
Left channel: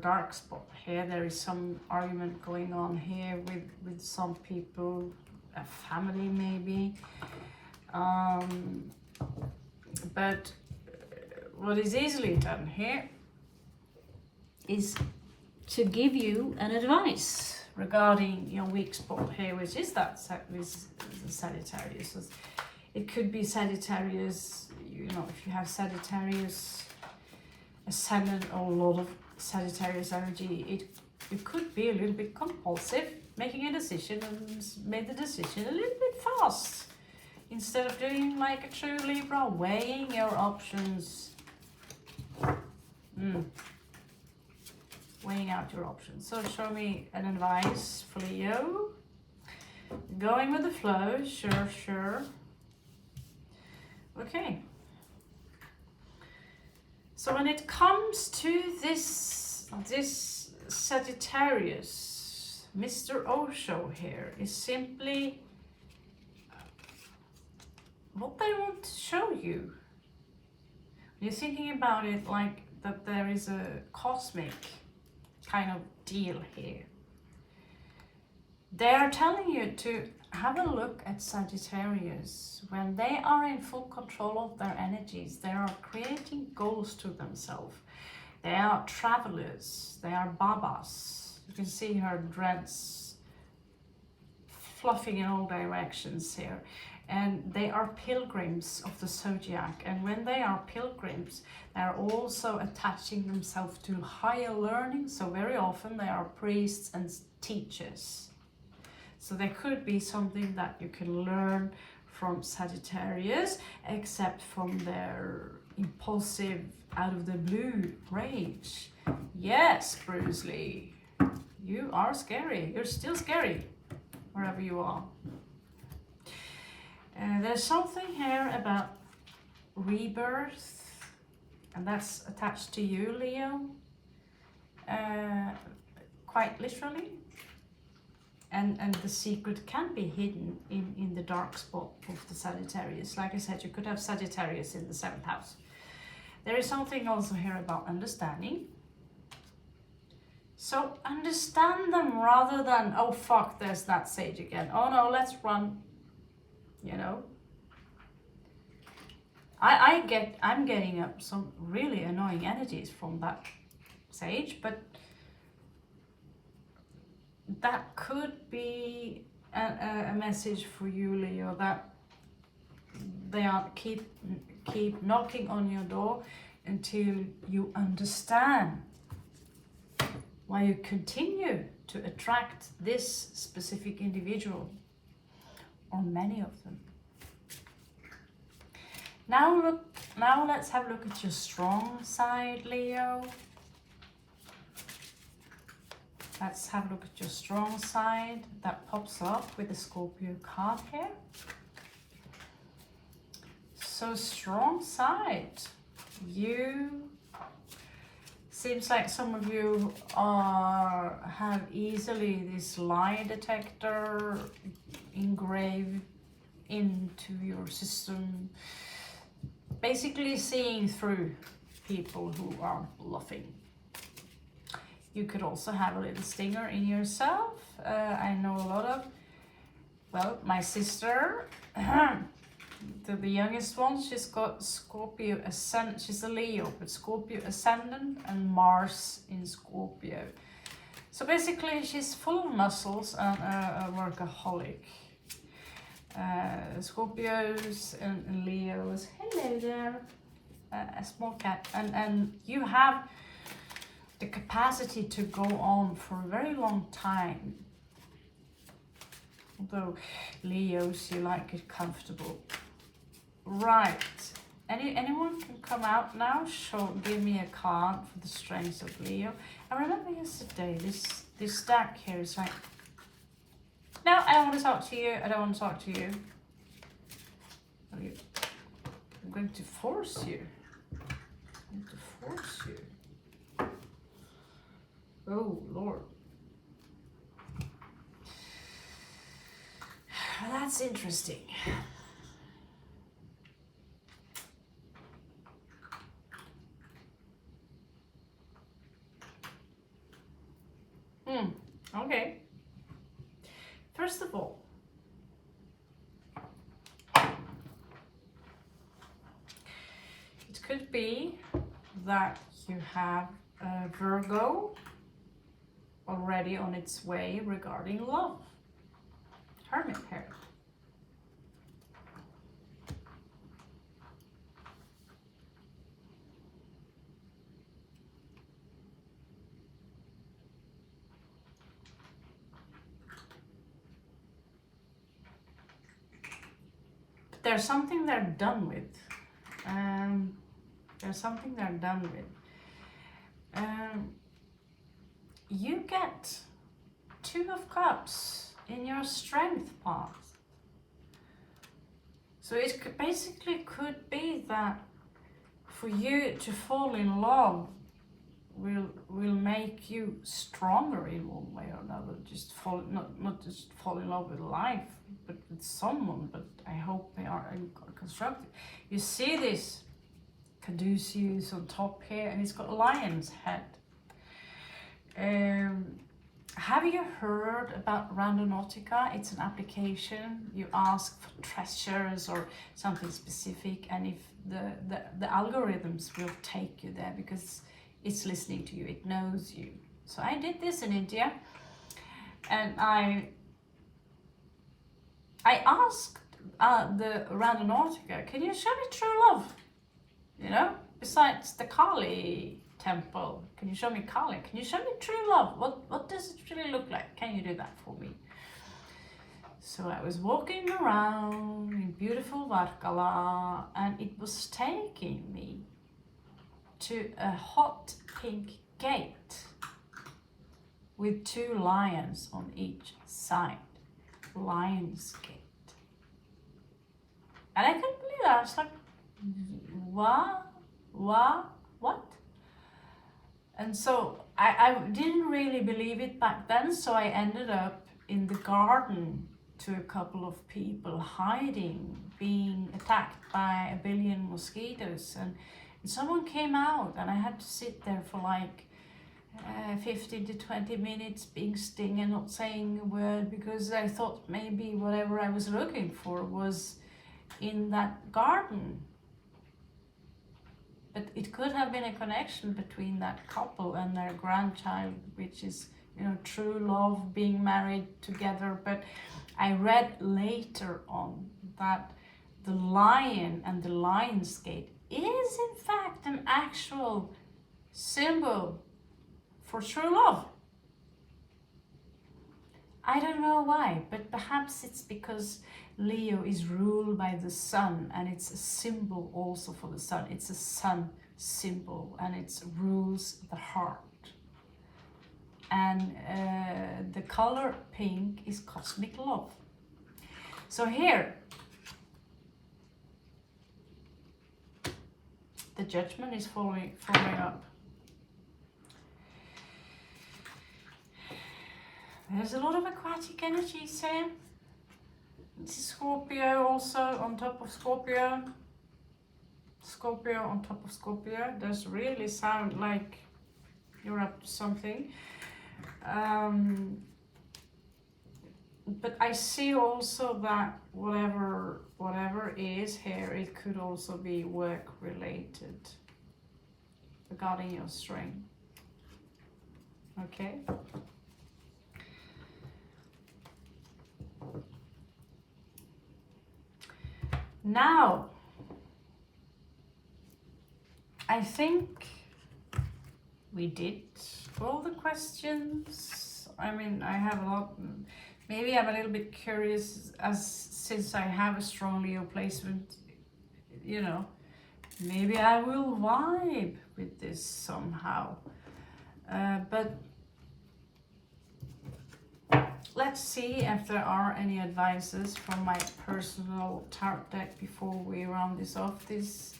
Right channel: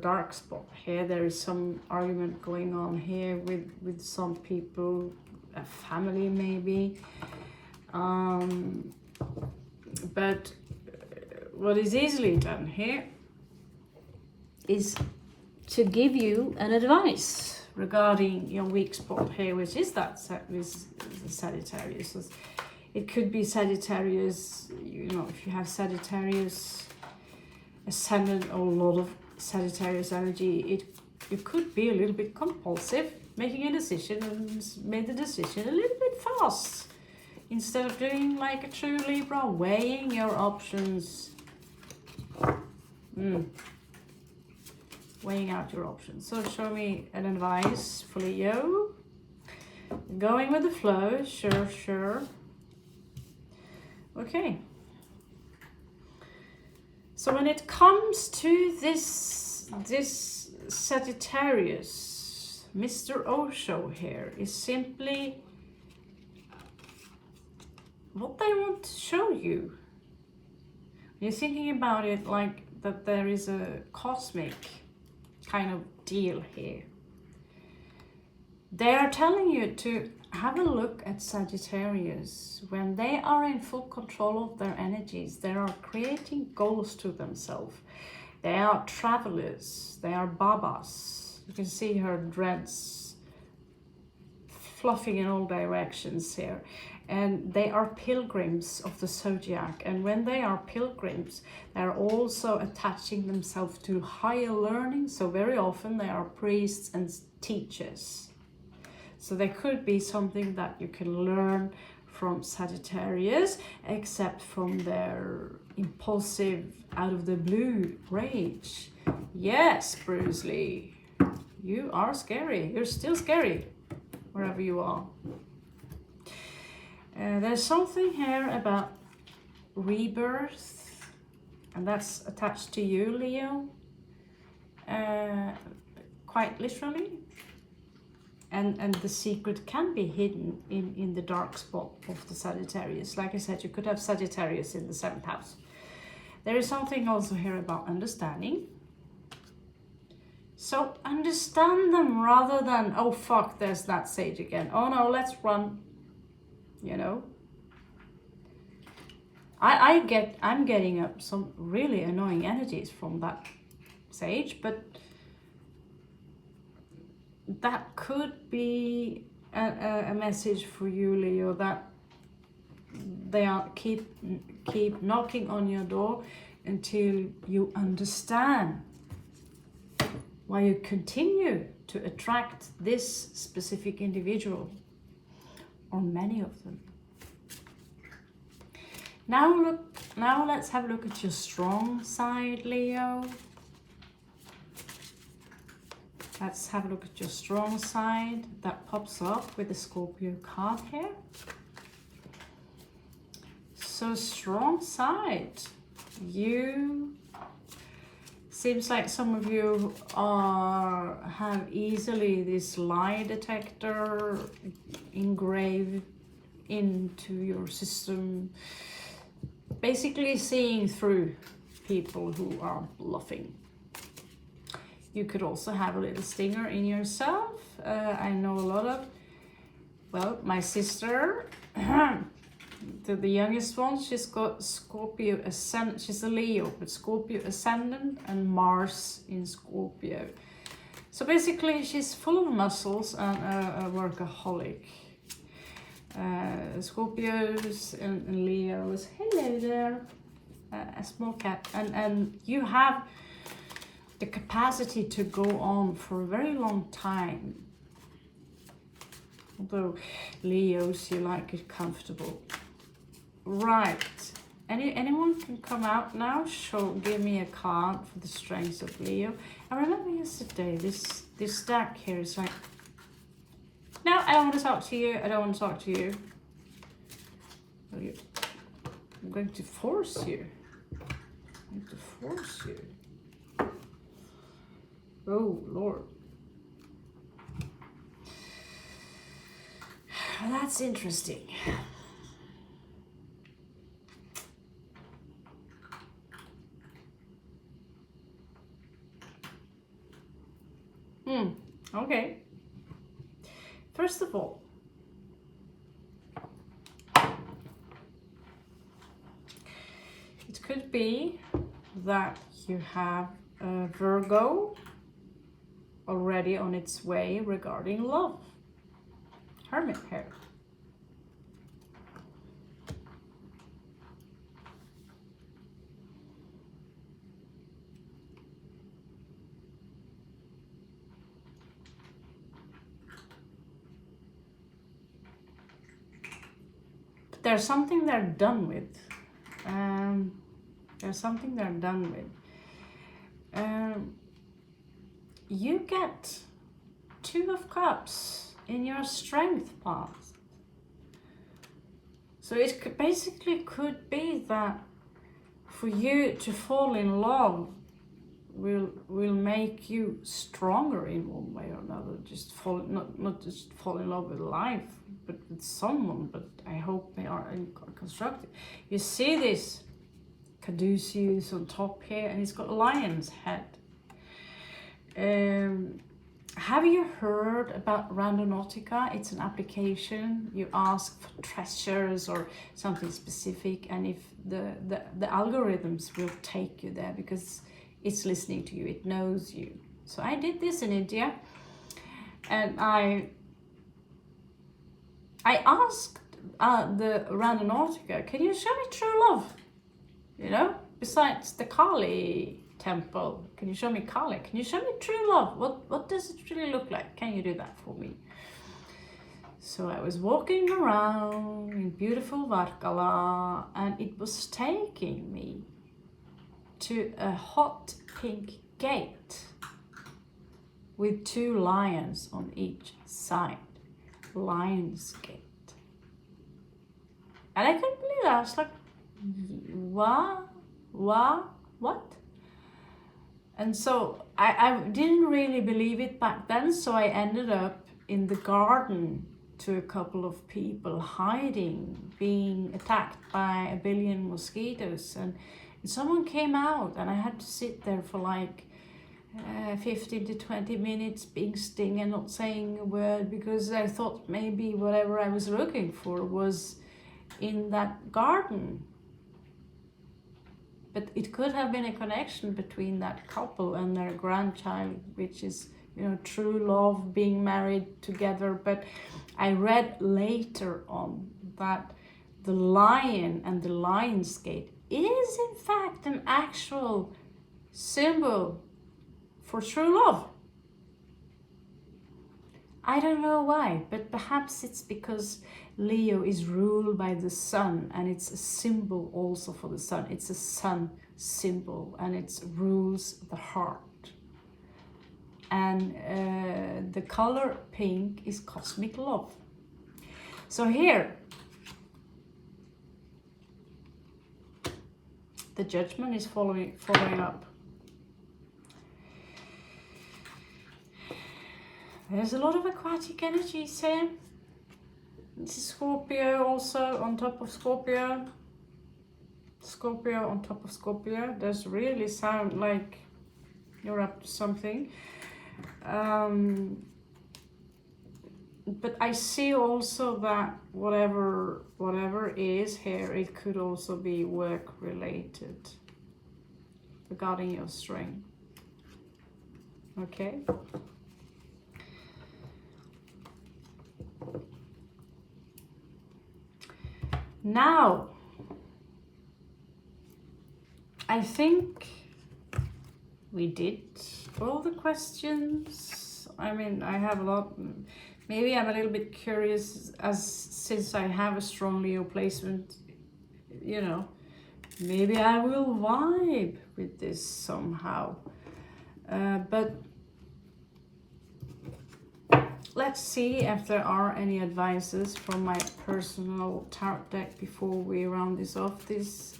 dark spot here. There is some argument going on here with some people, a family maybe, but what is easily done here is to give you an advice regarding your weak spot here, which is that with the Sagittarius. It could be Sagittarius, you know, if you have Sagittarius ascendant or a lot of Sagittarius energy, it could be a little bit compulsive, making a decision and made the decision a little bit fast. Instead of doing like a true Libra, weighing your options. Weighing out your options. So show me an advice for Leo. Going with the flow, sure. Okay. So when it comes to this Sagittarius, Mr. Osho here is simply what they want to show you. You're thinking about it like that there is a cosmic kind of deal here. They are telling you to have a look at Sagittarius. When they are in full control of their energies, they are creating goals to themselves. They are travelers, they are babas. You can see her dreads fluffing in all directions here. And they are pilgrims of the zodiac. And when they are pilgrims, they are also attaching themselves to higher learning. So very often they are priests and teachers. So there could be something that you can learn from Sagittarius, except from their impulsive, out of the blue rage. Yes, Bruce Lee, you are scary. You're still scary, wherever you are. There's something here about rebirth, and that's attached to you, Leo, quite literally. And the secret can be hidden in the dark spot of the Sagittarius. Like I said, you could have Sagittarius in the 7th house. There is something also here about understanding. So understand them rather than, oh fuck, there's that sage again. Oh no, let's run. You know. I'm getting up some really annoying energies from that sage, but that could be a message for you, Leo, that they are keep knocking on your door until you understand why you continue to attract this specific individual or many of them. Now let's have a look at your strong side, Leo. Let's have a look at your strong side that pops up with the Scorpio card here. So strong side, you seems like some of you have easily this lie detector engraved into your system, basically seeing through people who are bluffing. You could also have a little stinger in yourself. I know a lot of, well, my sister, the youngest one, she's got Scorpio ascendant. She's a Leo, but Scorpio ascendant and Mars in Scorpio. So basically, she's full of muscles and a workaholic. Scorpios and Leos. Hello there, a small cat, and you have the capacity to go on for a very long time. Although Leos, you like it comfortable. Right. Anyone can come out now. Give me a card for the strengths of Leo. I remember yesterday this stack here is like, no, I don't want to talk to you. I don't want to talk to you. I'm going to force you. I'm going to force you. Oh, Lord. That's interesting. Okay. First of all, it could be that you have a Virgo already on its way regarding love. Hermit here. But there's something they're done with. There's something they're done with. You get 2 of Cups in your strength path. So it basically could be that for you to fall in love will make you stronger in one way or another. Just not just fall in love with life, but with someone. But I hope they are constructive. You see this Caduceus on top here, and it's got a lion's head. Have you heard about Randonautica? It's an application. You ask for treasures or something specific, and if the algorithms will take you there because it's listening to you, it knows you. So I did this in India, and I asked the Randonautica, can you show me true love? You know, besides the Kali temple, can you show me Kali? Can you show me true love? What does it really look like? Can you do that for me? So I was walking around in beautiful Varkala, and it was taking me to a hot pink gate with 2 lions on each side. Lion's Gate. And I couldn't believe that. I was like, what? And so I didn't really believe it back then, so I ended up in the garden to a couple of people hiding, being attacked by a billion mosquitoes, and someone came out, and I had to sit there for like 15 to 20 minutes being stung and not saying a word, because I thought maybe whatever I was looking for was in that garden. but it could have been a connection between that couple and their grandchild, which is, you know, true love, being married together. But I read later on that the lion and the lion's gate is in fact an actual symbol for true love. I don't know why, but perhaps it's because Leo is ruled by the sun, and it's a symbol also for the sun. It's a sun symbol, and it rules the heart. And the color pink is cosmic love. So here, the judgment is following up. There's a lot of aquatic energies here. This is Scorpio also on top of Scorpio. Scorpio on top of Scorpio. Does really sound like you're up to something. But I see also that whatever is here, it could also be work related regarding your string. Okay. Now, I think we did all the questions. I mean, I have a lot. Maybe I'm a little bit curious, since I have a strong Leo placement, you know, maybe I will vibe with this somehow. But let's see if there are any advices from my personal tarot deck before we round this off. This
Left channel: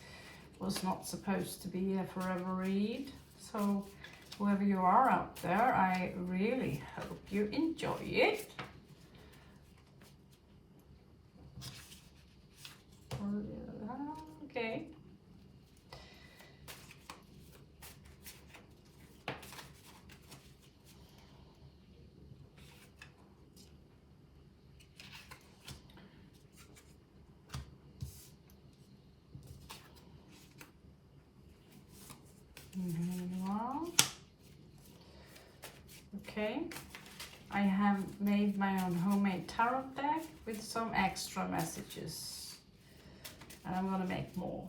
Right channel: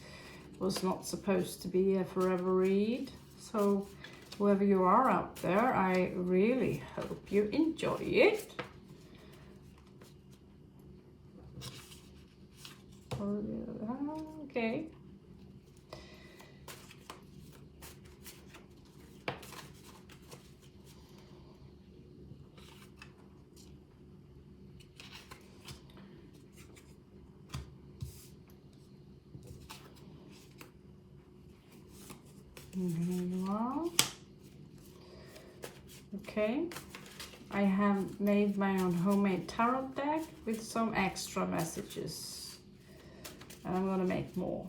was not supposed to be a forever read. So whoever you are out there, I really hope you enjoy it. Okay. Well, okay, I have made my own homemade tarot deck with some extra messages, and I'm gonna make more.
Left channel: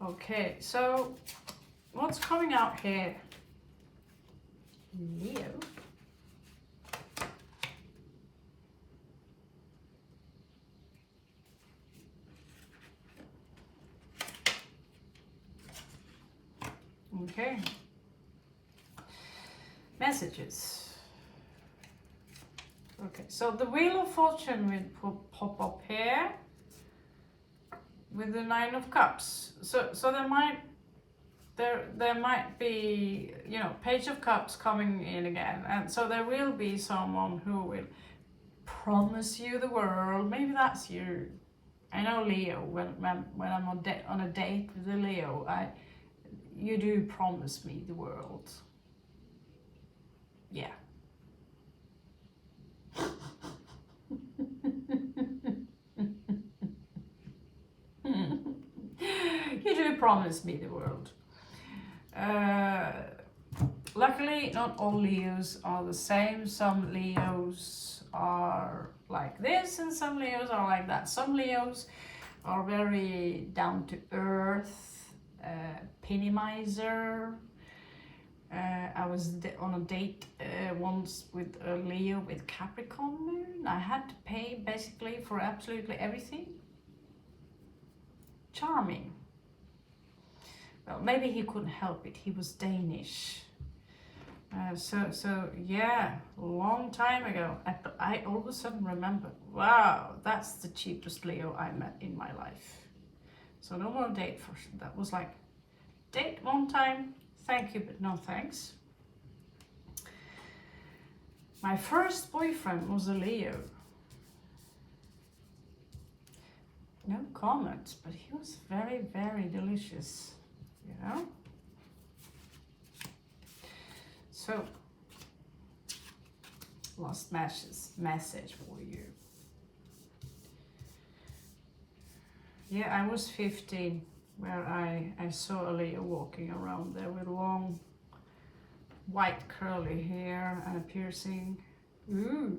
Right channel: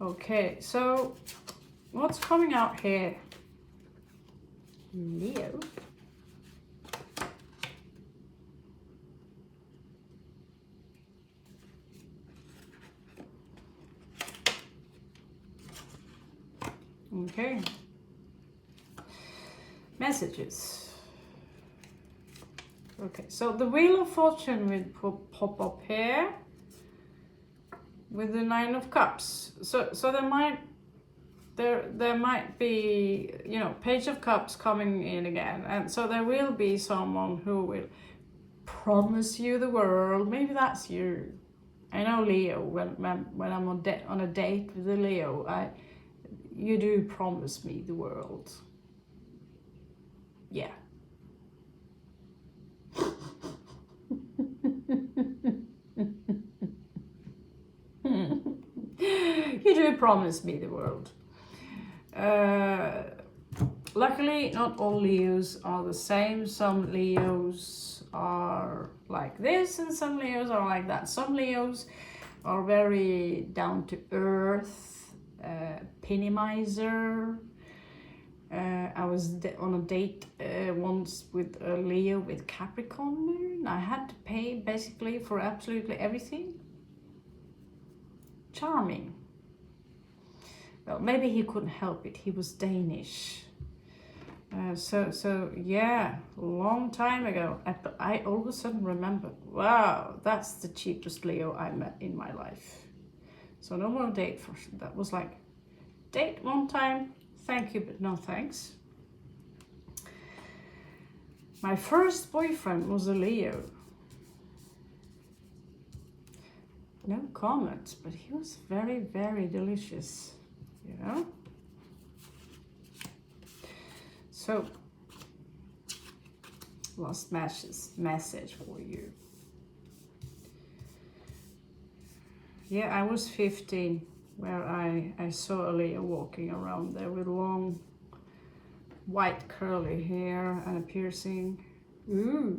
Okay, so what's coming out here? Leo. Okay, messages. Okay, so the Wheel of Fortune will pop up here with the Nine of Cups. So there might be, you know, Page of Cups coming in again, and so there will be someone who will promise you the world. Maybe that's you. I know Leo. When I'm on a date with a Leo, you do promise me the world. Yeah. You do promise me the world. Luckily, not all Leos are the same. Some Leos are like this and some Leos are like that. Some Leos are very down to earth, penny miser. I was on a date once with a Leo with Capricorn moon. I had to pay basically for absolutely everything. Charming. Well, maybe he couldn't help it. He was Danish. So yeah, long time ago. I all of a sudden remembered, wow, that's the cheapest Leo I met in my life. So no more date for that. Was like, date one time, thank you, but no thanks. My first boyfriend was a Leo. No comments, but he was very, very delicious, you know? So, last message for you. Yeah, I was 15 where I saw a Leo walking around there with long white curly hair and a piercing. Ooh.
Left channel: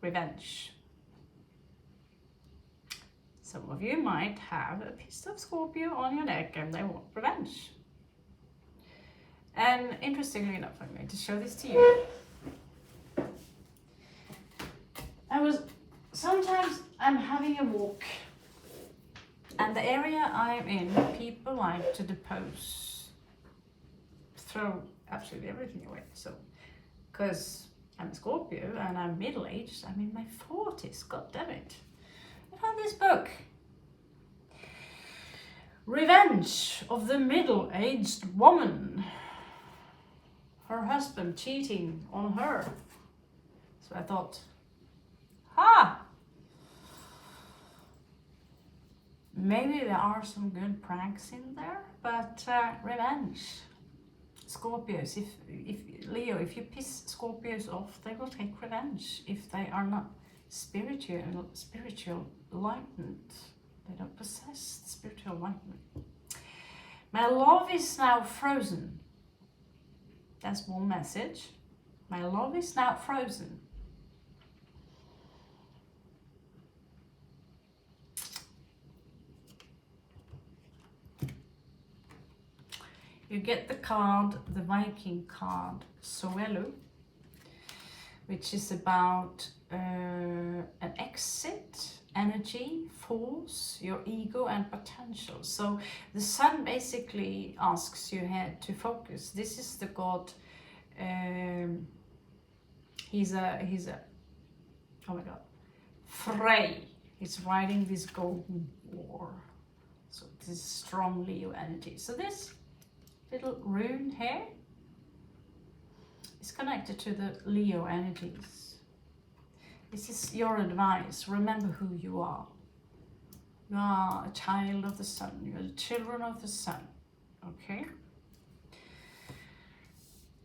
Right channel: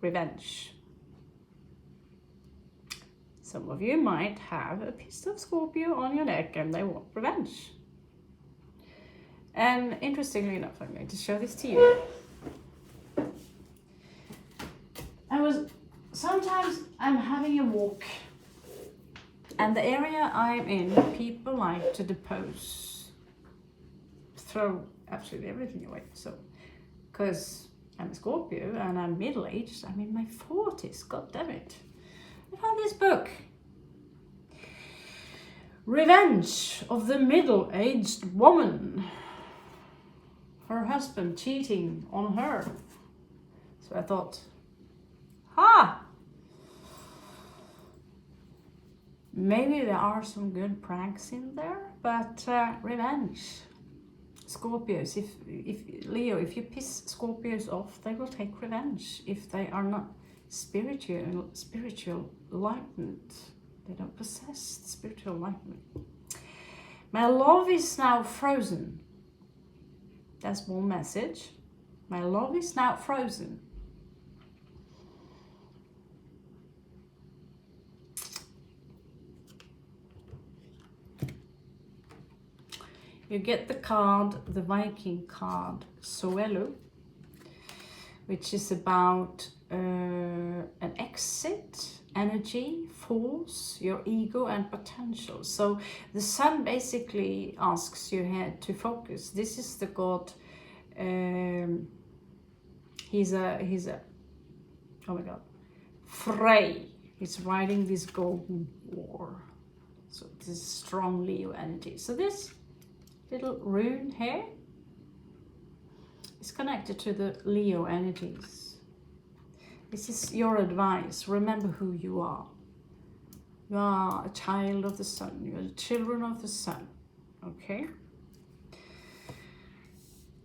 Revenge. Some of you might have a piece of Scorpio on your neck and they want revenge. And interestingly enough, I'm going to show this to you. Sometimes I'm having a walk, and the area I'm in, people like to depose, throw absolutely everything away. So, because I'm a Scorpio and I'm middle-aged, I'm in my 40s, god damn it. I found this book. Revenge of the Middle-Aged Woman. Her husband cheating on her. So I thought, maybe there are some good pranks in there, but revenge. Scorpios, if Leo, if you piss Scorpios off, they will take revenge if they are not spiritual enlightenment. They don't possess spiritual enlightenment. My love is now frozen. That's one message. My love is now frozen. You get the card, the Viking card, SOO, which is about an exit, energy, force, your ego and potential. So the sun basically asks your head to focus. This is the god, he's a, oh my god, Frey. He's riding this golden war. So this is strong Leo energy. So this little rune here is connected to the Leo energies. This is your advice. Remember who you are. You are a child of the sun. You are the children of the sun. Okay?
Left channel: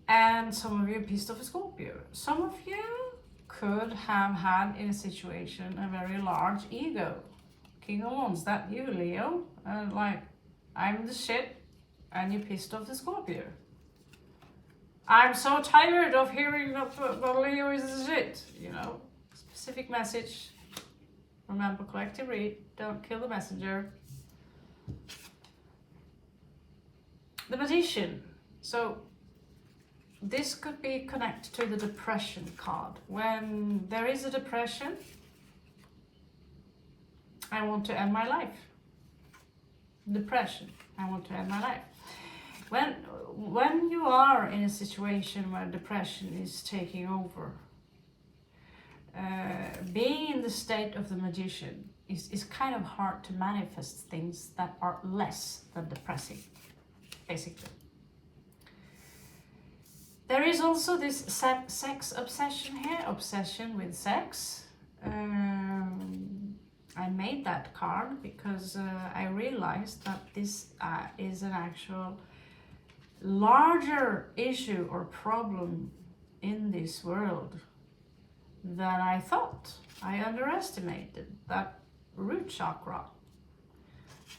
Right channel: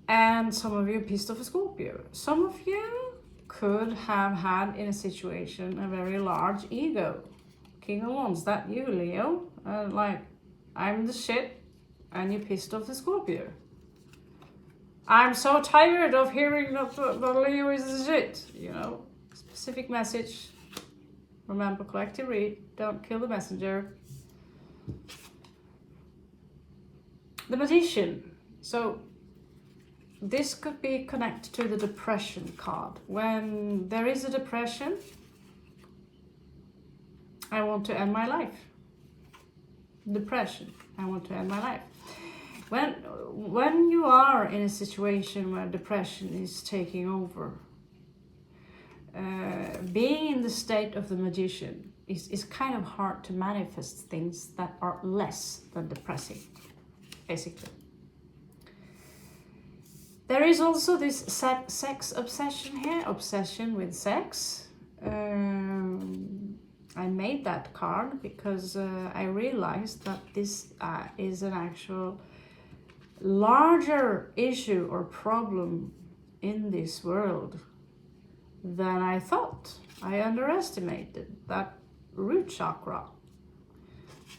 And some of you are pissed off a Scorpio. Some of you could have had in a situation a very large ego. King of Wands, that you, Leo. Like, I'm the shit. And you pissed off the Scorpio. I'm so tired of hearing that Leo is the shit. You know, specific message. Remember, collective read. Don't kill the messenger. The Magician. So this could be connected to the depression card. When there is a depression, I want to end my life. Depression. I want to end my life. When you are in a situation where depression is taking over, being in the state of the Magician is kind of hard to manifest things that are less than depressing, basically. There is also this sex obsession here, obsession with sex. I made that card because I realized that this is an actual larger issue or problem in this world than I thought. I underestimated that root chakra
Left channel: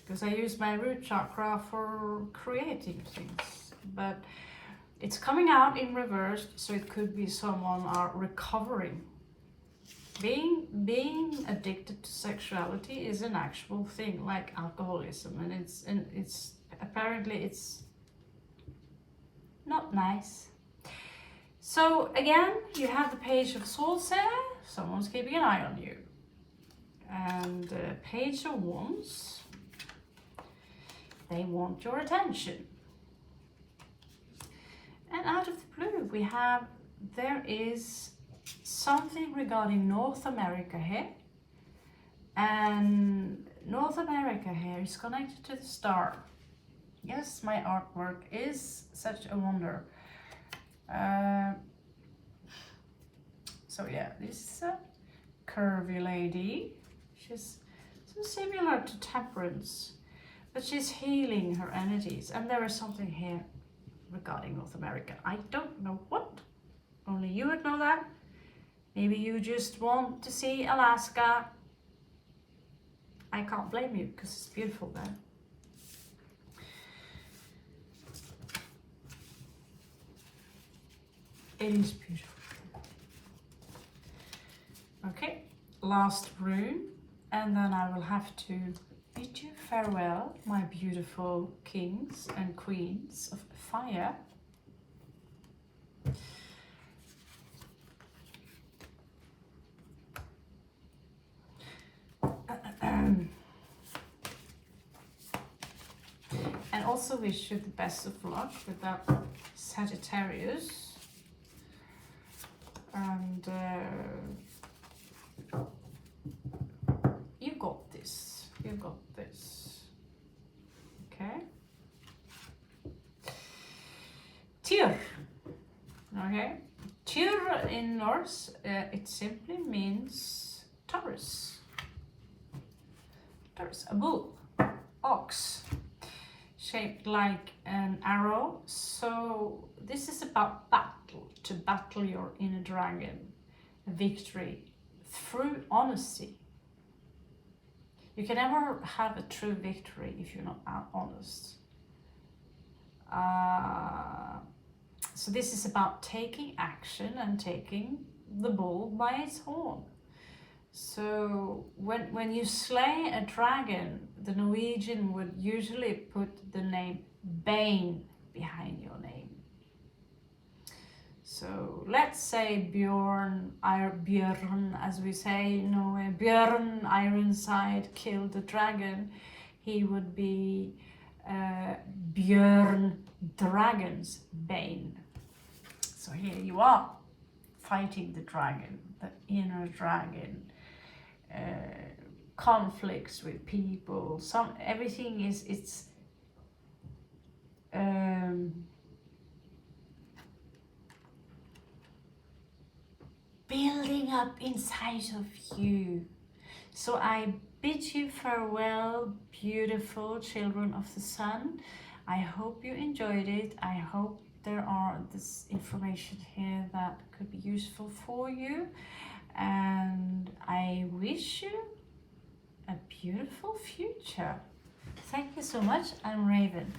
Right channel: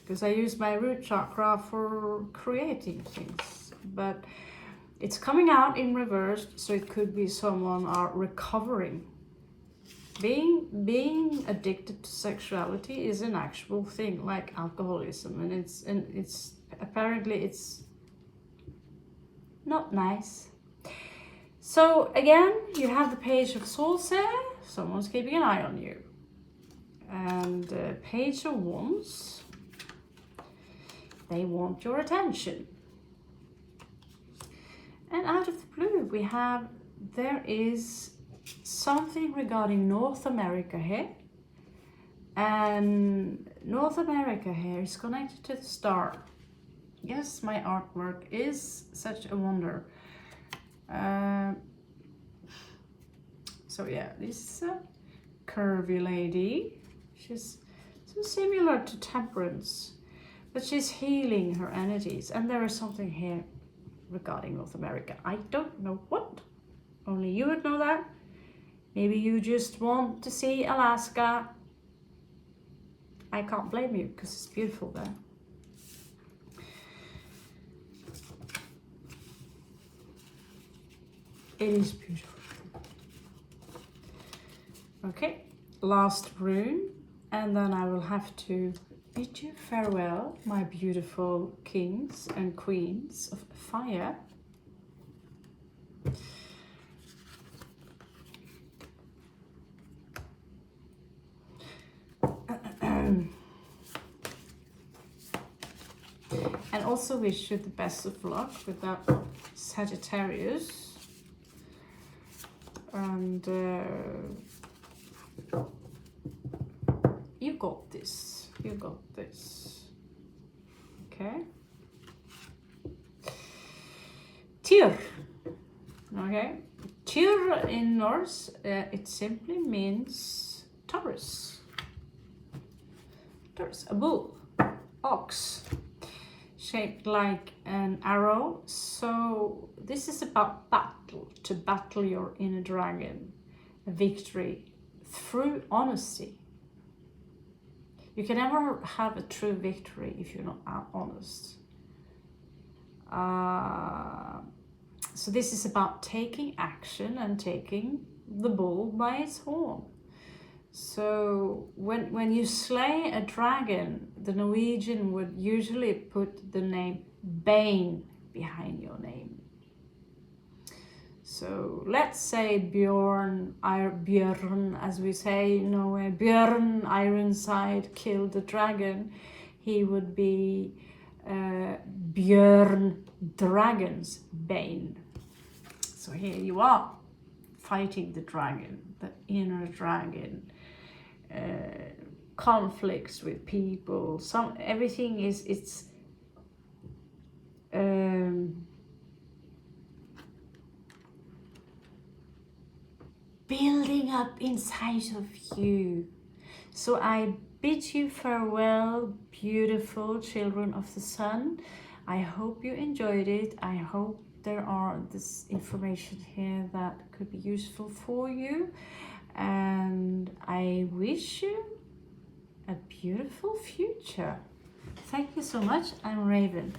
because I use my root chakra for creating things, but it's coming out in reverse, so it could be someone are recovering. Being addicted to sexuality is an actual thing, like alcoholism, and it's apparently it's not nice. So again, you have the Page of Swords here. Someone's keeping an eye on you. And Page of Wands. They want your attention. And out of the blue, we have, there is something regarding North America here. And North America here is connected to the star. Yes, my artwork is such a wonder. So yeah, this is a curvy lady. She's so similar to Temperance, but she's healing her energies. And there is something here regarding North America. I don't know what. Only you would know that. Maybe you just want to see Alaska I can't blame you because it's beautiful there. It is beautiful. Okay, last rune, and then I will have to bid you farewell, my beautiful kings and queens of fire. And also wish you the best of luck with that Sagittarius. And you got this. You got this. Okay. Tyr. Okay. Tyr in Norse, it simply means Taurus. Taurus, a bull, ox, shaped like an arrow. So this is about battle, to battle your inner dragon, a victory through honesty. You can never have a true victory if you're not honest. So this is about taking action and taking the bull by its horn. So when you slay a dragon, the Norwegian would usually put the name Bane behind your name. So let's say Björn, as we say, Björn Ironside killed the dragon. He would be Björn Dragon's Bane. So here you are, fighting the dragon, the inner dragon. Conflicts with people, everything it's building up inside of you. So I bid you farewell, beautiful children of the sun. I hope you enjoyed it. I hope there are this information here that could be useful for you. And I wish you a beautiful future. Thank you so much. I'm Raven.